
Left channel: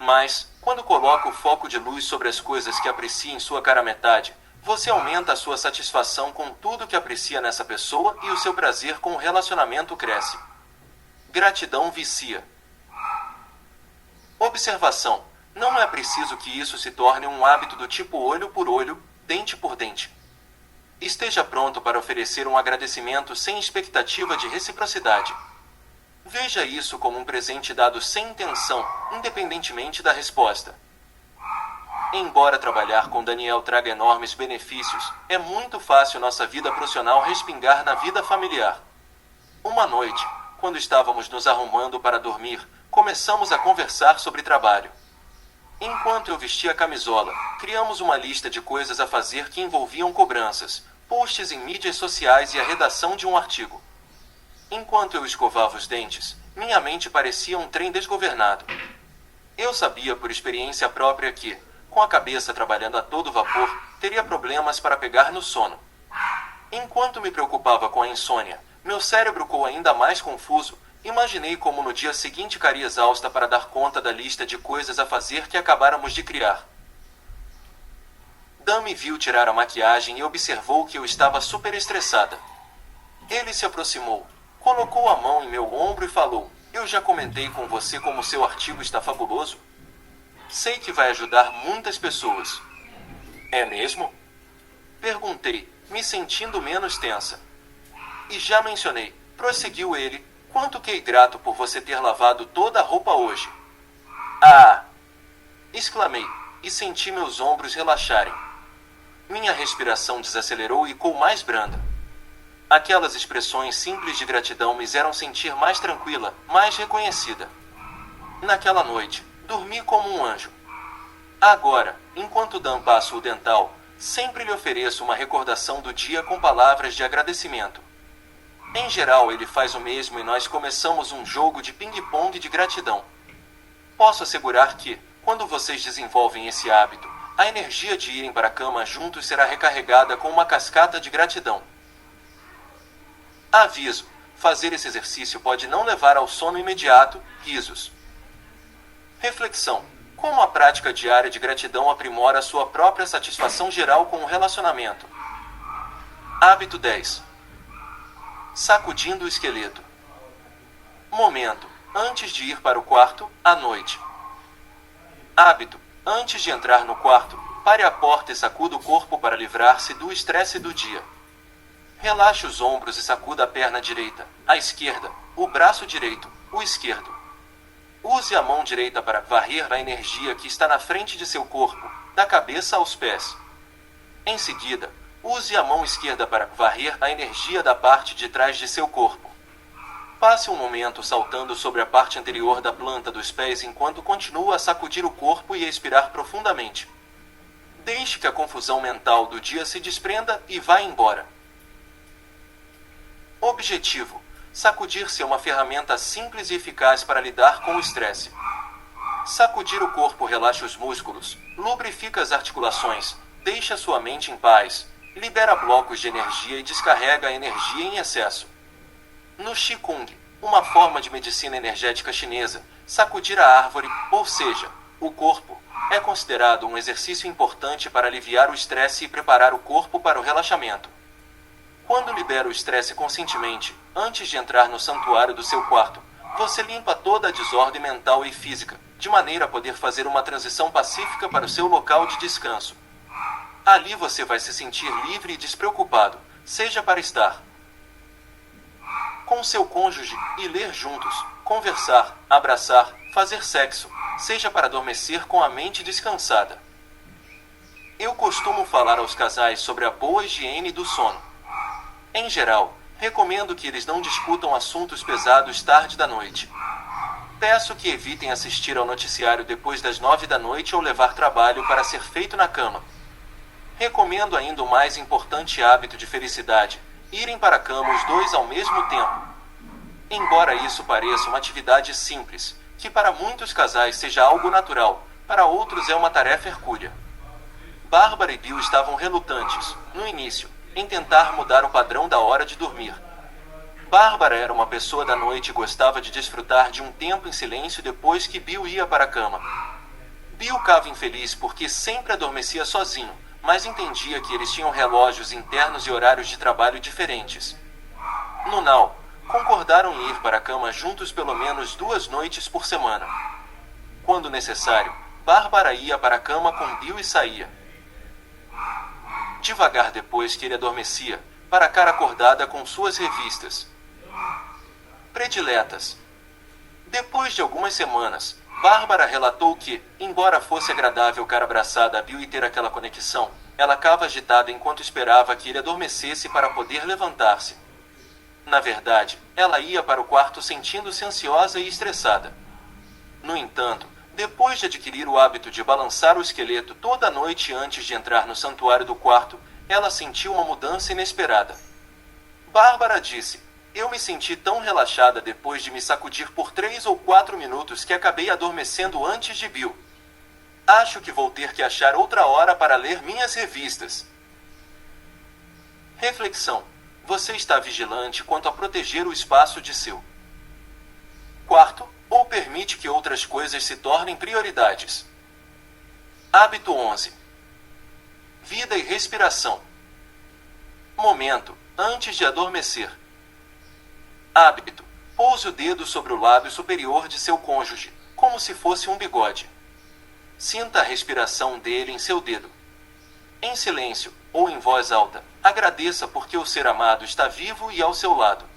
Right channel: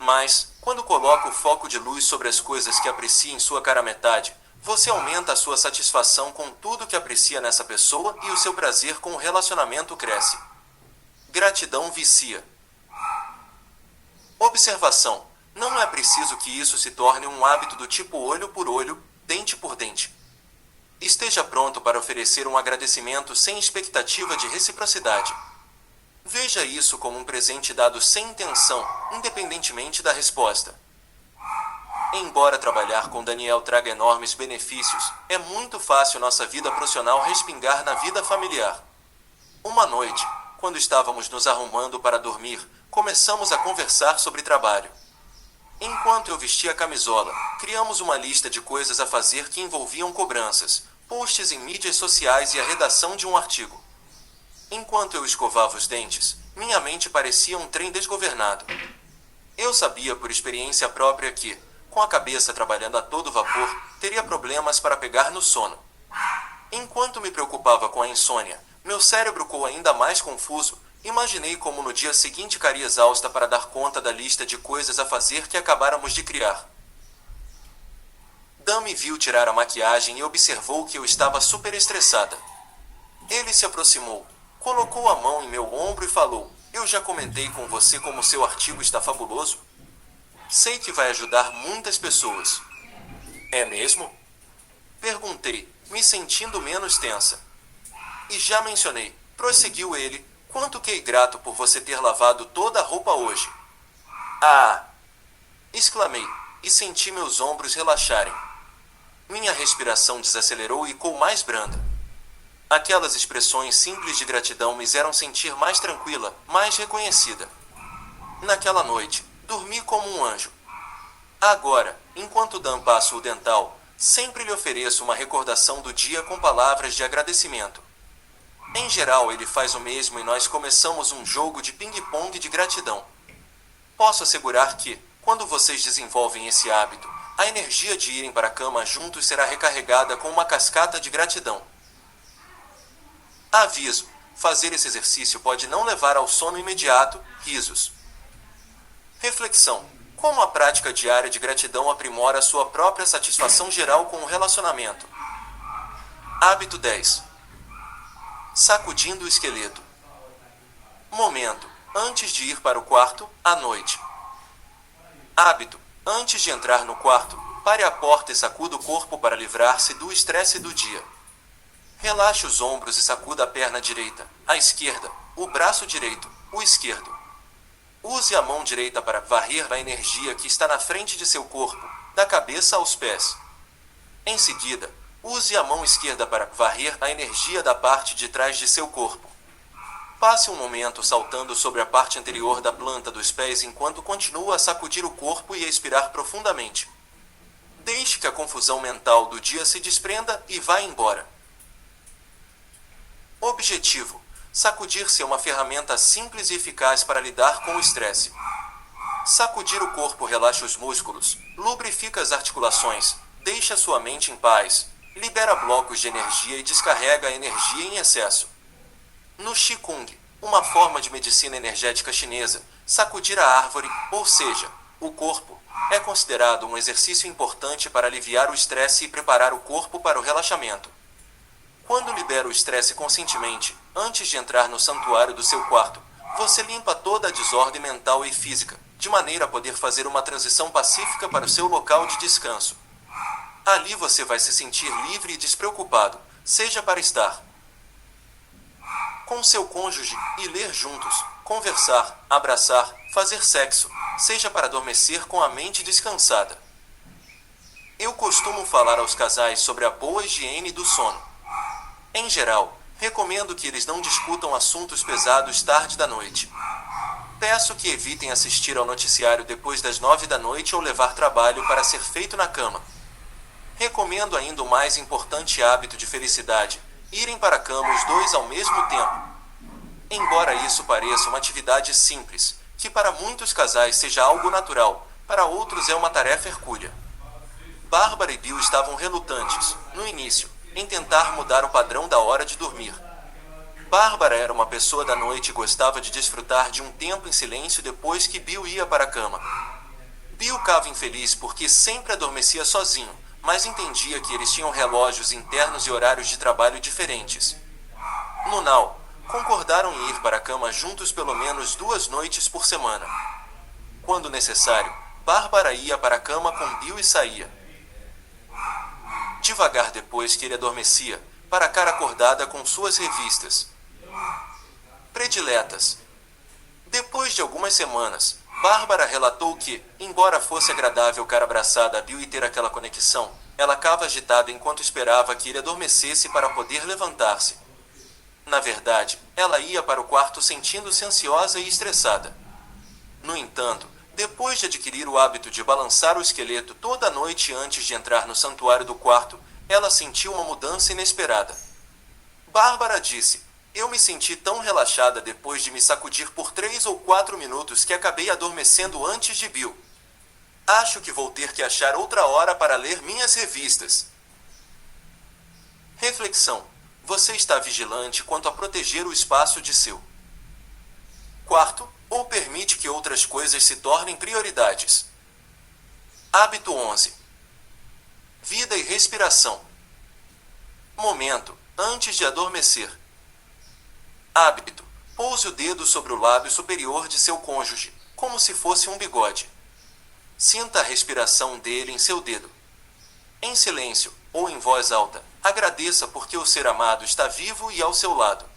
Mas, quando coloca o foco de luz sobre as coisas que aprecia em sua cara metade, você aumenta a sua satisfação com tudo que aprecia nessa pessoa e o seu prazer com o relacionamento cresce. Gratidão vicia. Observação: não é preciso que isso se torne um hábito do tipo olho por olho, dente por dente. Esteja pronto para oferecer um agradecimento sem expectativa de reciprocidade. Veja isso como um presente dado sem intenção, independentemente da resposta. Embora trabalhar com Daniel traga enormes benefícios, é muito fácil nossa vida profissional respingar na vida familiar. Uma noite, quando estávamos nos arrumando para dormir, começamos a conversar sobre trabalho. Enquanto eu vestia a camisola, criamos uma lista de coisas a fazer que envolviam cobranças, posts em mídias sociais e a redação de um artigo. Enquanto eu escovava os dentes, minha mente parecia um trem desgovernado. Eu sabia por experiência própria que, com a cabeça trabalhando a todo vapor, teria problemas para pegar no sono. Enquanto me preocupava com a insônia, meu cérebro ficou ainda mais confuso. Imaginei como no dia seguinte ficaria exausta para dar conta da lista de coisas a fazer que acabáramos de criar. Dan me viu tirar a maquiagem e observou que eu estava super estressada. Ele se aproximou, colocou a mão em meu ombro e falou: "Eu já comentei com você como seu artigo está fabuloso. Sei que vai ajudar muitas pessoas." "É mesmo?" perguntei, me sentindo menos tensa. "E já mencionei", prosseguiu ele, "quanto fiquei grato por você ter lavado toda a roupa hoje." "Ah!" exclamei, e senti meus ombros relaxarem. Minha respiração desacelerou e ficou mais branda. Aquelas expressões simples de gratidão me fizeram sentir mais tranquila, mais reconhecida. Naquela noite, dormi como um anjo. Agora, enquanto Dan passa o dental, sempre lhe ofereço uma recordação do dia com palavras de agradecimento. Em geral, ele faz o mesmo e nós começamos um jogo de ping-pong de gratidão. Posso assegurar que, quando vocês desenvolvem esse hábito, a energia de irem para a cama juntos será recarregada com uma cascata de gratidão. Aviso: fazer esse exercício pode não levar ao sono imediato, risos. Reflexão: como a prática diária de gratidão aprimora a sua própria satisfação geral com o relacionamento. Hábito 10. Sacudindo o esqueleto. Momento: antes de ir para o quarto, à noite. Hábito: antes de entrar no quarto, pare à porta e sacuda o corpo para livrar-se do estresse do dia. Relaxe os ombros e sacuda a perna direita, a esquerda, o braço direito, o esquerdo. Use a mão direita para varrer a energia que está na frente de seu corpo, da cabeça aos pés. Em seguida, use a mão esquerda para varrer a energia da parte de trás de seu corpo. Passe um momento saltando sobre a parte anterior da planta dos pés enquanto continua a sacudir o corpo e a expirar profundamente. Deixe que a confusão mental do dia se desprenda e vá embora. Objetivo: sacudir-se é uma ferramenta simples e eficaz para lidar com o estresse. Sacudir o corpo relaxa os músculos, lubrifica as articulações, deixa sua mente em paz, libera blocos de energia e descarrega a energia em excesso. No Qigong, uma forma de medicina energética chinesa, sacudir a árvore, ou seja, o corpo, é considerado um exercício importante para aliviar o estresse e preparar o corpo para o relaxamento. Quando libera o estresse conscientemente, antes de entrar no santuário do seu quarto, você limpa toda a desordem mental e física, de maneira a poder fazer uma transição pacífica para o seu local de descanso. Ali você vai se sentir livre e despreocupado, seja para estar com seu cônjuge e ler juntos, conversar, abraçar, fazer sexo, seja para adormecer com a mente descansada. Eu costumo falar aos casais sobre a boa higiene do sono. Em geral, recomendo que eles não discutam assuntos pesados tarde da noite. Peço que evitem assistir ao noticiário depois das 9 da noite ou levar trabalho para ser feito na cama. Recomendo ainda o mais importante hábito de felicidade: irem para a cama os dois ao mesmo tempo. Embora isso pareça uma atividade simples, que para muitos casais seja algo natural, para outros é uma tarefa hercúlea. Bárbara e Bill estavam relutantes, no início, em tentar mudar o padrão da hora de dormir. Bárbara era uma pessoa da noite e gostava de desfrutar de um tempo em silêncio depois que Bill ia para a cama. Bill ficava infeliz porque sempre adormecia sozinho, mas entendia que eles tinham relógios internos e horários de trabalho diferentes. No Now, concordaram em ir para a cama juntos pelo menos 2 noites por semana. Quando necessário, Bárbara ia para a cama com Bill e saía. Devagar depois que ele adormecia, para a cara acordada com suas revistas prediletas. Depois de algumas semanas, Bárbara relatou que, embora fosse agradável ficar abraçada a Bill e ter aquela conexão, ela ficava agitada enquanto esperava que ele adormecesse para poder levantar-se. Na verdade, ela ia para o quarto sentindo-se ansiosa e estressada. No entanto, depois de adquirir o hábito de balançar o esqueleto toda noite antes de entrar no santuário do quarto, ela sentiu uma mudança inesperada. Bárbara disse: "Eu me senti tão relaxada depois de me sacudir por 3 ou 4 minutos que acabei adormecendo antes de Bill. Acho que vou ter que achar outra hora para ler minhas revistas." Reflexão: você está vigilante quanto a proteger o espaço de seu quarto, ou permite que outras coisas se tornem prioridades? Hábito 11. Vida e respiração. Momento, antes de adormecer. Hábito: pouse o dedo sobre o lábio superior de seu cônjuge, como se fosse um bigode. Sinta a respiração dele em seu dedo. Em silêncio, ou em voz alta, agradeça porque o ser amado está vivo e ao seu lado.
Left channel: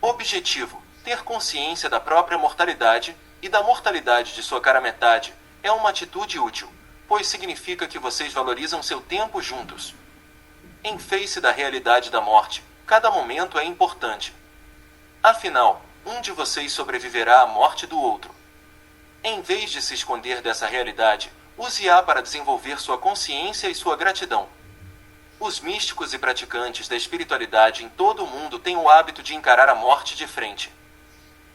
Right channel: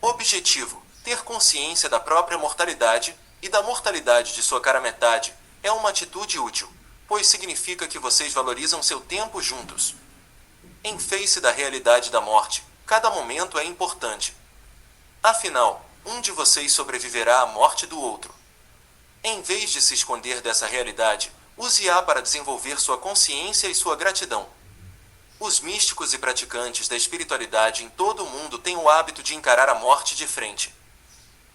Objetivo: ter consciência da própria mortalidade, e da mortalidade de sua cara metade, é uma atitude útil, pois significa que vocês valorizam seu tempo juntos. Em face da realidade da morte, cada momento é importante. Afinal, um de vocês sobreviverá à morte do outro. Em vez de se esconder dessa realidade, use-a para desenvolver sua consciência e sua gratidão. Os místicos e praticantes da espiritualidade em todo o mundo têm o hábito de encarar a morte de frente.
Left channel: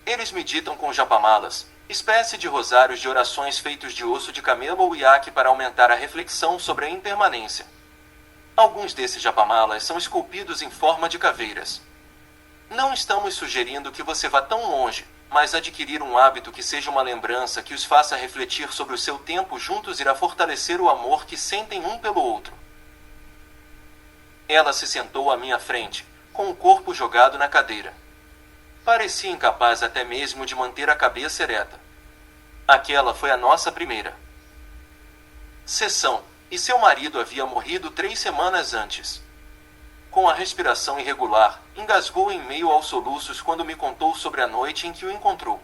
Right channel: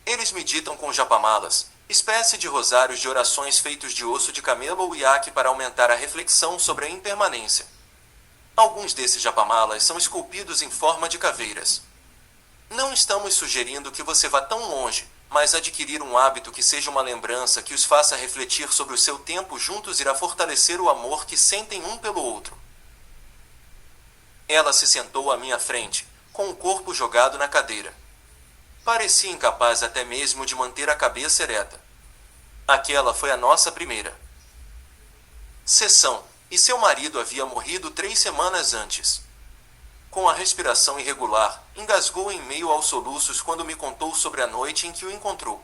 Eles meditam com japamalas, espécie de rosários de orações feitos de osso de camelo ou iaque para aumentar a reflexão sobre a impermanência. Alguns desses japamalas são esculpidos em forma de caveiras. Não estamos sugerindo que você vá tão longe, mas adquirir um hábito que seja uma lembrança que os faça refletir sobre o seu tempo juntos irá fortalecer o amor que sentem um pelo outro. Ela se sentou à minha frente, com o corpo jogado na cadeira. Parecia incapaz até mesmo de manter a cabeça ereta. Aquela foi a nossa primeira sessão, e seu marido havia morrido 3 semanas antes. Com a respiração irregular, engasgou em meio aos soluços quando me contou sobre a noite em que o encontrou.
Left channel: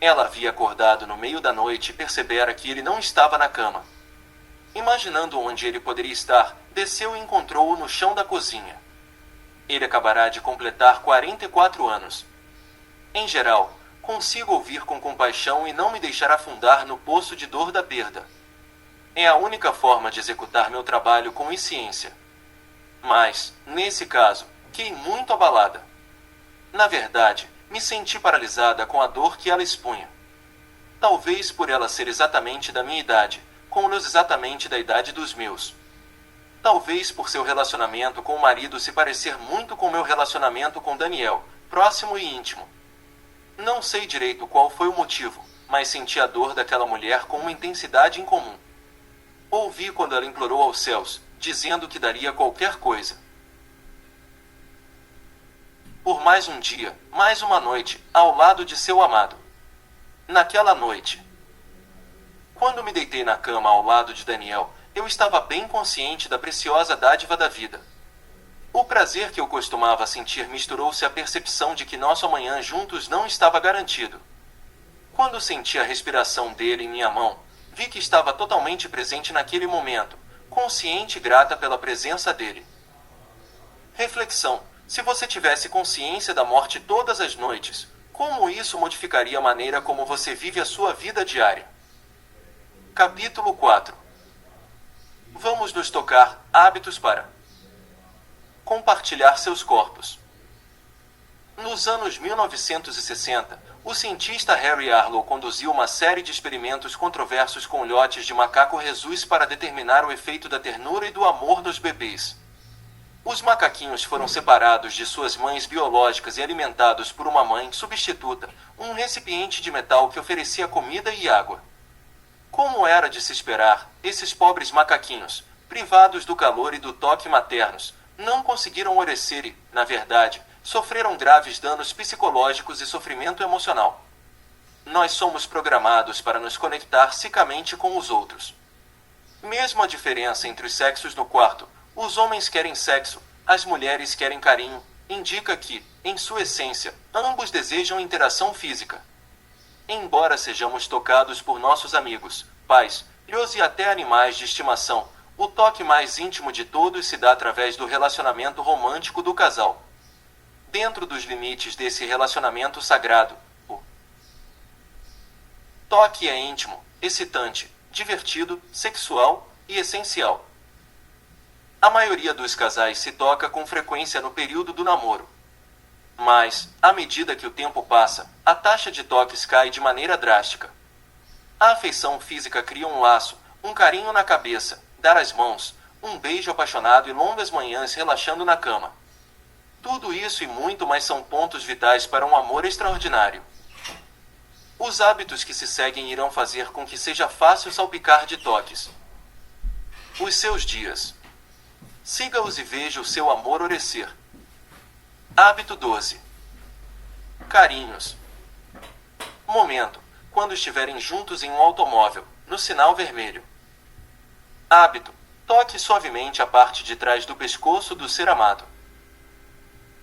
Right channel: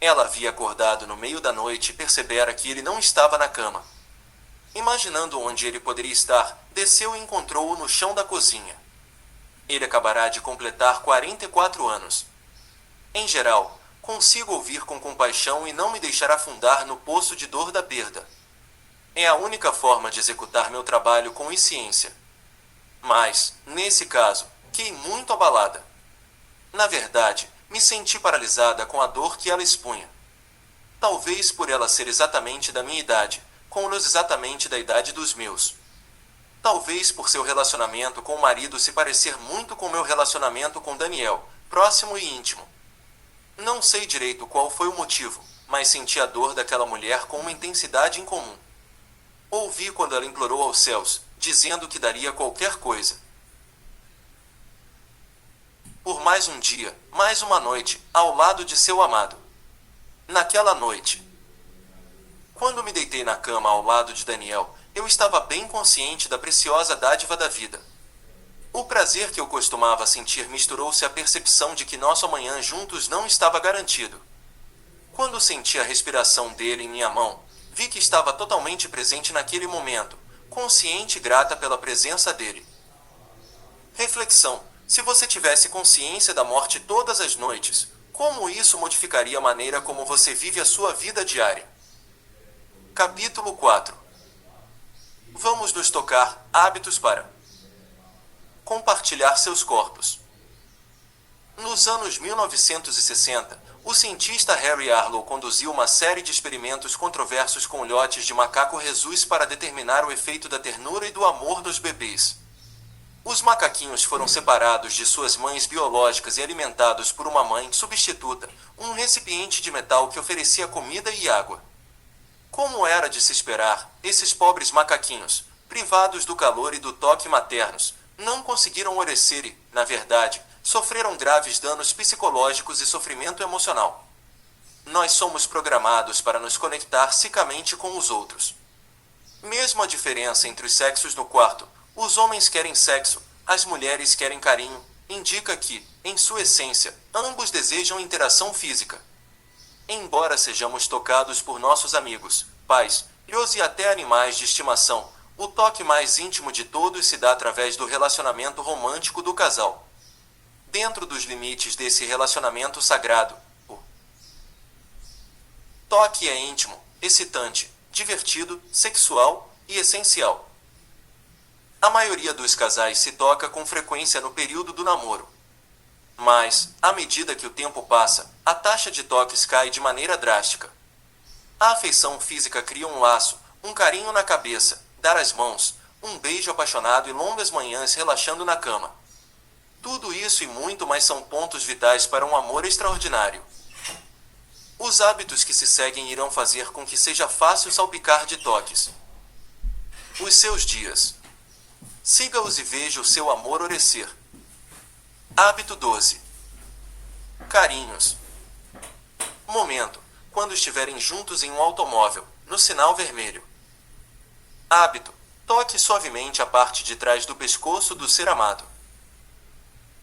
Ela havia acordado no meio da noite e percebera que ele não estava na cama. Imaginando onde ele poderia estar, desceu e encontrou-o no chão da cozinha. Ele acabará de completar 44 anos. Em geral, consigo ouvir com compaixão e não me deixar afundar no poço de dor da perda. É a única forma de executar meu trabalho com eficiência. Mas, nesse caso, fiquei muito abalada. Na verdade, me senti paralisada com a dor que ela expunha. Talvez por ela ser exatamente da minha idade, com luz exatamente da idade dos meus. Talvez por seu relacionamento com o marido se parecer muito com meu relacionamento com Daniel, próximo e íntimo. Não sei direito qual foi o motivo, mas senti a dor daquela mulher com uma intensidade incomum. Ouvi quando ela implorou aos céus, dizendo que daria qualquer coisa por mais um dia, mais uma noite, ao lado de seu amado. Naquela noite, quando me deitei na cama ao lado de Daniel, eu estava bem consciente da preciosa dádiva da vida. O prazer que eu costumava sentir misturou-se à percepção de que nosso amanhã juntos não estava garantido. Quando senti a respiração dele em minha mão, vi que estava totalmente presente naquele momento, consciente e grata pela presença dele. Reflexão: se você tivesse consciência da morte todas as noites, como isso modificaria a maneira como você vive a sua vida diária? Capítulo 4. Vamos nos tocar: hábitos para compartilhar seus corpos. No Nos anos 1960, o cientista Harry Harlow conduziu uma série de experimentos controversos com ilhotes de macaco rhesus para determinar o efeito da ternura e do amor nos bebês. Os macaquinhos foram separados de suas mães biológicas e alimentados por uma mãe substituta, um recipiente de metal que oferecia comida e água. Como era de se esperar, esses pobres macaquinhos, privados do calor e do toque maternos, não conseguiram orescer e, na verdade, sofreram graves danos psicológicos e sofrimento emocional. Nós somos programados para nos conectar cicamente com os outros. Mesmo a diferença entre os sexos no quarto, os homens querem sexo, as mulheres querem carinho, indica que, em sua essência, ambos desejam interação física. Embora sejamos tocados por nossos amigos, pais, filhos e até animais de estimação, o toque mais íntimo de todos se dá através do relacionamento romântico do casal. Dentro dos limites desse relacionamento sagrado, o toque é íntimo, excitante, divertido, sexual e essencial. A maioria dos casais se toca com frequência no período do namoro. Mas, à medida que o tempo passa, a taxa de toques cai de maneira drástica. A afeição física cria um laço, um carinho na cabeça, dar as mãos, um beijo apaixonado e longas manhãs relaxando na cama. Tudo isso e muito mais são pontos vitais para um amor extraordinário. Os hábitos que se seguem irão fazer com que seja fácil salpicar de toques os seus dias. Siga-os e veja o seu amor orescer. Hábito 12. Carinhos. Momento, quando estiverem juntos em um automóvel, no sinal vermelho. Hábito, toque suavemente a parte de trás do pescoço do ser amado.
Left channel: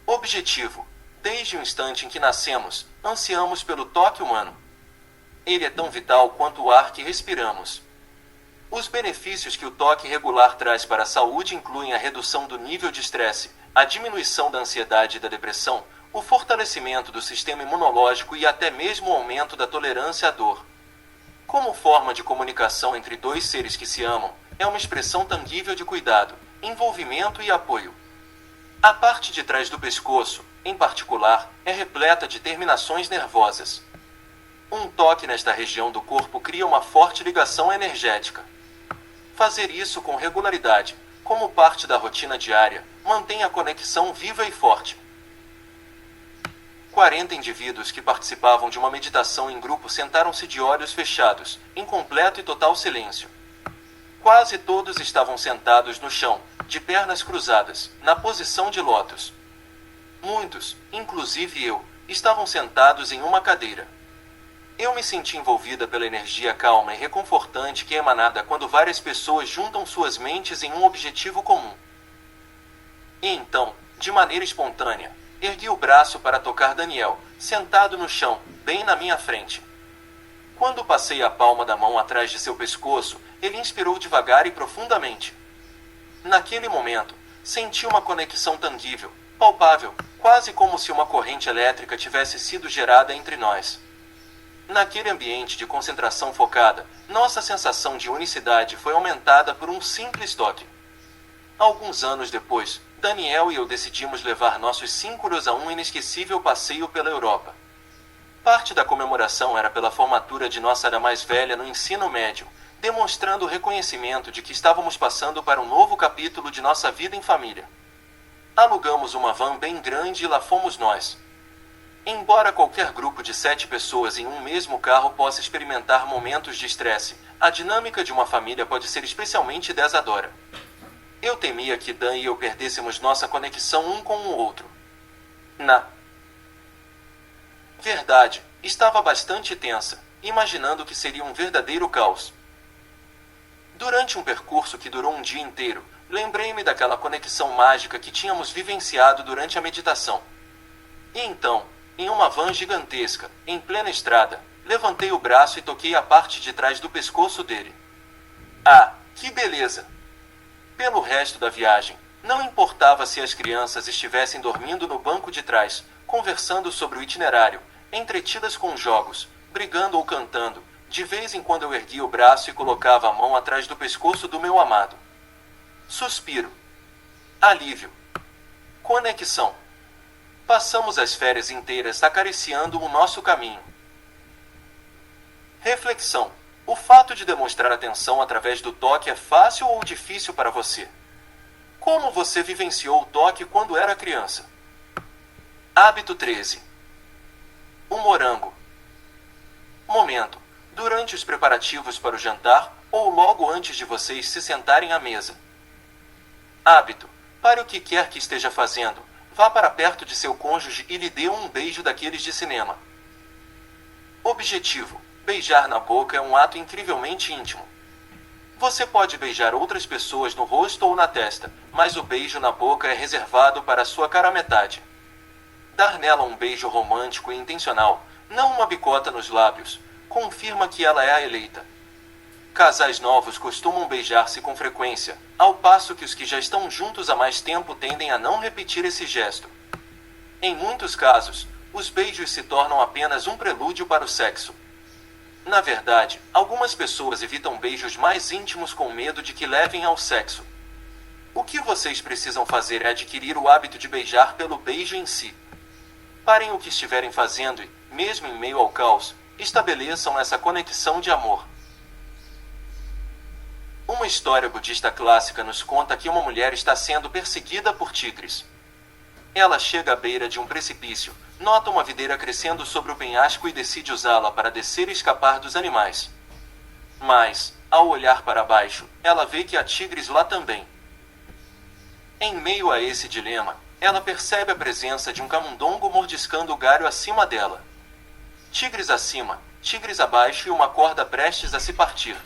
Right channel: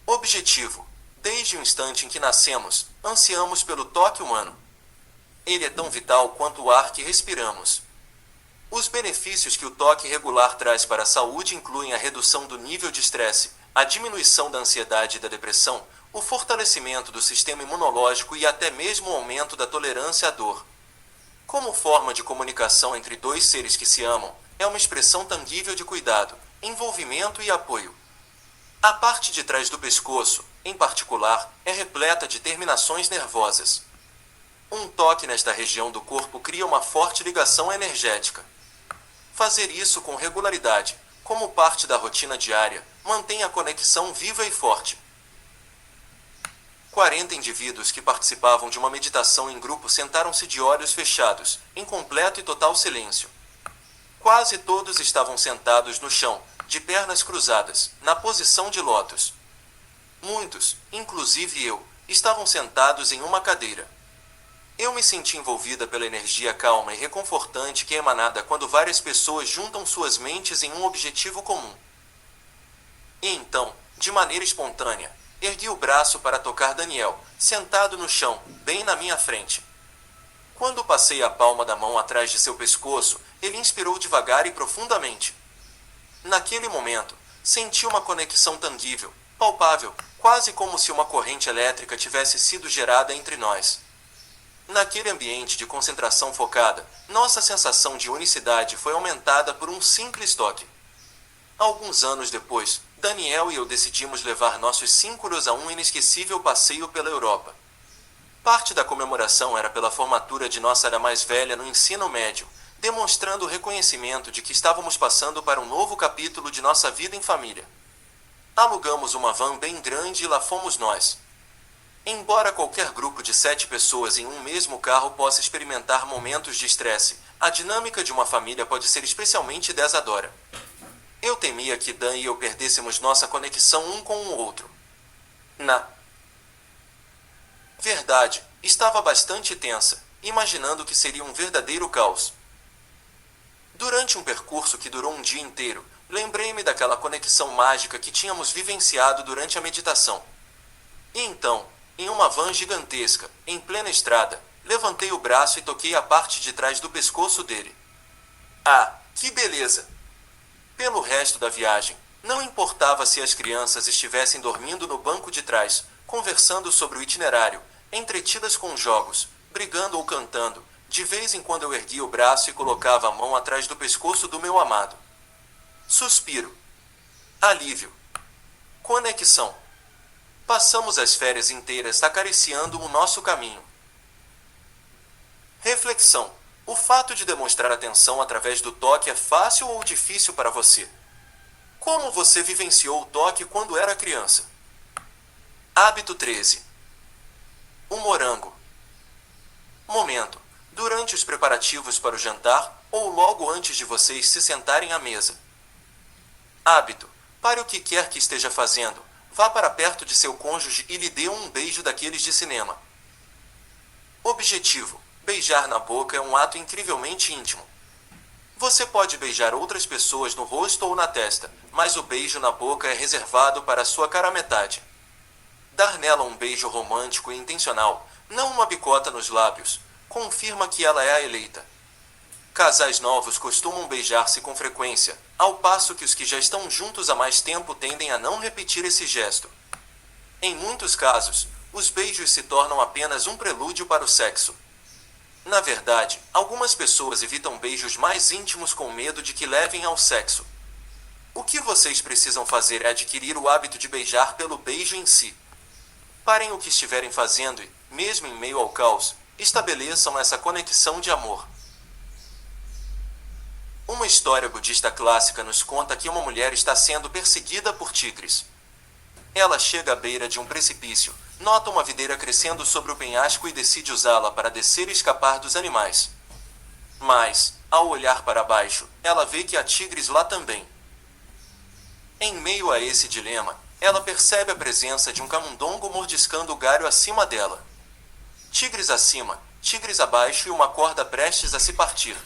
Objetivo, desde o instante em que nascemos, ansiamos pelo toque humano. Ele é tão vital quanto o ar que respiramos. Os benefícios que o toque regular traz para a saúde incluem a redução do nível de estresse, a diminuição da ansiedade e da depressão, o fortalecimento do sistema imunológico e até mesmo o aumento da tolerância à dor. Como forma de comunicação entre dois seres que se amam, é uma expressão tangível de cuidado, envolvimento e apoio. A parte de trás do pescoço, em particular, é repleta de terminações nervosas. Um toque nesta região do corpo cria uma forte ligação energética. Fazer isso com regularidade, como parte da rotina diária, mantém a conexão viva e forte. 40 indivíduos que participavam de uma meditação em grupo sentaram-se de olhos fechados, em completo e total silêncio. Quase todos estavam sentados no chão, de pernas cruzadas, na posição de lótus. Muitos, inclusive eu, estavam sentados em uma cadeira. Eu me senti envolvida pela energia calma e reconfortante que é emanada quando várias pessoas juntam suas mentes em um objetivo comum. E então, de maneira espontânea, ergui o braço para tocar Daniel, sentado no chão, bem na minha frente. Quando passei a palma da mão atrás de seu pescoço, ele inspirou devagar e profundamente. Naquele momento, senti uma conexão tangível, palpável, quase como se uma corrente elétrica tivesse sido gerada entre nós. Naquele ambiente de concentração focada, nossa sensação de unicidade foi aumentada por um simples toque. Alguns anos depois, Daniel e eu decidimos levar nossos símbolos a um inesquecível passeio pela Europa. Parte da comemoração era pela formatura de nossa era mais velha no ensino médio, demonstrando o reconhecimento de que estávamos passando para um novo capítulo de nossa vida em família. Alugamos uma van bem grande e lá fomos nós. Embora qualquer grupo de 7 pessoas em um mesmo carro possa experimentar momentos de estresse, a dinâmica de uma família pode ser especialmente desafiadora. Eu temia que Dan e eu perdêssemos nossa conexão um com o outro. Na verdade, estava bastante tensa, imaginando que seria um verdadeiro caos. Durante um percurso que durou um dia inteiro, lembrei-me daquela conexão mágica que tínhamos vivenciado durante a meditação. E então, em uma van gigantesca, em plena estrada, levantei o braço e toquei a parte de trás do pescoço dele. Ah, que beleza! Pelo resto da viagem, não importava se as crianças estivessem dormindo no banco de trás, conversando sobre o itinerário, entretidas com jogos, brigando ou cantando, de vez em quando eu erguia o braço e colocava a mão atrás do pescoço do meu amado. Suspiro. Alívio. Conexão. Passamos as férias inteiras acariciando o nosso caminho. Reflexão. O fato de demonstrar atenção através do toque é fácil ou difícil para você? Como você vivenciou o toque quando era criança? Hábito 13. O morango. Momento. Durante os preparativos para o jantar ou logo antes de vocês se sentarem à mesa. Hábito. Pare o que quer que esteja fazendo, vá para perto de seu cônjuge e lhe dê um beijo daqueles de cinema. Objetivo. Beijar na boca é um ato incrivelmente íntimo. Você pode beijar outras pessoas no rosto ou na testa, mas o beijo na boca é reservado para a sua cara metade. Dar nela um beijo romântico e intencional, não uma bicota nos lábios, confirma que ela é a eleita. Casais novos costumam beijar-se com frequência, ao passo que os que já estão juntos há mais tempo tendem a não repetir esse gesto. Em muitos casos, os beijos se tornam apenas um prelúdio para o sexo. Na verdade, algumas pessoas evitam beijos mais íntimos com medo de que levem ao sexo. O que vocês precisam fazer é adquirir o hábito de beijar pelo beijo em si. Parem o que estiverem fazendo e, mesmo em meio ao caos, estabeleçam essa conexão de amor. Uma história budista clássica nos conta que uma mulher está sendo perseguida por tigres. Ela chega à beira de um precipício, nota uma videira crescendo sobre o penhasco e decide usá-la para descer e escapar dos animais. Mas, ao olhar para baixo, ela vê que há tigres lá também. Em meio a esse dilema, ela percebe a presença de um camundongo mordiscando o galho acima dela. Tigres acima, tigres abaixo e uma corda prestes a se partir.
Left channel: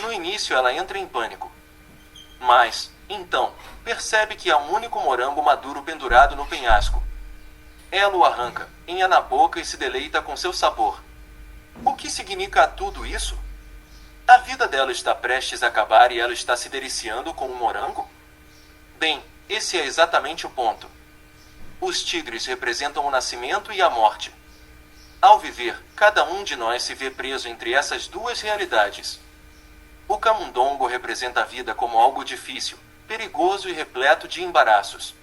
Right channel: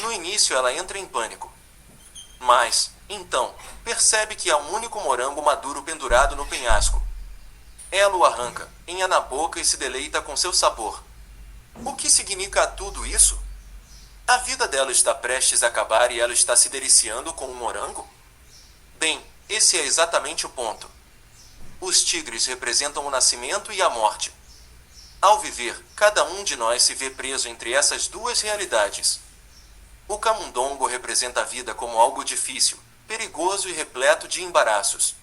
No início ela entra em pânico. Mas, então, percebe que há um único morango maduro pendurado no penhasco. Ela o arranca, enha na boca e se deleita com seu sabor. O que significa tudo isso? A vida dela está prestes a acabar e ela está se deliciando com um morango? Bem, esse é exatamente o ponto. Os tigres representam o nascimento e a morte. Ao viver, cada um de nós se vê preso entre essas duas realidades. O camundongo representa a vida como algo difícil, perigoso e repleto de embaraços.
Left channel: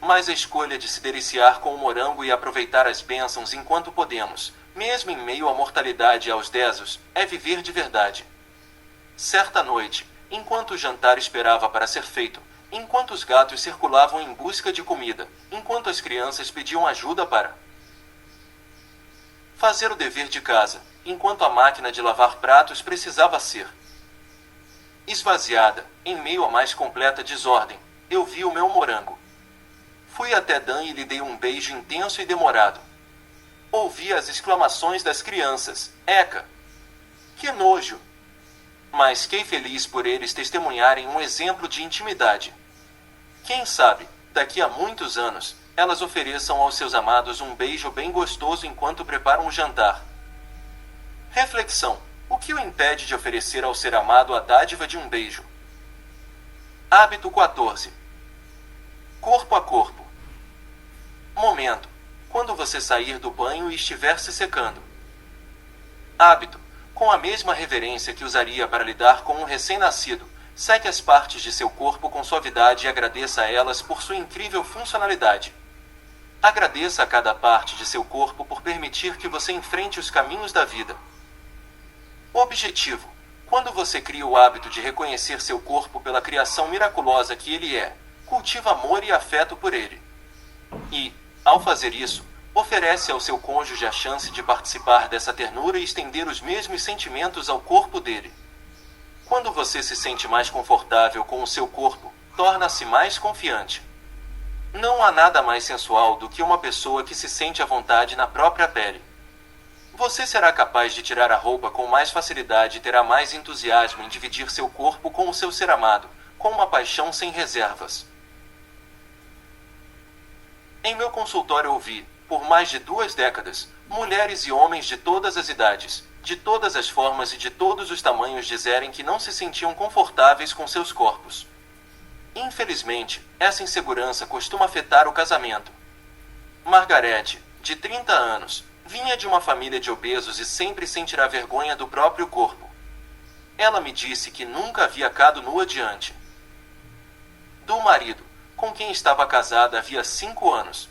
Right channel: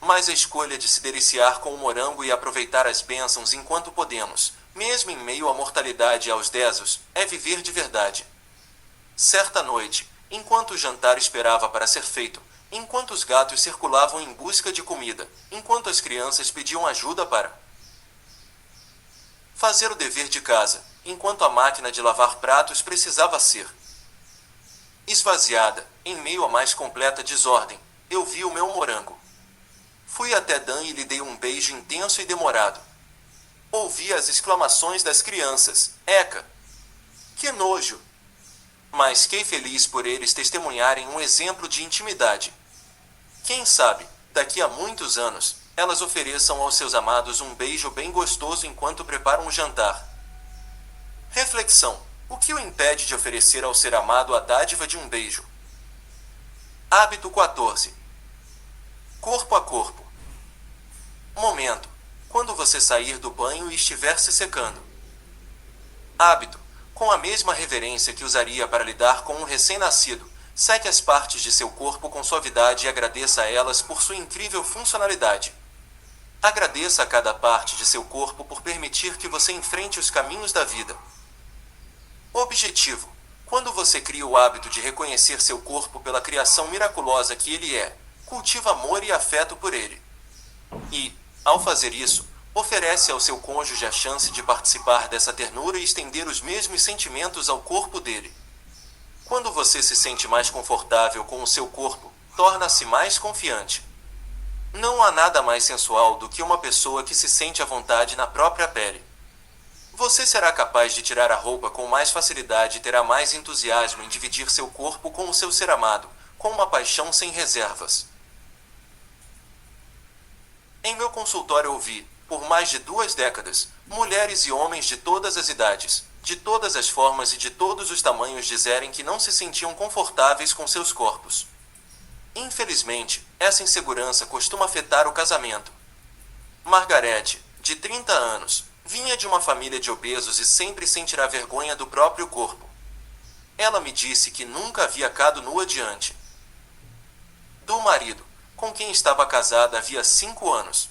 Mas a escolha de se deliciar com o morango e aproveitar as bênçãos enquanto podemos, mesmo em meio à mortalidade e aos desos, é viver de verdade. Certa noite, enquanto o jantar esperava para ser feito, enquanto os gatos circulavam em busca de comida, enquanto as crianças pediam ajuda para fazer o dever de casa, enquanto a máquina de lavar pratos precisava ser esvaziada, em meio à mais completa desordem, eu vi o meu morango. Fui até Dan e lhe dei um beijo intenso e demorado. Ouvi as exclamações das crianças. Eca! Que nojo! Mas fiquei feliz por eles testemunharem um exemplo de intimidade. Quem sabe, daqui a muitos anos, elas ofereçam aos seus amados um beijo bem gostoso enquanto preparam o jantar. Reflexão. O que o impede de oferecer ao ser amado a dádiva de um beijo? Hábito 14. Corpo a corpo. Momento. Quando você sair do banho e estiver se secando. Hábito. Com a mesma reverência que usaria para lidar com um recém-nascido, seque as partes de seu corpo com suavidade e agradeça a elas por sua incrível funcionalidade. Agradeça a cada parte de seu corpo por permitir que você enfrente os caminhos da vida. Objetivo. Quando você cria o hábito de reconhecer seu corpo pela criação miraculosa que ele é, cultiva amor e afeto por ele. E, ao fazer isso, oferece ao seu cônjuge a chance de participar dessa ternura e estender os mesmos sentimentos ao corpo dele. Quando você se sente mais confortável com o seu corpo, torna-se mais confiante. Não há nada mais sensual do que uma pessoa que se sente à vontade na própria pele. Você será capaz de tirar a roupa com mais facilidade e terá mais entusiasmo em dividir seu corpo com o seu ser amado, com uma paixão sem reservas. Em meu consultório ouvi, por mais de 2 décadas, mulheres e homens de todas as idades, de todas as formas e de todos os tamanhos dizerem que não se sentiam confortáveis com seus corpos. Infelizmente, essa insegurança costuma afetar o casamento. Margarete, de 30 anos, vinha de uma família de obesos e sempre sentirá vergonha do próprio corpo. Ela me disse que nunca havia ficado nua diante do marido, com quem estava casada havia 5 anos.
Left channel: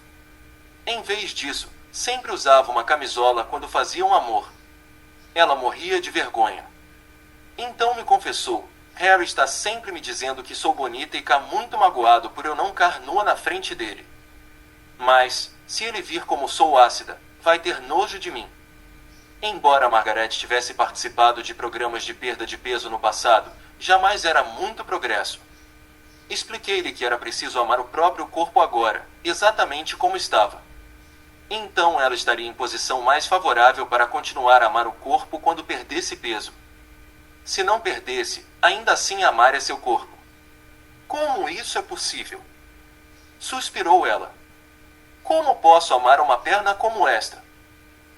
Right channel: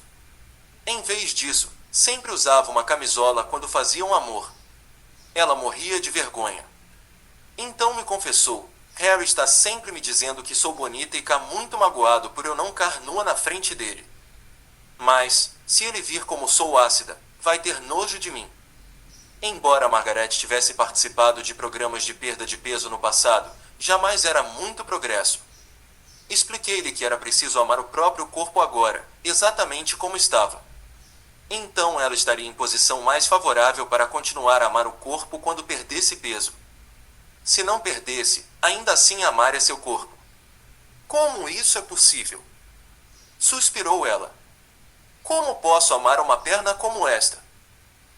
Em vez disso, sempre usava uma camisola quando faziam amor. Ela morria de vergonha. Então me confessou: Harry está sempre me dizendo que sou bonita e cá muito magoado por eu não car nua na frente dele. Mas, se ele vir como sou ácida, vai ter nojo de mim. Embora Margaret tivesse participado de programas de perda de peso no passado, jamais era muito progresso. Expliquei-lhe que era preciso amar o próprio corpo agora, exatamente como estava. Então ela estaria em posição mais favorável para continuar a amar o corpo quando perdesse peso. Se não perdesse, ainda assim amaria seu corpo. Como isso é possível? Suspirou ela. Como posso amar uma perna como esta?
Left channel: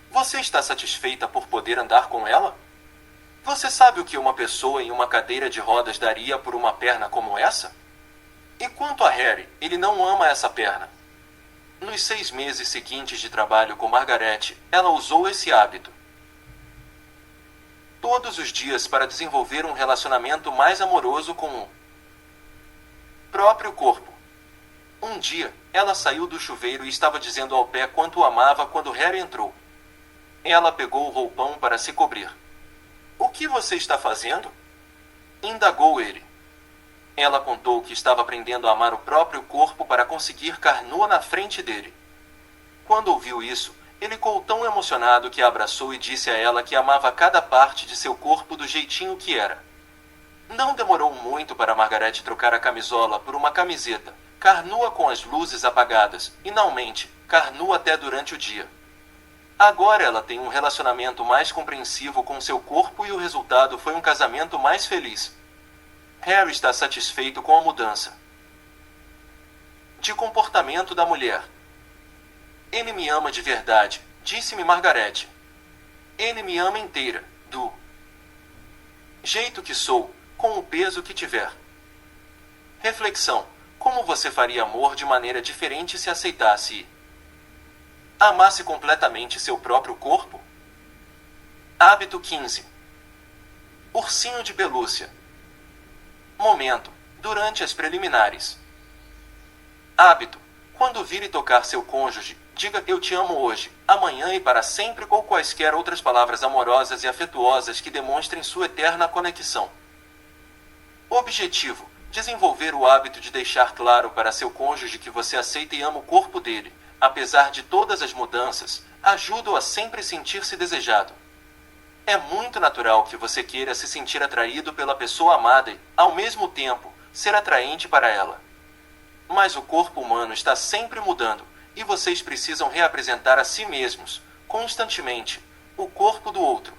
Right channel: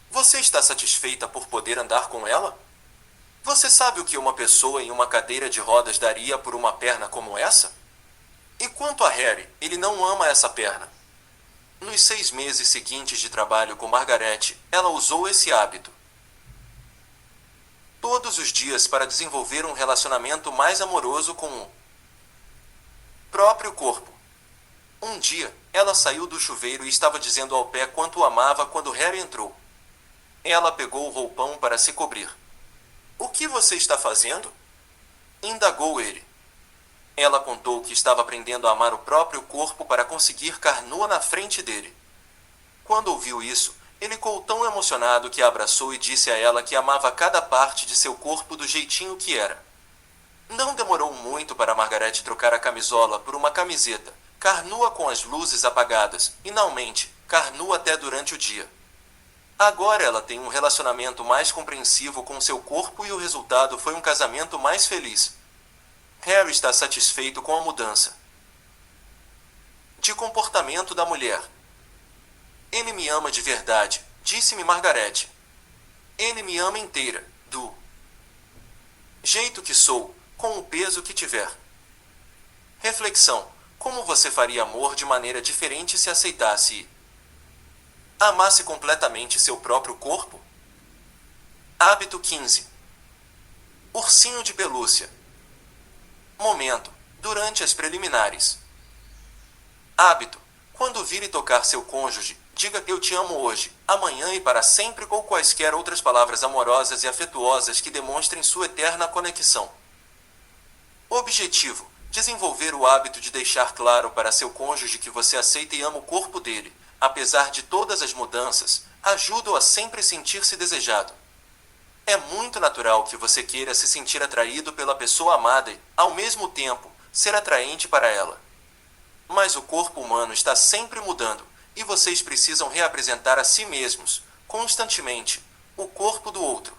Você está satisfeita por poder andar com ela? Você sabe o que uma pessoa em uma cadeira de rodas daria por uma perna como essa? E quanto a Harry, ele não ama essa perna. Nos 6 meses seguintes de trabalho com Margaret, ela usou esse hábito todos os dias para desenvolver um relacionamento mais amoroso com o próprio corpo. Um dia, ela saiu do chuveiro e estava dizendo ao pé quanto o amava quando Harry entrou. Ela pegou o roupão para se cobrir. O que você está fazendo? Indagou ele. Ela contou que estava aprendendo a amar o próprio corpo para conseguir car nua na frente dele. Quando ouviu isso, ele ficou tão emocionado que a abraçou e disse a ela que amava cada parte de seu corpo do jeitinho que era. Não demorou muito para Margaret trocar a camisola por uma camiseta, car nua com as luzes apagadas, e finalmente, car nua até durante o dia. Agora ela tem um relacionamento mais compreensivo com seu corpo e o resultado foi um casamento mais feliz. Harry está satisfeito com a mudança de comportamento da mulher. Ele me ama de verdade, disse-me Margaret. Ele me ama inteira, do jeito que sou, com o peso que tiver. Reflexão: como você faria amor de maneira diferente se aceitasse e amasse completamente seu próprio corpo? Hábito 15. Ursinho de pelúcia. Momento: durante as preliminares. Hábito: quando vir e tocar seu cônjuge, diga eu te amo hoje, amanhã e para sempre ou quaisquer outras palavras amorosas e afetuosas que demonstrem sua eterna conexão. Objetivo: desenvolver o hábito de deixar claro para seu cônjuge que você aceita e ama o corpo dele, apesar de todas as mudanças, ajuda-o a sempre sentir-se desejado. É muito natural que você queira se sentir atraído pela pessoa amada e, ao mesmo tempo, ser atraente para ela. Mas o corpo humano está sempre mudando, e vocês precisam reapresentar a si mesmos, constantemente, o corpo do outro.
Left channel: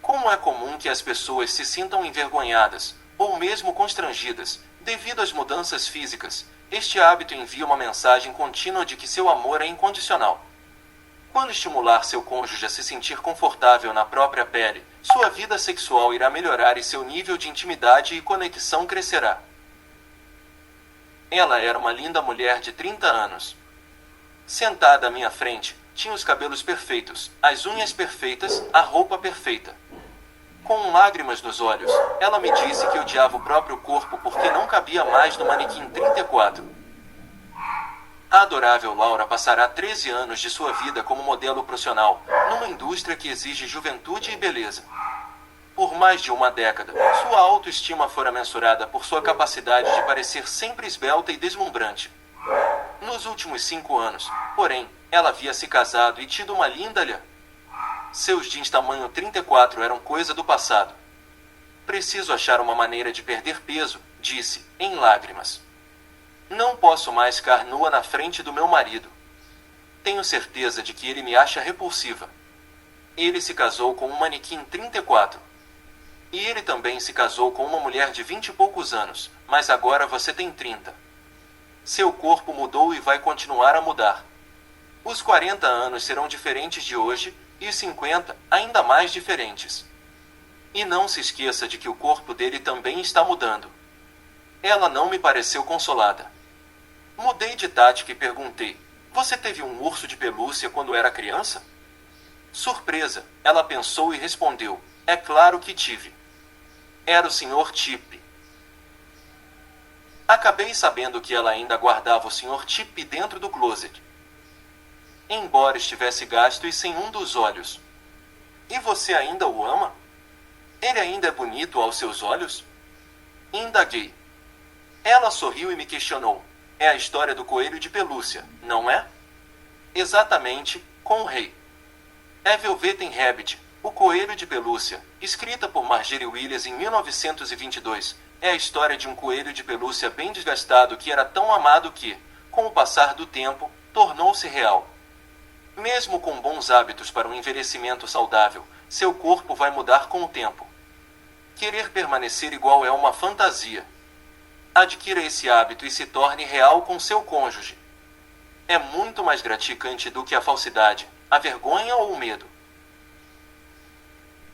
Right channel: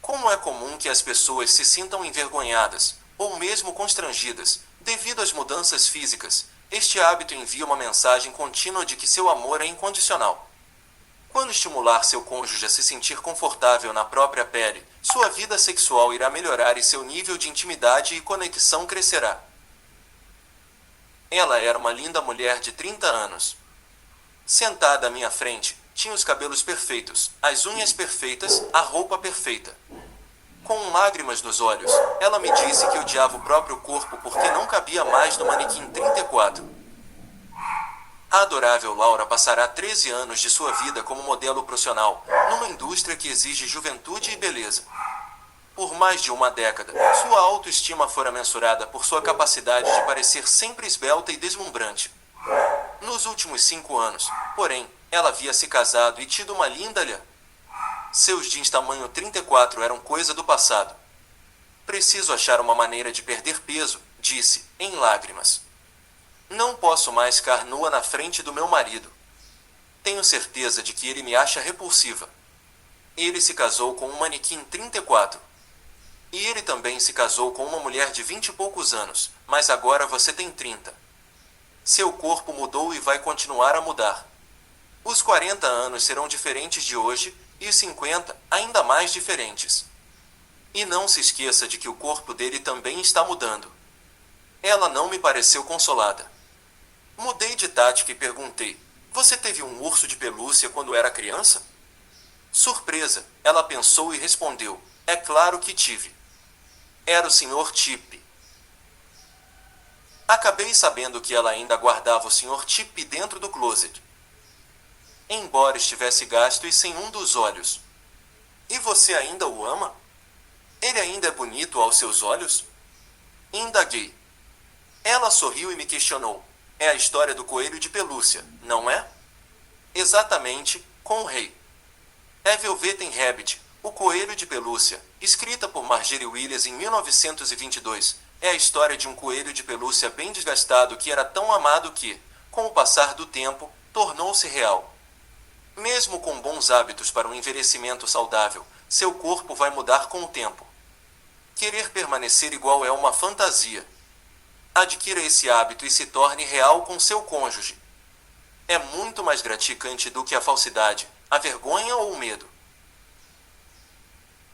Como é comum que as pessoas se sintam envergonhadas, ou mesmo constrangidas, devido às mudanças físicas, este hábito envia uma mensagem contínua de que seu amor é incondicional. Quando estimular seu cônjuge a se sentir confortável na própria pele, sua vida sexual irá melhorar e seu nível de intimidade e conexão crescerá. Ela era uma linda mulher de 30 anos. Sentada à minha frente, tinha os cabelos perfeitos, as unhas perfeitas, a roupa perfeita. Com lágrimas nos olhos, ela me disse que odiava o próprio corpo porque não cabia mais no manequim 34. A adorável Laura passará 13 anos de sua vida como modelo profissional, numa indústria que exige juventude e beleza. Por mais de uma década, sua autoestima fora mensurada por sua capacidade de parecer sempre esbelta e deslumbrante. Nos últimos 5 anos, porém, ela havia se casado e tido uma linda lha. Seus jeans tamanho 34 eram coisa do passado. Preciso achar uma maneira de perder peso, disse, em lágrimas. Não posso mais ficar nua na frente do meu marido. Tenho certeza de que ele me acha repulsiva. Ele se casou com um manequim 34. E ele também se casou com uma mulher de 20 e poucos anos, mas agora você tem 30. Seu corpo mudou e vai continuar a mudar. Os 40 anos serão diferentes de hoje, e os 50 ainda mais diferentes. E não se esqueça de que o corpo dele também está mudando. Ela não me pareceu consolada. Mudei de tática e perguntei: você teve um urso de pelúcia quando era criança? Surpresa, ela pensou e respondeu: é claro que tive. Era o Sr. Chip. Acabei sabendo que ela ainda guardava o Sr. Chip dentro do closet. embora estivesse gasto e sem um dos olhos. E você ainda o ama? Ele ainda é bonito aos seus olhos? Indaguei. Ela sorriu e me questionou. É a história do coelho de pelúcia, não é? Exatamente, com o rei. É Velveteen Rabbit, o coelho de pelúcia, escrita por Margery Williams em 1922. É a história de um coelho de pelúcia bem desgastado que era tão amado que, com o passar do tempo, tornou-se real. Mesmo com bons hábitos para um envelhecimento saudável, seu corpo vai mudar com o tempo. Querer permanecer igual é uma fantasia. Adquira esse hábito e se torne real com seu cônjuge. É muito mais gratificante do que a falsidade, a vergonha ou o medo.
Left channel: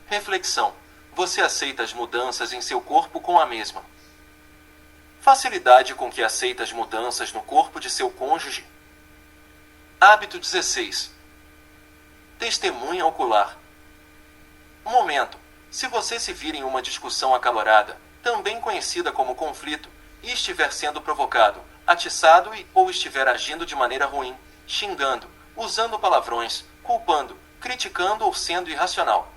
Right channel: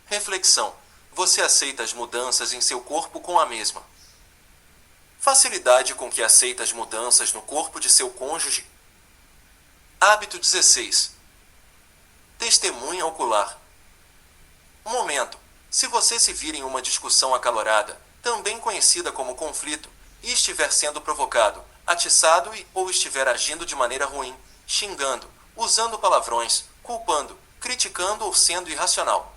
Reflexão. Você aceita as mudanças em seu corpo com a mesma facilidade com que aceita as mudanças no corpo de seu cônjuge? Hábito 16. Testemunha ocular. Momento. Se você se vir em uma discussão acalorada, também conhecida como conflito, e estiver sendo provocado, atiçado ou estiver agindo de maneira ruim, xingando, usando palavrões, culpando, criticando ou sendo irracional.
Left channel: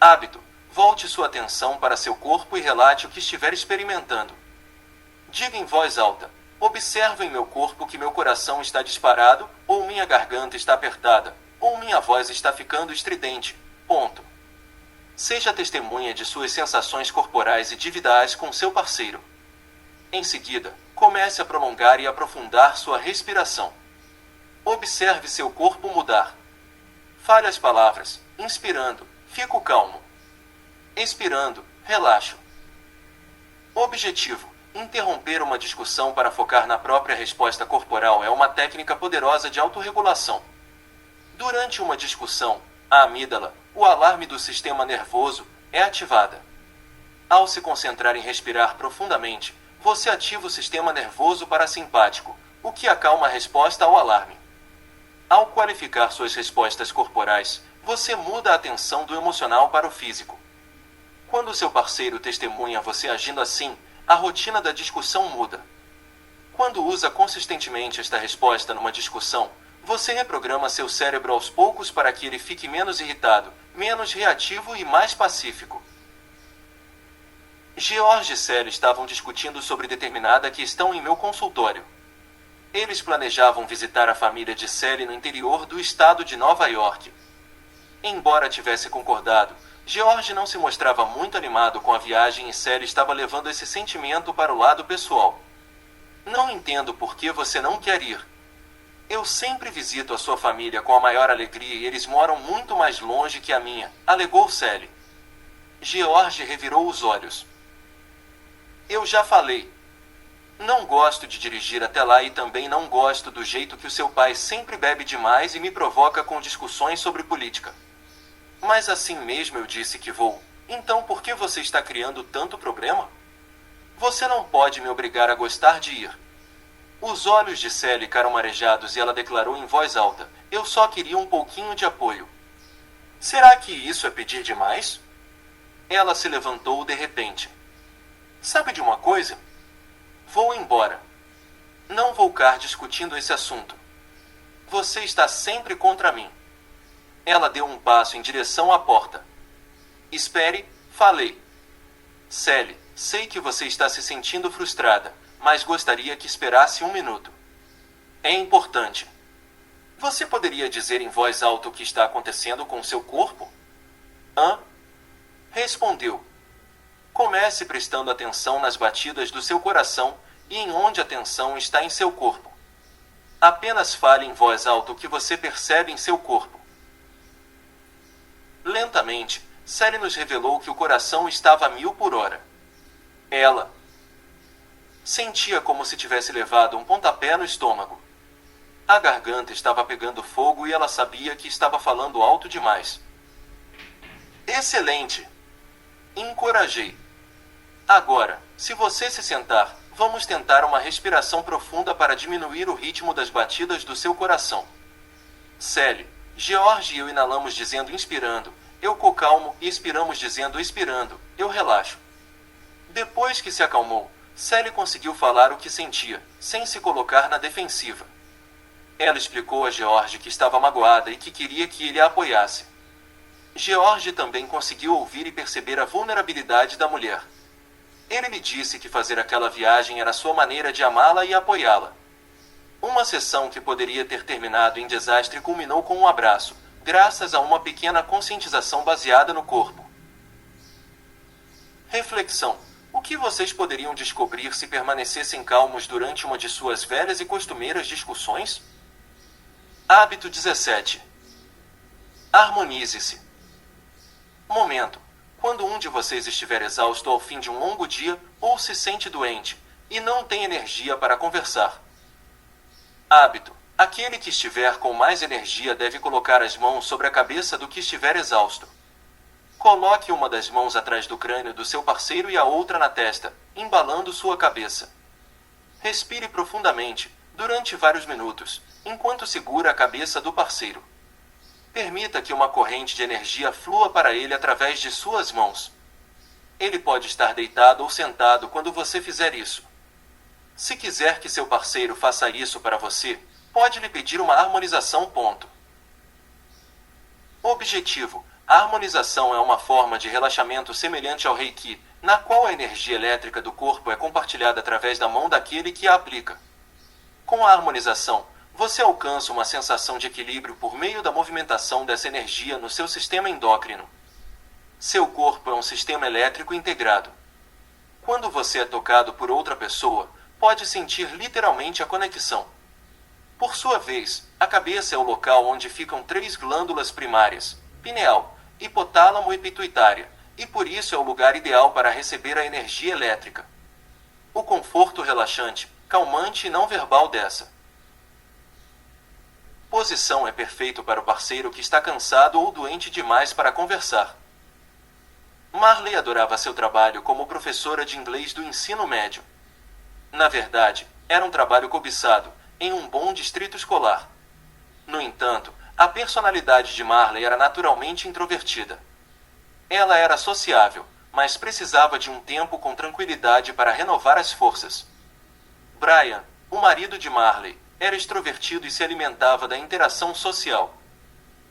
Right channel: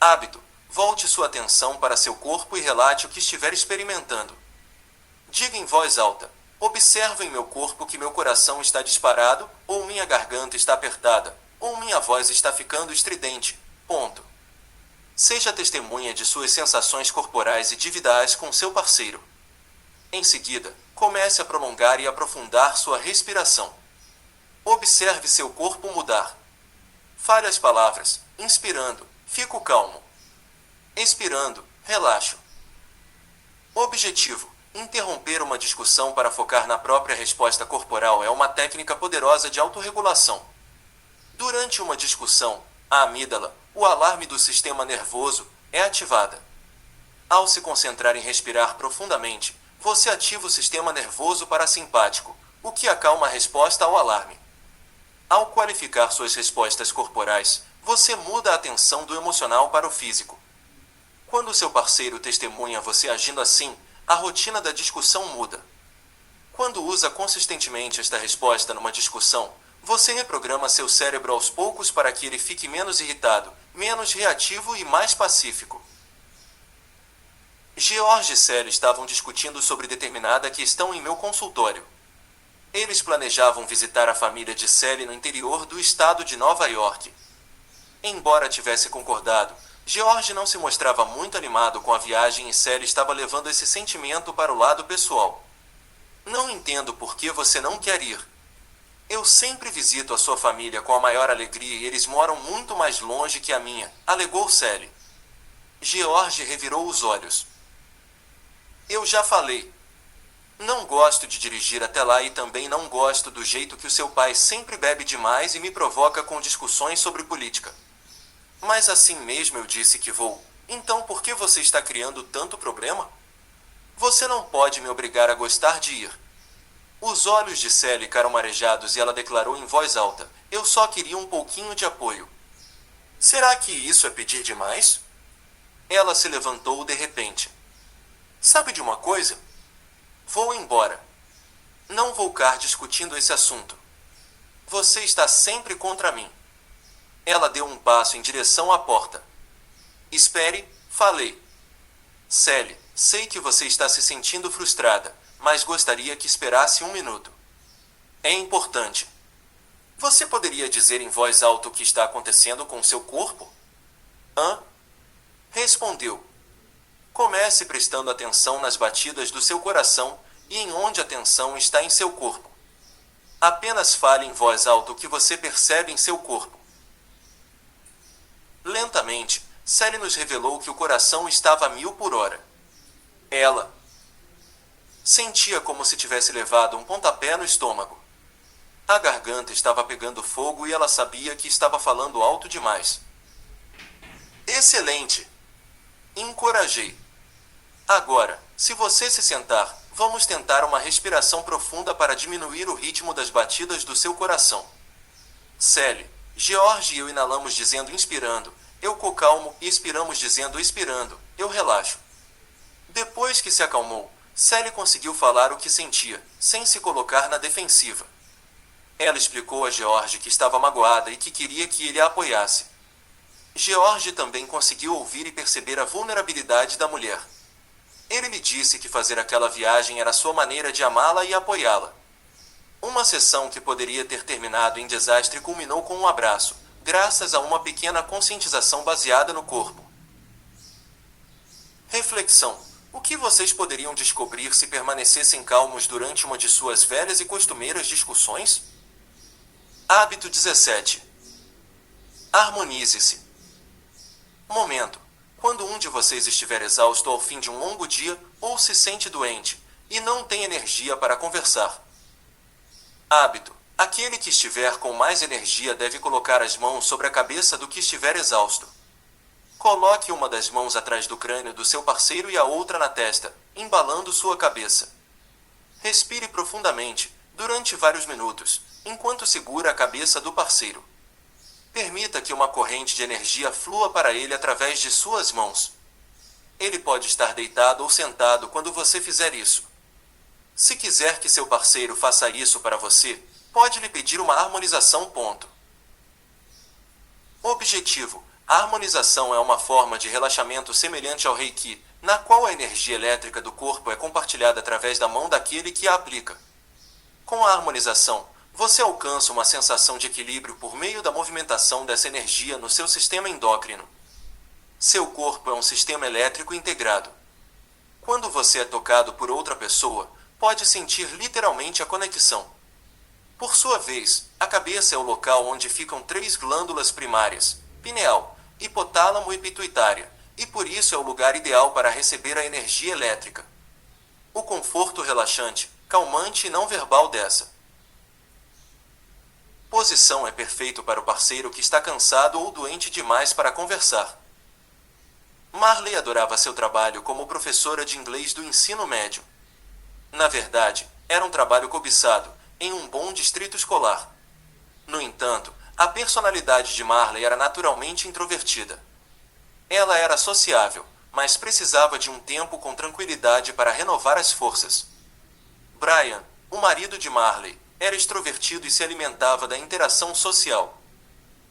Hábito. Volte sua atenção para seu corpo e relate o que estiver experimentando. Diga em voz alta: observo em meu corpo que meu coração está disparado, ou minha garganta está apertada, ou minha voz está ficando estridente. Ponto. Seja testemunha de suas sensações corporais e dividas com seu parceiro. Em seguida, comece a prolongar e aprofundar sua respiração. Observe seu corpo mudar. Fale as palavras: inspirando, fico calmo. Expirando, relaxo. Objetivo: interromper uma discussão para focar na própria resposta corporal é uma técnica poderosa de autorregulação. Durante uma discussão, a amígdala, o alarme do sistema nervoso, é ativada. Ao se concentrar em respirar profundamente, você ativa o sistema nervoso parasimpático, o que acalma a resposta ao alarme. Ao qualificar suas respostas corporais, você muda a atenção do emocional para o físico. Quando seu parceiro testemunha você agindo assim, a rotina da discussão muda. Quando usa consistentemente esta resposta numa discussão, você reprograma seu cérebro aos poucos para que ele fique menos irritado, menos reativo e mais pacífico. George e Sally estavam discutindo sobre determinada questão em meu consultório. Eles planejavam visitar a família de Sally no interior do estado de Nova York. Embora tivesse concordado, George não se mostrava muito animado com a viagem e Sally estava levando esse sentimento para o lado pessoal. Não entendo por que você não quer ir. Eu sempre visito a sua família com a maior alegria e eles moram muito mais longe que a minha, alegou Sally. George revirou os olhos. Eu já falei. Não gosto de dirigir até lá e também não gosto do jeito que o seu pai sempre bebe demais e me provoca com discussões sobre política. Mas assim mesmo eu disse que vou. Então por que você está criando tanto problema? Você não pode me obrigar a gostar de ir. Os olhos de Sally ficaram marejados e ela declarou em voz alta: eu só queria um pouquinho de apoio. Será que isso é pedir demais? Ela se levantou de repente. Sabe de uma coisa? Vou embora. Não vou ficar discutindo esse assunto. Você está sempre contra mim. Ela deu um passo em direção à porta. Espere, falei. Sally, sei que você está se sentindo frustrada, mas gostaria que esperasse um minuto. É importante. Você poderia dizer em voz alta o que está acontecendo com seu corpo? Hã? Respondeu. Comece prestando atenção nas batidas do seu coração e em onde a tensão está em seu corpo. Apenas fale em voz alta o que você percebe em seu corpo. Lentamente, Sally nos revelou que o coração estava a 1000 por hora. Ela sentia como se tivesse levado um pontapé no estômago. A garganta estava pegando fogo e ela sabia que estava falando alto demais. Excelente! Encorajei. Agora, se você se sentar, vamos tentar uma respiração profunda para diminuir o ritmo das batidas do seu coração. Sally, George e eu inalamos dizendo inspirando, eu calmo e expiramos dizendo expirando, eu relaxo. Depois que se acalmou, Sally conseguiu falar o que sentia, sem se colocar na defensiva. Ela explicou a George que estava magoada e que queria que ele a apoiasse. George também conseguiu ouvir e perceber a vulnerabilidade da mulher. Ele lhe disse que fazer aquela viagem era sua maneira de amá-la e apoiá-la. Uma sessão que poderia ter terminado em desastre culminou com um abraço, graças a uma pequena conscientização baseada no corpo. Reflexão: o que vocês poderiam descobrir se permanecessem calmos durante uma de suas velhas e costumeiras discussões? Hábito 17. Harmonize-se. Momento: quando um de vocês estiver exausto ao fim de um longo dia, ou se sente doente, e não tem energia para conversar. Hábito: aquele que estiver com mais energia deve colocar as mãos sobre a cabeça do que estiver exausto. Coloque uma das mãos atrás do crânio do seu parceiro e a outra na testa, embalando sua cabeça. Respire profundamente, durante vários minutos, enquanto segura a cabeça do parceiro. Permita que uma corrente de energia flua para ele através de suas mãos. Ele pode estar deitado ou sentado quando você fizer isso. Se quiser que seu parceiro faça isso para você, pode lhe pedir uma harmonização. Objetivo: a harmonização é uma forma de relaxamento semelhante ao Reiki, na qual a energia elétrica do corpo é compartilhada através da mão daquele que a aplica. Com a harmonização, você alcança uma sensação de equilíbrio por meio da movimentação dessa energia no seu sistema endócrino. Seu corpo é um sistema elétrico integrado. Quando você é tocado por outra pessoa, pode sentir literalmente a conexão. Por sua vez, a cabeça é o local onde ficam 3 glândulas primárias: pineal, hipotálamo e pituitária, e por isso é o lugar ideal para receber a energia elétrica. O conforto relaxante, calmante e não verbal dessa posição é perfeito para o parceiro que está cansado ou doente demais para conversar. Marley adorava seu trabalho como professora de inglês do ensino médio. Na verdade, era um trabalho cobiçado, em um bom distrito escolar. No entanto, a personalidade de Marley era naturalmente introvertida. Ela era sociável, mas precisava de um tempo com tranquilidade para renovar as forças. Brian, o marido de Marley, era extrovertido e se alimentava da interação social.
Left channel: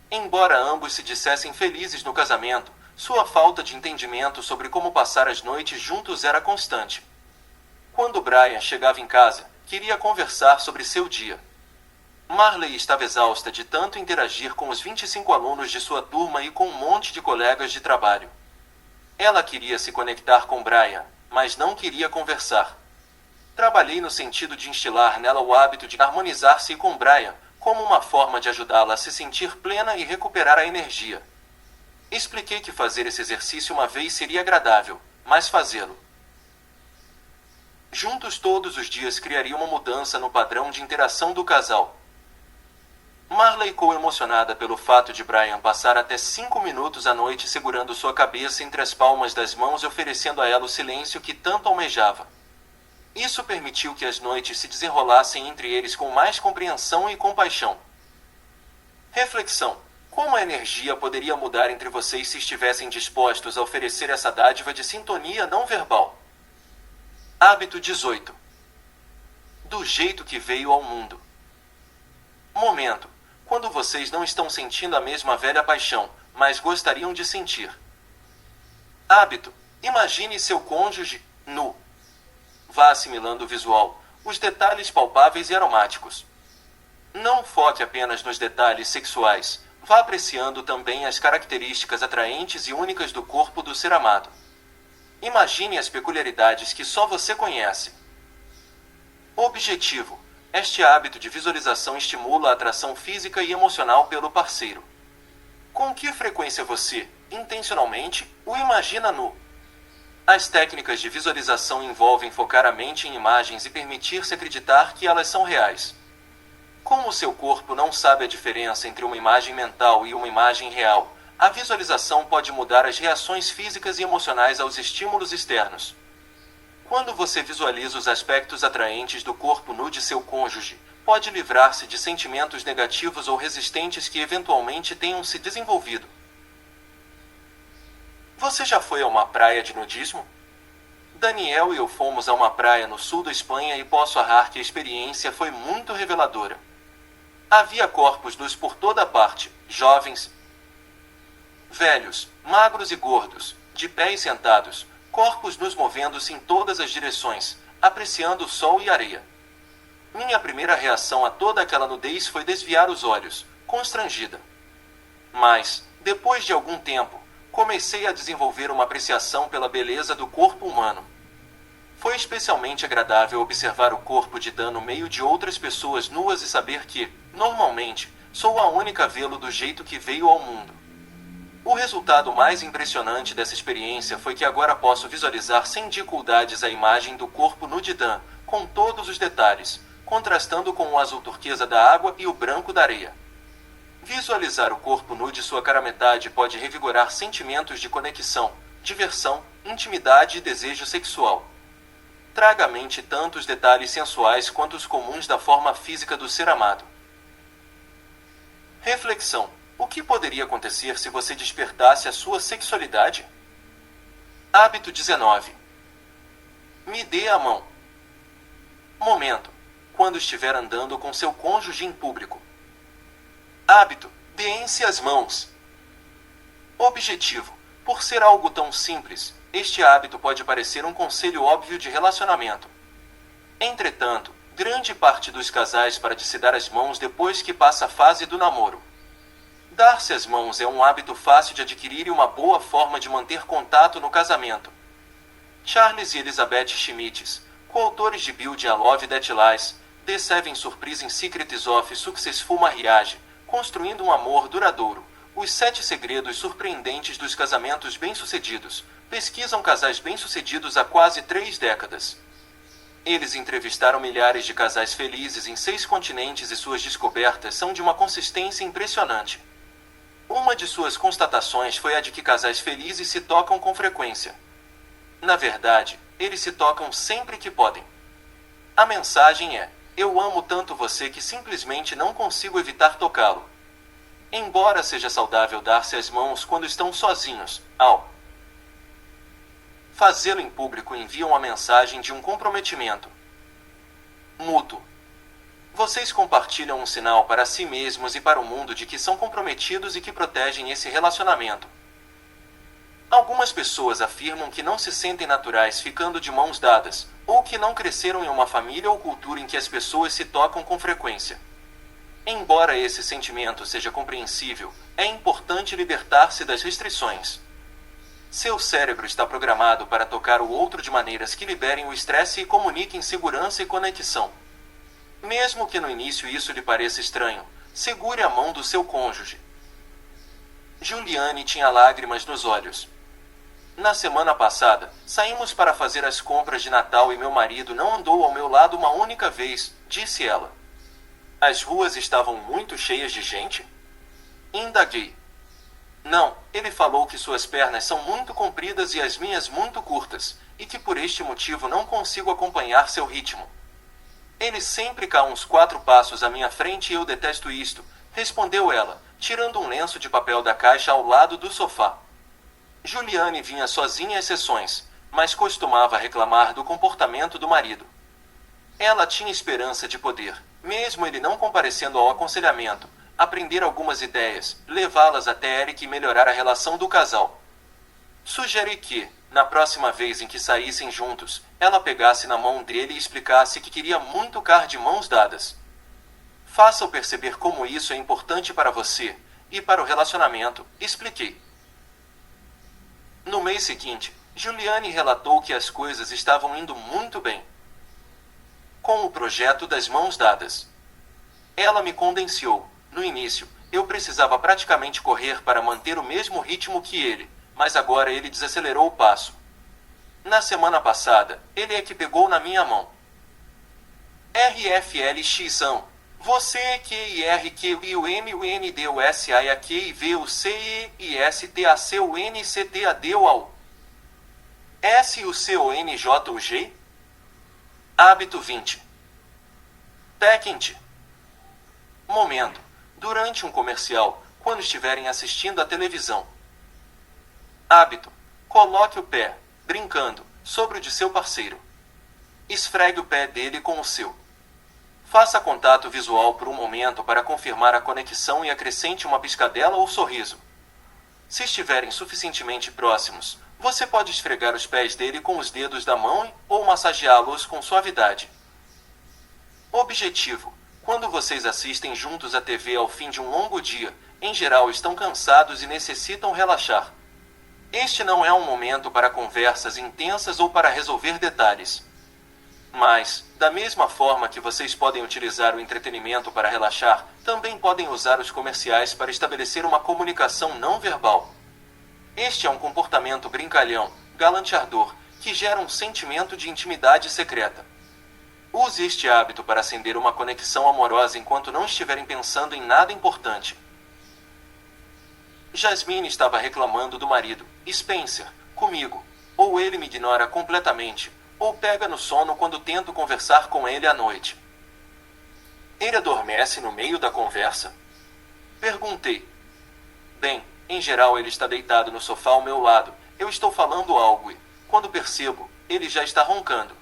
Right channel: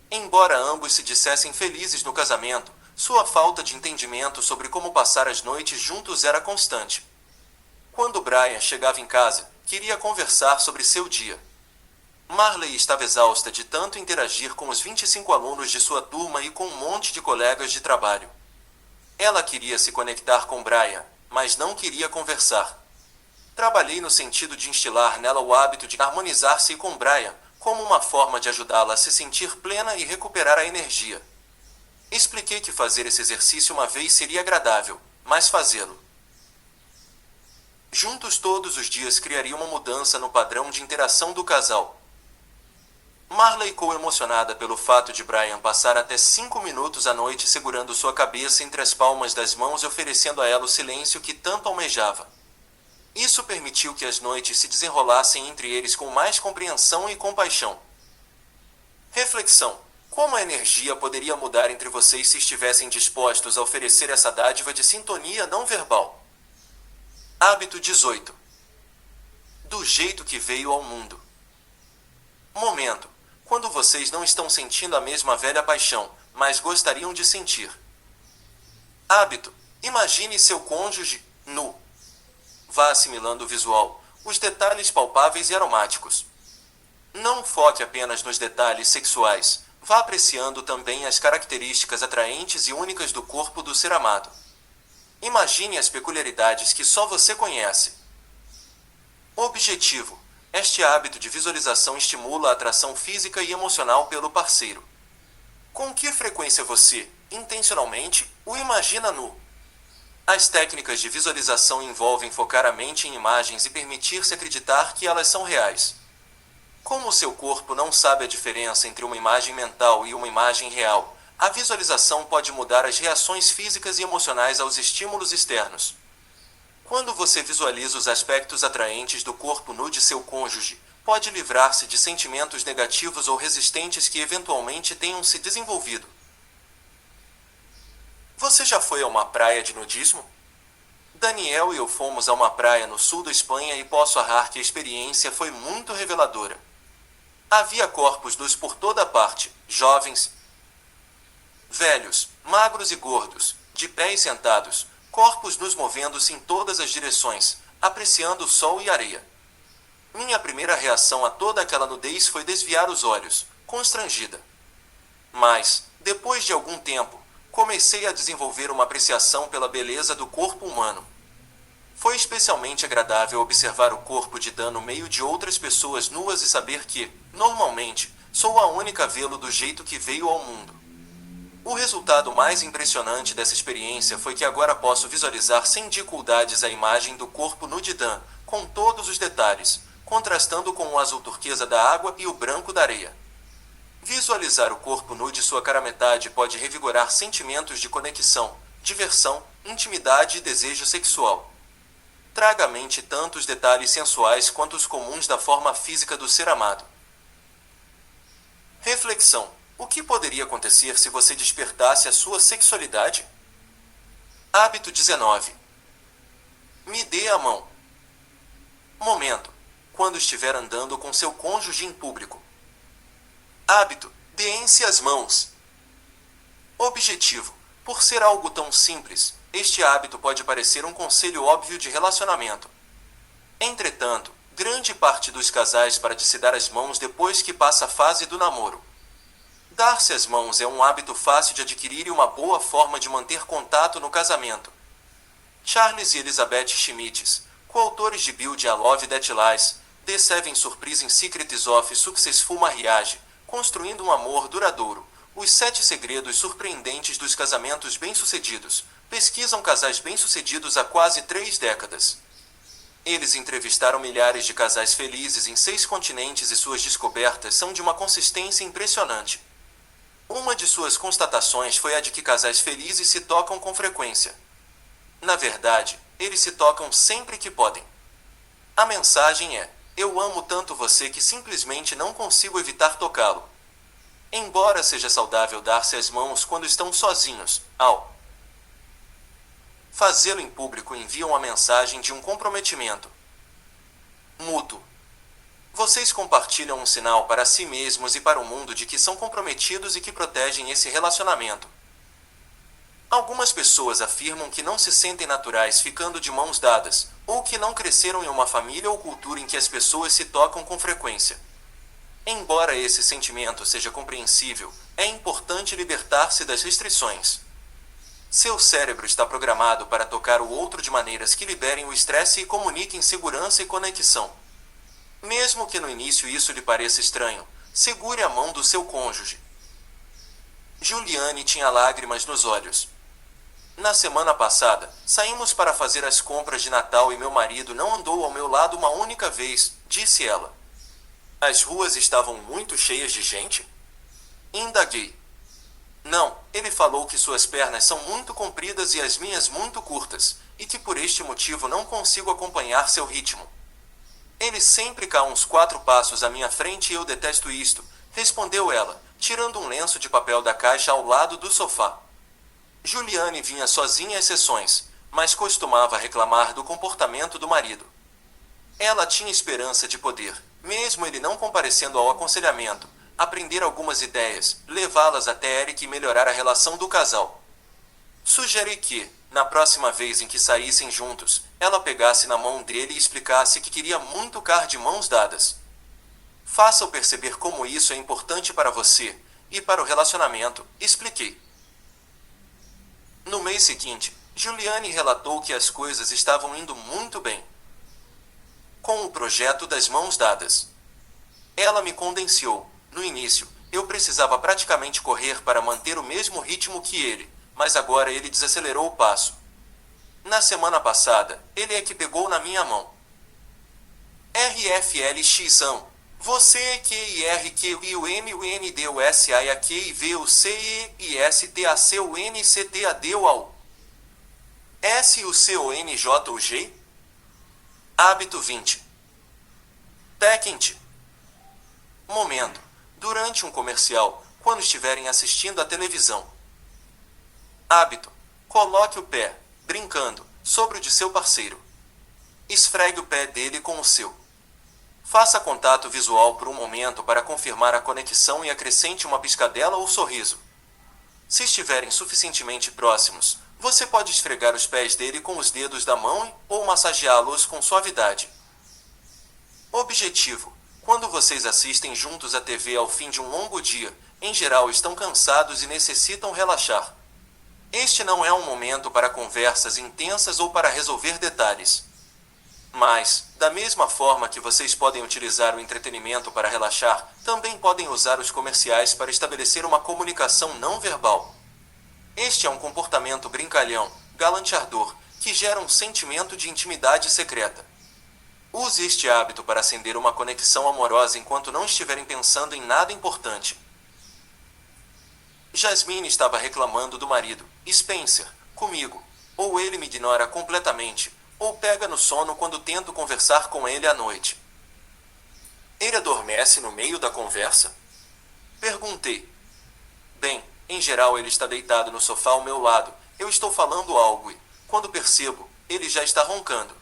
Embora ambos se dissessem felizes no casamento, sua falta de entendimento sobre como passar as noites juntos era constante. Quando Brian chegava em casa, queria conversar sobre seu dia. Marley estava exausta de tanto interagir com os 25 alunos de sua turma e com um monte de colegas de trabalho. Ela queria se conectar com Brian, mas não queria conversar. Trabalhei no sentido de instilar nela o hábito de harmonizar-se com Brian, como uma forma de ajudá-la a se sentir plena e recuperar a energia. Expliquei que fazer esse exercício uma vez seria agradável, mas fazê-lo juntos todos os dias criaria uma mudança no padrão de interação do casal. Marley ficou emocionada pelo fato de Brian passar até 5 minutos à noite segurando sua cabeça entre as palmas das mãos e oferecendo a ela o silêncio que tanto almejava. Isso permitiu que as noites se desenrolassem entre eles com mais compreensão e compaixão. Reflexão: como a energia poderia mudar entre vocês se estivessem dispostos a oferecer essa dádiva de sintonia não verbal? Hábito 18. Do jeito que veio ao mundo. Momento: quando vocês não estão sentindo a mesma velha paixão, mas gostariam de sentir. Hábito: imagine seu cônjuge nu. Vá assimilando o visual, os detalhes palpáveis e aromáticos. Não foque apenas nos detalhes sexuais, vá apreciando também as características atraentes e únicas do corpo do ser amado. Imagine as peculiaridades que só você conhece. Objetivo: este hábito de visualização estimula a atração física e emocional pelo parceiro. Com que frequência você, intencionalmente, o imagina nu? As técnicas de visualização envolvem focar a mente em imagens e permitir-se acreditar que elas são reais. Como o seu corpo não sabe a diferença entre uma imagem mental e uma imagem real, a visualização pode mudar as reações físicas e emocionais aos estímulos externos. Quando você visualiza os aspectos atraentes do corpo nu de seu cônjuge, pode livrar-se de sentimentos negativos ou resistentes que eventualmente tenham se desenvolvido. Você já foi a uma praia de nudismo? Daniel e eu fomos a uma praia no sul da Espanha e posso arrar que a experiência foi muito reveladora. Havia corpos nus por toda parte, jovens, velhos, magros e gordos, de pé e sentados, corpos nus movendo-se em todas as direções, apreciando o sol e a areia. Minha primeira reação a toda aquela nudez foi desviar os olhos, constrangida. Mas, depois de algum tempo, comecei a desenvolver uma apreciação pela beleza do corpo humano. Foi especialmente agradável observar o corpo de Dan no meio de outras pessoas nuas e saber que, normalmente, sou a única a vê-lo do jeito que veio ao mundo. O resultado mais impressionante dessa experiência foi que agora posso visualizar sem dificuldades a imagem do corpo nu de Dan, com todos os detalhes, contrastando com o azul turquesa da água e o branco da areia. Visualizar o corpo nu de sua cara metade pode revigorar sentimentos de conexão, diversão, intimidade e desejo sexual. Traga à mente tanto os detalhes sensuais quanto os comuns da forma física do ser amado. Reflexão: o que poderia acontecer se você despertasse a sua sexualidade? Hábito 19. Me dê a mão. Momento: quando estiver andando com seu cônjuge em público. Hábito: deem-se as mãos. Objetivo: por ser algo tão simples, este hábito pode parecer um conselho óbvio de relacionamento. Entretanto, grande parte dos casais para de se dar as mãos depois que passa a fase do namoro. Dar-se as mãos é um hábito fácil de adquirir e uma boa forma de manter contato no casamento. Charles e Elizabeth Schmitz, coautores de Build a Love That Lasts, The 7 Surprising Secrets of Successful Marriage, Construindo um Amor Duradouro, Os 7 Segredos Surpreendentes dos Casamentos Bem-Sucedidos, pesquisam casais bem-sucedidos há quase 3 décadas. Eles entrevistaram milhares de casais felizes em 6 continentes e suas descobertas são de uma consistência impressionante. Uma de suas constatações foi a de que casais felizes se tocam com frequência. Na verdade, eles se tocam sempre que podem. A mensagem é: eu amo tanto você que simplesmente não consigo evitar tocá-lo. Embora seja saudável dar-se as mãos quando estão sozinhos, ao fazê-lo em público envia uma mensagem de um comprometimento mútuo. Vocês compartilham um sinal para si mesmos e para o mundo de que são comprometidos e que protegem esse relacionamento. Algumas pessoas afirmam que não se sentem naturais ficando de mãos dadas, ou que não cresceram em uma família ou cultura em que as pessoas se tocam com frequência. Embora esse sentimento seja compreensível, é importante libertar-se das restrições. Seu cérebro está programado para tocar o outro de maneiras que liberem o estresse e comuniquem segurança e conexão. Mesmo que no início isso lhe pareça estranho, segure a mão do seu cônjuge. Juliane tinha lágrimas nos olhos. Na semana passada, saímos para fazer as compras de Natal e meu marido não andou ao meu lado uma única vez, disse ela. As ruas estavam muito cheias de gente? Indaguei. Não, ele falou que suas pernas são muito compridas e as minhas muito curtas, e que por este motivo não consigo acompanhar seu ritmo. Ele sempre cá uns 4 passos à minha frente e eu detesto isto, respondeu ela, tirando um lenço de papel da caixa ao lado do sofá. Juliane vinha sozinha às sessões, mas costumava reclamar do comportamento do marido. Ela tinha esperança de poder, mesmo ele não comparecendo ao aconselhamento, aprender algumas ideias, levá-las até Eric e melhorar a relação do casal. Sugeri que, na próxima vez em que saíssem juntos, ela pegasse na mão dele e explicasse que queria muito ficar de mãos dadas. Faça-o perceber como isso é importante para você, e para o relacionamento, expliquei. No mês seguinte, Juliane relatou que as coisas estavam indo muito bem com o projeto das mãos dadas. Ela me condenciou. No início, eu precisava praticamente correr para manter o mesmo ritmo que ele, mas agora ele desacelerou o passo. Na semana passada, ele é que pegou na minha mão. RFLX-ão. Você é QIRQIUMUNDUSAIAQIVUCISTACUNCTADUAU. SUCONJUG? Hábito 20. Tequinte. Momento. Durante um comercial, quando estiverem assistindo à televisão. Hábito. Coloque o pé, brincando, sobre o de seu parceiro. Esfregue o pé dele com o seu. Faça contato visual por um momento para confirmar a conexão e acrescente uma piscadela ou sorriso. Se estiverem suficientemente próximos, você pode esfregar os pés dele com os dedos da mão ou massageá-los com suavidade. Objetivo: quando vocês assistem juntos à TV ao fim de um longo dia, em geral estão cansados e necessitam relaxar. Este não é um momento para conversas intensas ou para resolver detalhes. Mas, da mesma forma que vocês podem utilizar o entretenimento para relaxar, também podem usar os comerciais para estabelecer uma comunicação não verbal. Este é um comportamento brincalhão, galanteador, que gera um sentimento de intimidade secreta. Use este hábito para acender uma conexão amorosa enquanto não estiverem pensando em nada importante. Jasmine estava reclamando do marido, Spencer, comigo. Ou ele me ignora completamente, ou pega no sono quando tento conversar com ele à noite. Ele adormece no meio da conversa? Perguntei. Bem, em geral ele está deitado no sofá ao meu lado, eu estou falando algo e, quando percebo, ele já está roncando.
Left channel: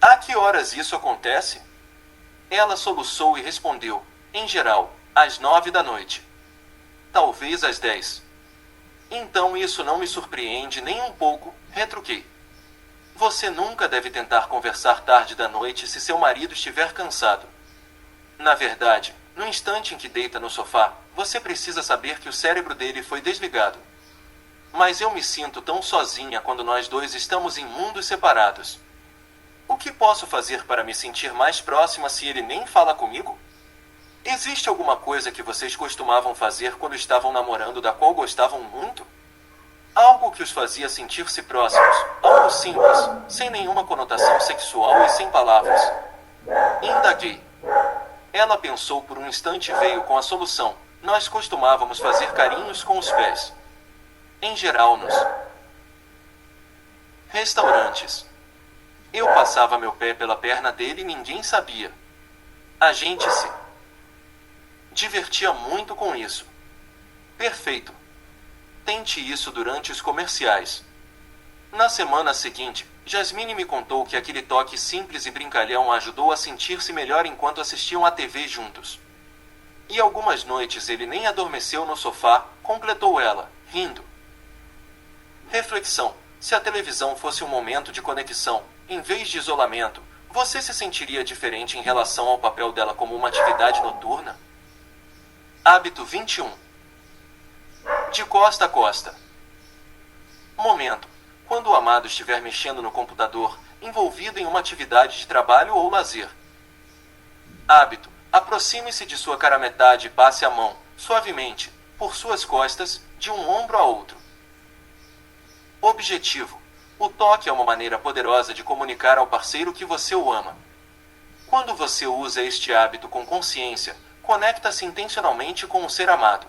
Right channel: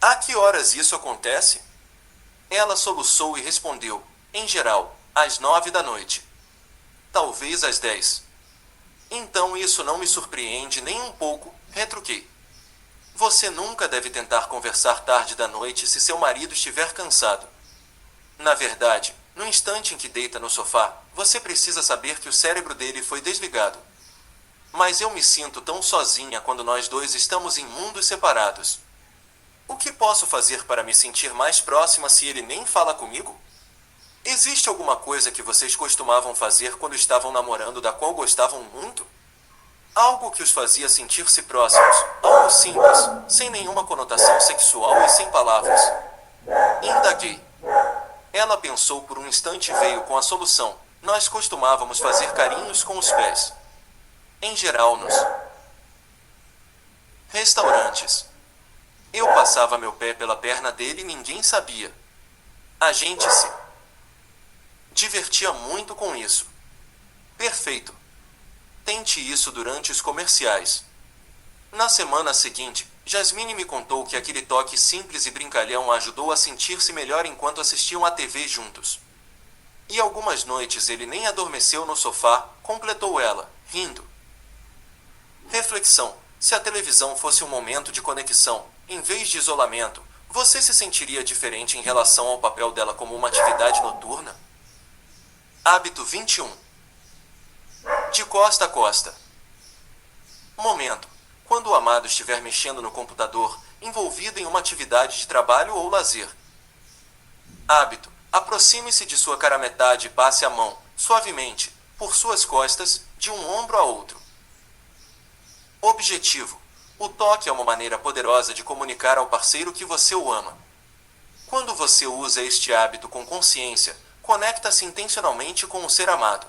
A que horas isso acontece? Ela soluçou e respondeu, em geral, às 9 da noite. Talvez às 10. Então isso não me surpreende nem um pouco, retruquei. Você nunca deve tentar conversar tarde da noite se seu marido estiver cansado. Na verdade, no instante em que deita no sofá, você precisa saber que o cérebro dele foi desligado. Mas eu me sinto tão sozinha quando nós dois estamos em mundos separados. O que posso fazer para me sentir mais próxima se ele nem fala comigo? Existe alguma coisa que vocês costumavam fazer quando estavam namorando da qual gostavam muito? Algo que os fazia sentir-se próximos, algo simples, sem nenhuma conotação sexual e sem palavras. Indaguei. Ela pensou por um instante e veio com a solução. Nós costumávamos fazer carinhos com os pés. Em geral nos restaurantes. Eu passava meu pé pela perna dele e ninguém sabia. A gente se divertia muito com isso. Perfeito. Tente isso durante os comerciais. Na semana seguinte, Jasmine me contou que aquele toque simples e brincalhão a ajudou a sentir-se melhor enquanto assistiam à TV juntos. E algumas noites ele nem adormeceu no sofá, completou ela, rindo. Reflexão: se a televisão fosse um momento de conexão, em vez de isolamento, você se sentiria diferente em relação ao papel dela como uma atividade noturna? Hábito 21. De costa a costa. Momento: quando o amado estiver mexendo no computador, envolvido em uma atividade de trabalho ou lazer. Hábito: aproxime-se de sua cara metade e passe a mão, suavemente, por suas costas, de um ombro a outro. Objetivo: o toque é uma maneira poderosa de comunicar ao parceiro que você o ama. Quando você usa este hábito com consciência, conecta-se intencionalmente com o ser amado.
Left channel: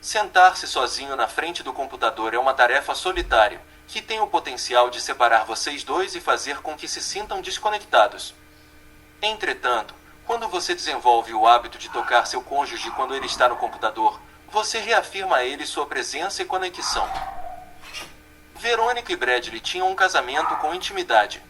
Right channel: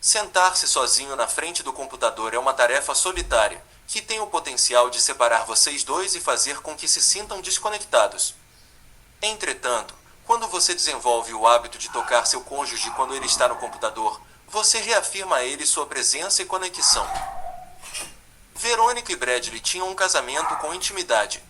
Sentar-se sozinho na frente do computador é uma tarefa solitária, que tem o potencial de separar vocês dois e fazer com que se sintam desconectados. Entretanto, quando você desenvolve o hábito de tocar seu cônjuge quando ele está no computador, você reafirma a ele sua presença e conexão. Verônica e Bradley tinham um casamento com intimidade.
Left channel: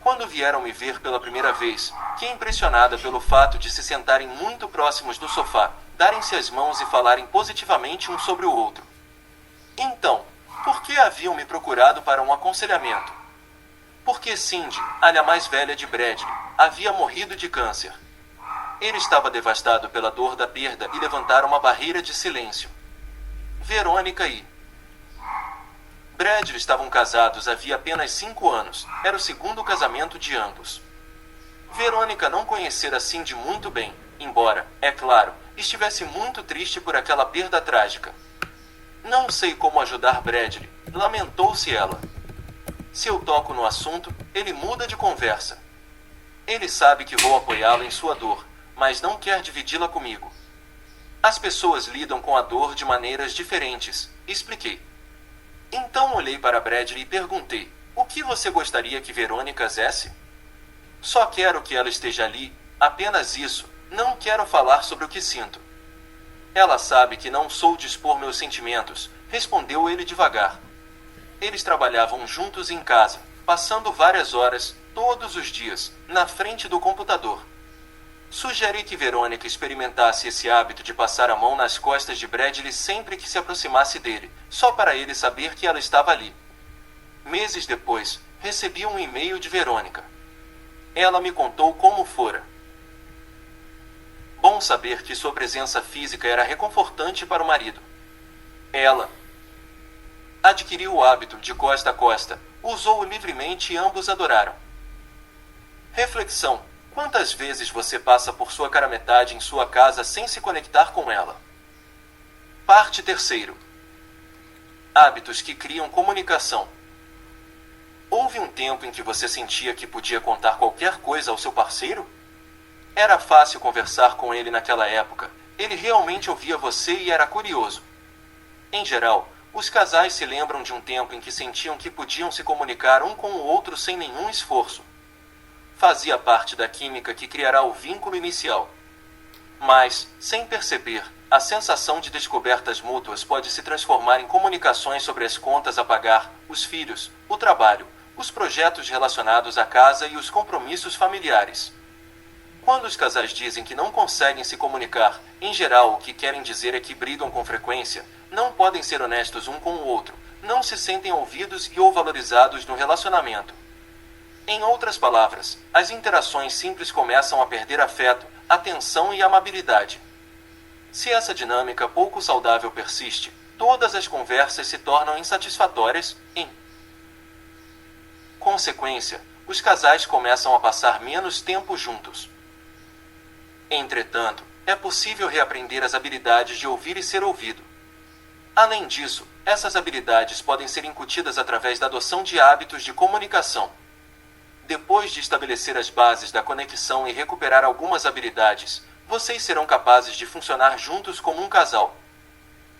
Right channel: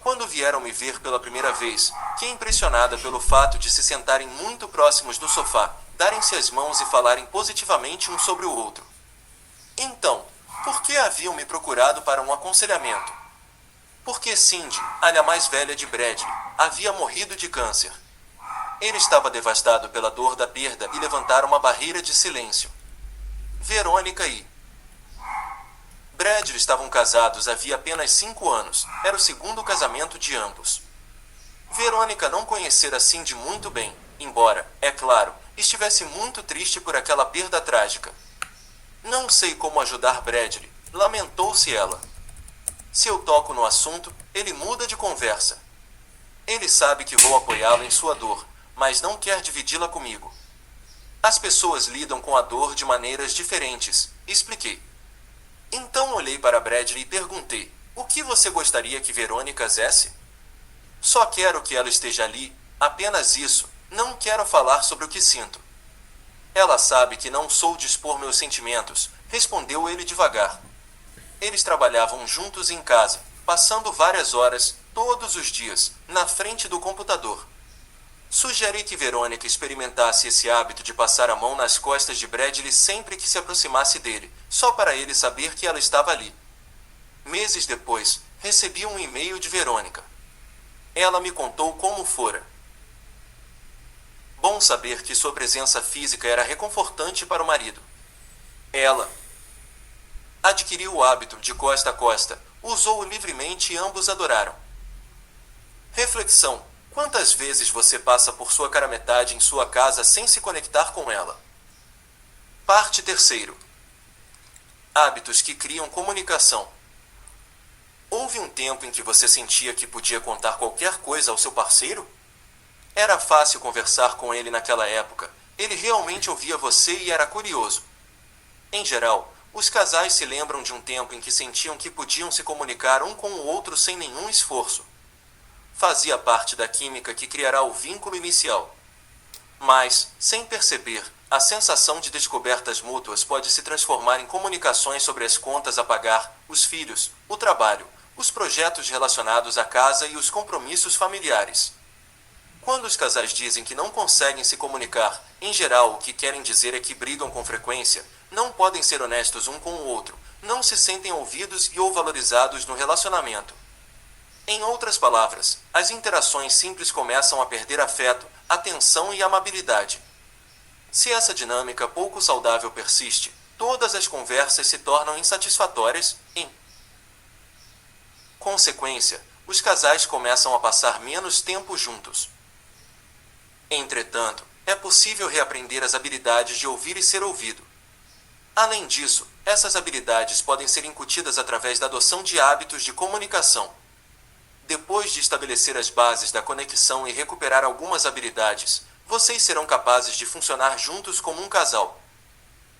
Quando vieram me ver pela primeira vez, fiquei impressionada pelo fato de se sentarem muito próximos do sofá, darem-se as mãos e falarem positivamente um sobre o outro. Então, por que haviam me procurado para um aconselhamento? Porque Cindy, a mais velha de Bradley, havia morrido de câncer. Ele estava devastado pela dor da perda e levantaram uma barreira de silêncio. Verônica e Bradley estavam casados havia apenas 5 anos, era o segundo casamento de ambos. Verônica não conhecera Cindy muito bem, embora, é claro, estivesse muito triste por aquela perda trágica. Não sei como ajudar Bradley, lamentou-se ela. Se eu toco no assunto, ele muda de conversa. Ele sabe que vou apoiá-lo em sua dor, mas não quer dividi-la comigo. As pessoas lidam com a dor de maneiras diferentes, expliquei. Então olhei para Bradley e perguntei, o que você gostaria que Verônica fizesse? Só quero que ela esteja ali, apenas isso, não quero falar sobre o que sinto. Ela sabe que não sou de expor meus sentimentos, respondeu ele devagar. Eles trabalhavam juntos em casa, passando várias horas, todos os dias, na frente do computador. Sugere que Verônica experimentasse esse hábito de passar a mão nas costas de Bradley sempre que se aproximasse dele, só para ele saber que ela estava ali. Meses depois, recebi um e-mail de Verônica. Ela me contou como fora. Bom saber que sua presença física era reconfortante para o marido. Ela adquiriu o hábito de costa a costa, usou-o livremente e ambos adoraram. Reflexão: quantas vezes você passa por sua cara metade em sua casa sem se conectar com ela? Parte 3. Hábitos que criam comunicação. Houve um tempo em que você sentia que podia contar qualquer coisa ao seu parceiro? Era fácil conversar com ele naquela época, ele realmente ouvia você e era curioso. Em geral, os casais se lembram de um tempo em que sentiam que podiam se comunicar um com o outro sem nenhum esforço. Fazia parte da química que criará o vínculo inicial. Mas, sem perceber, a sensação de descobertas mútuas pode se transformar em comunicações sobre as contas a pagar, os filhos, o trabalho, os projetos relacionados à casa e os compromissos familiares. Quando os casais dizem que não conseguem se comunicar, em geral o que querem dizer é que brigam com frequência, não podem ser honestos um com o outro, não se sentem ouvidos e ou valorizados no relacionamento. Em outras palavras, as interações simples começam a perder afeto, atenção e amabilidade. Se essa dinâmica pouco saudável persiste, todas as conversas se tornam insatisfatórias. Em consequência, os casais começam a passar menos tempo juntos. Entretanto, é possível reaprender as habilidades de ouvir e ser ouvido. Além disso, essas habilidades podem ser incutidas através da adoção de hábitos de comunicação. Depois de estabelecer as bases da conexão e recuperar algumas habilidades, vocês serão capazes de funcionar juntos como um casal.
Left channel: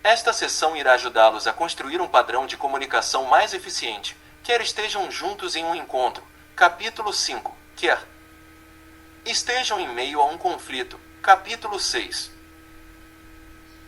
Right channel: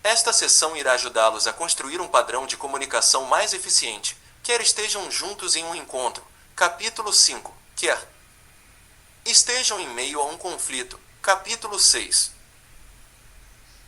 Esta sessão irá ajudá-los a construir um padrão de comunicação mais eficiente, quer estejam juntos em um encontro, capítulo 5, quer estejam em meio a um conflito, capítulo 6.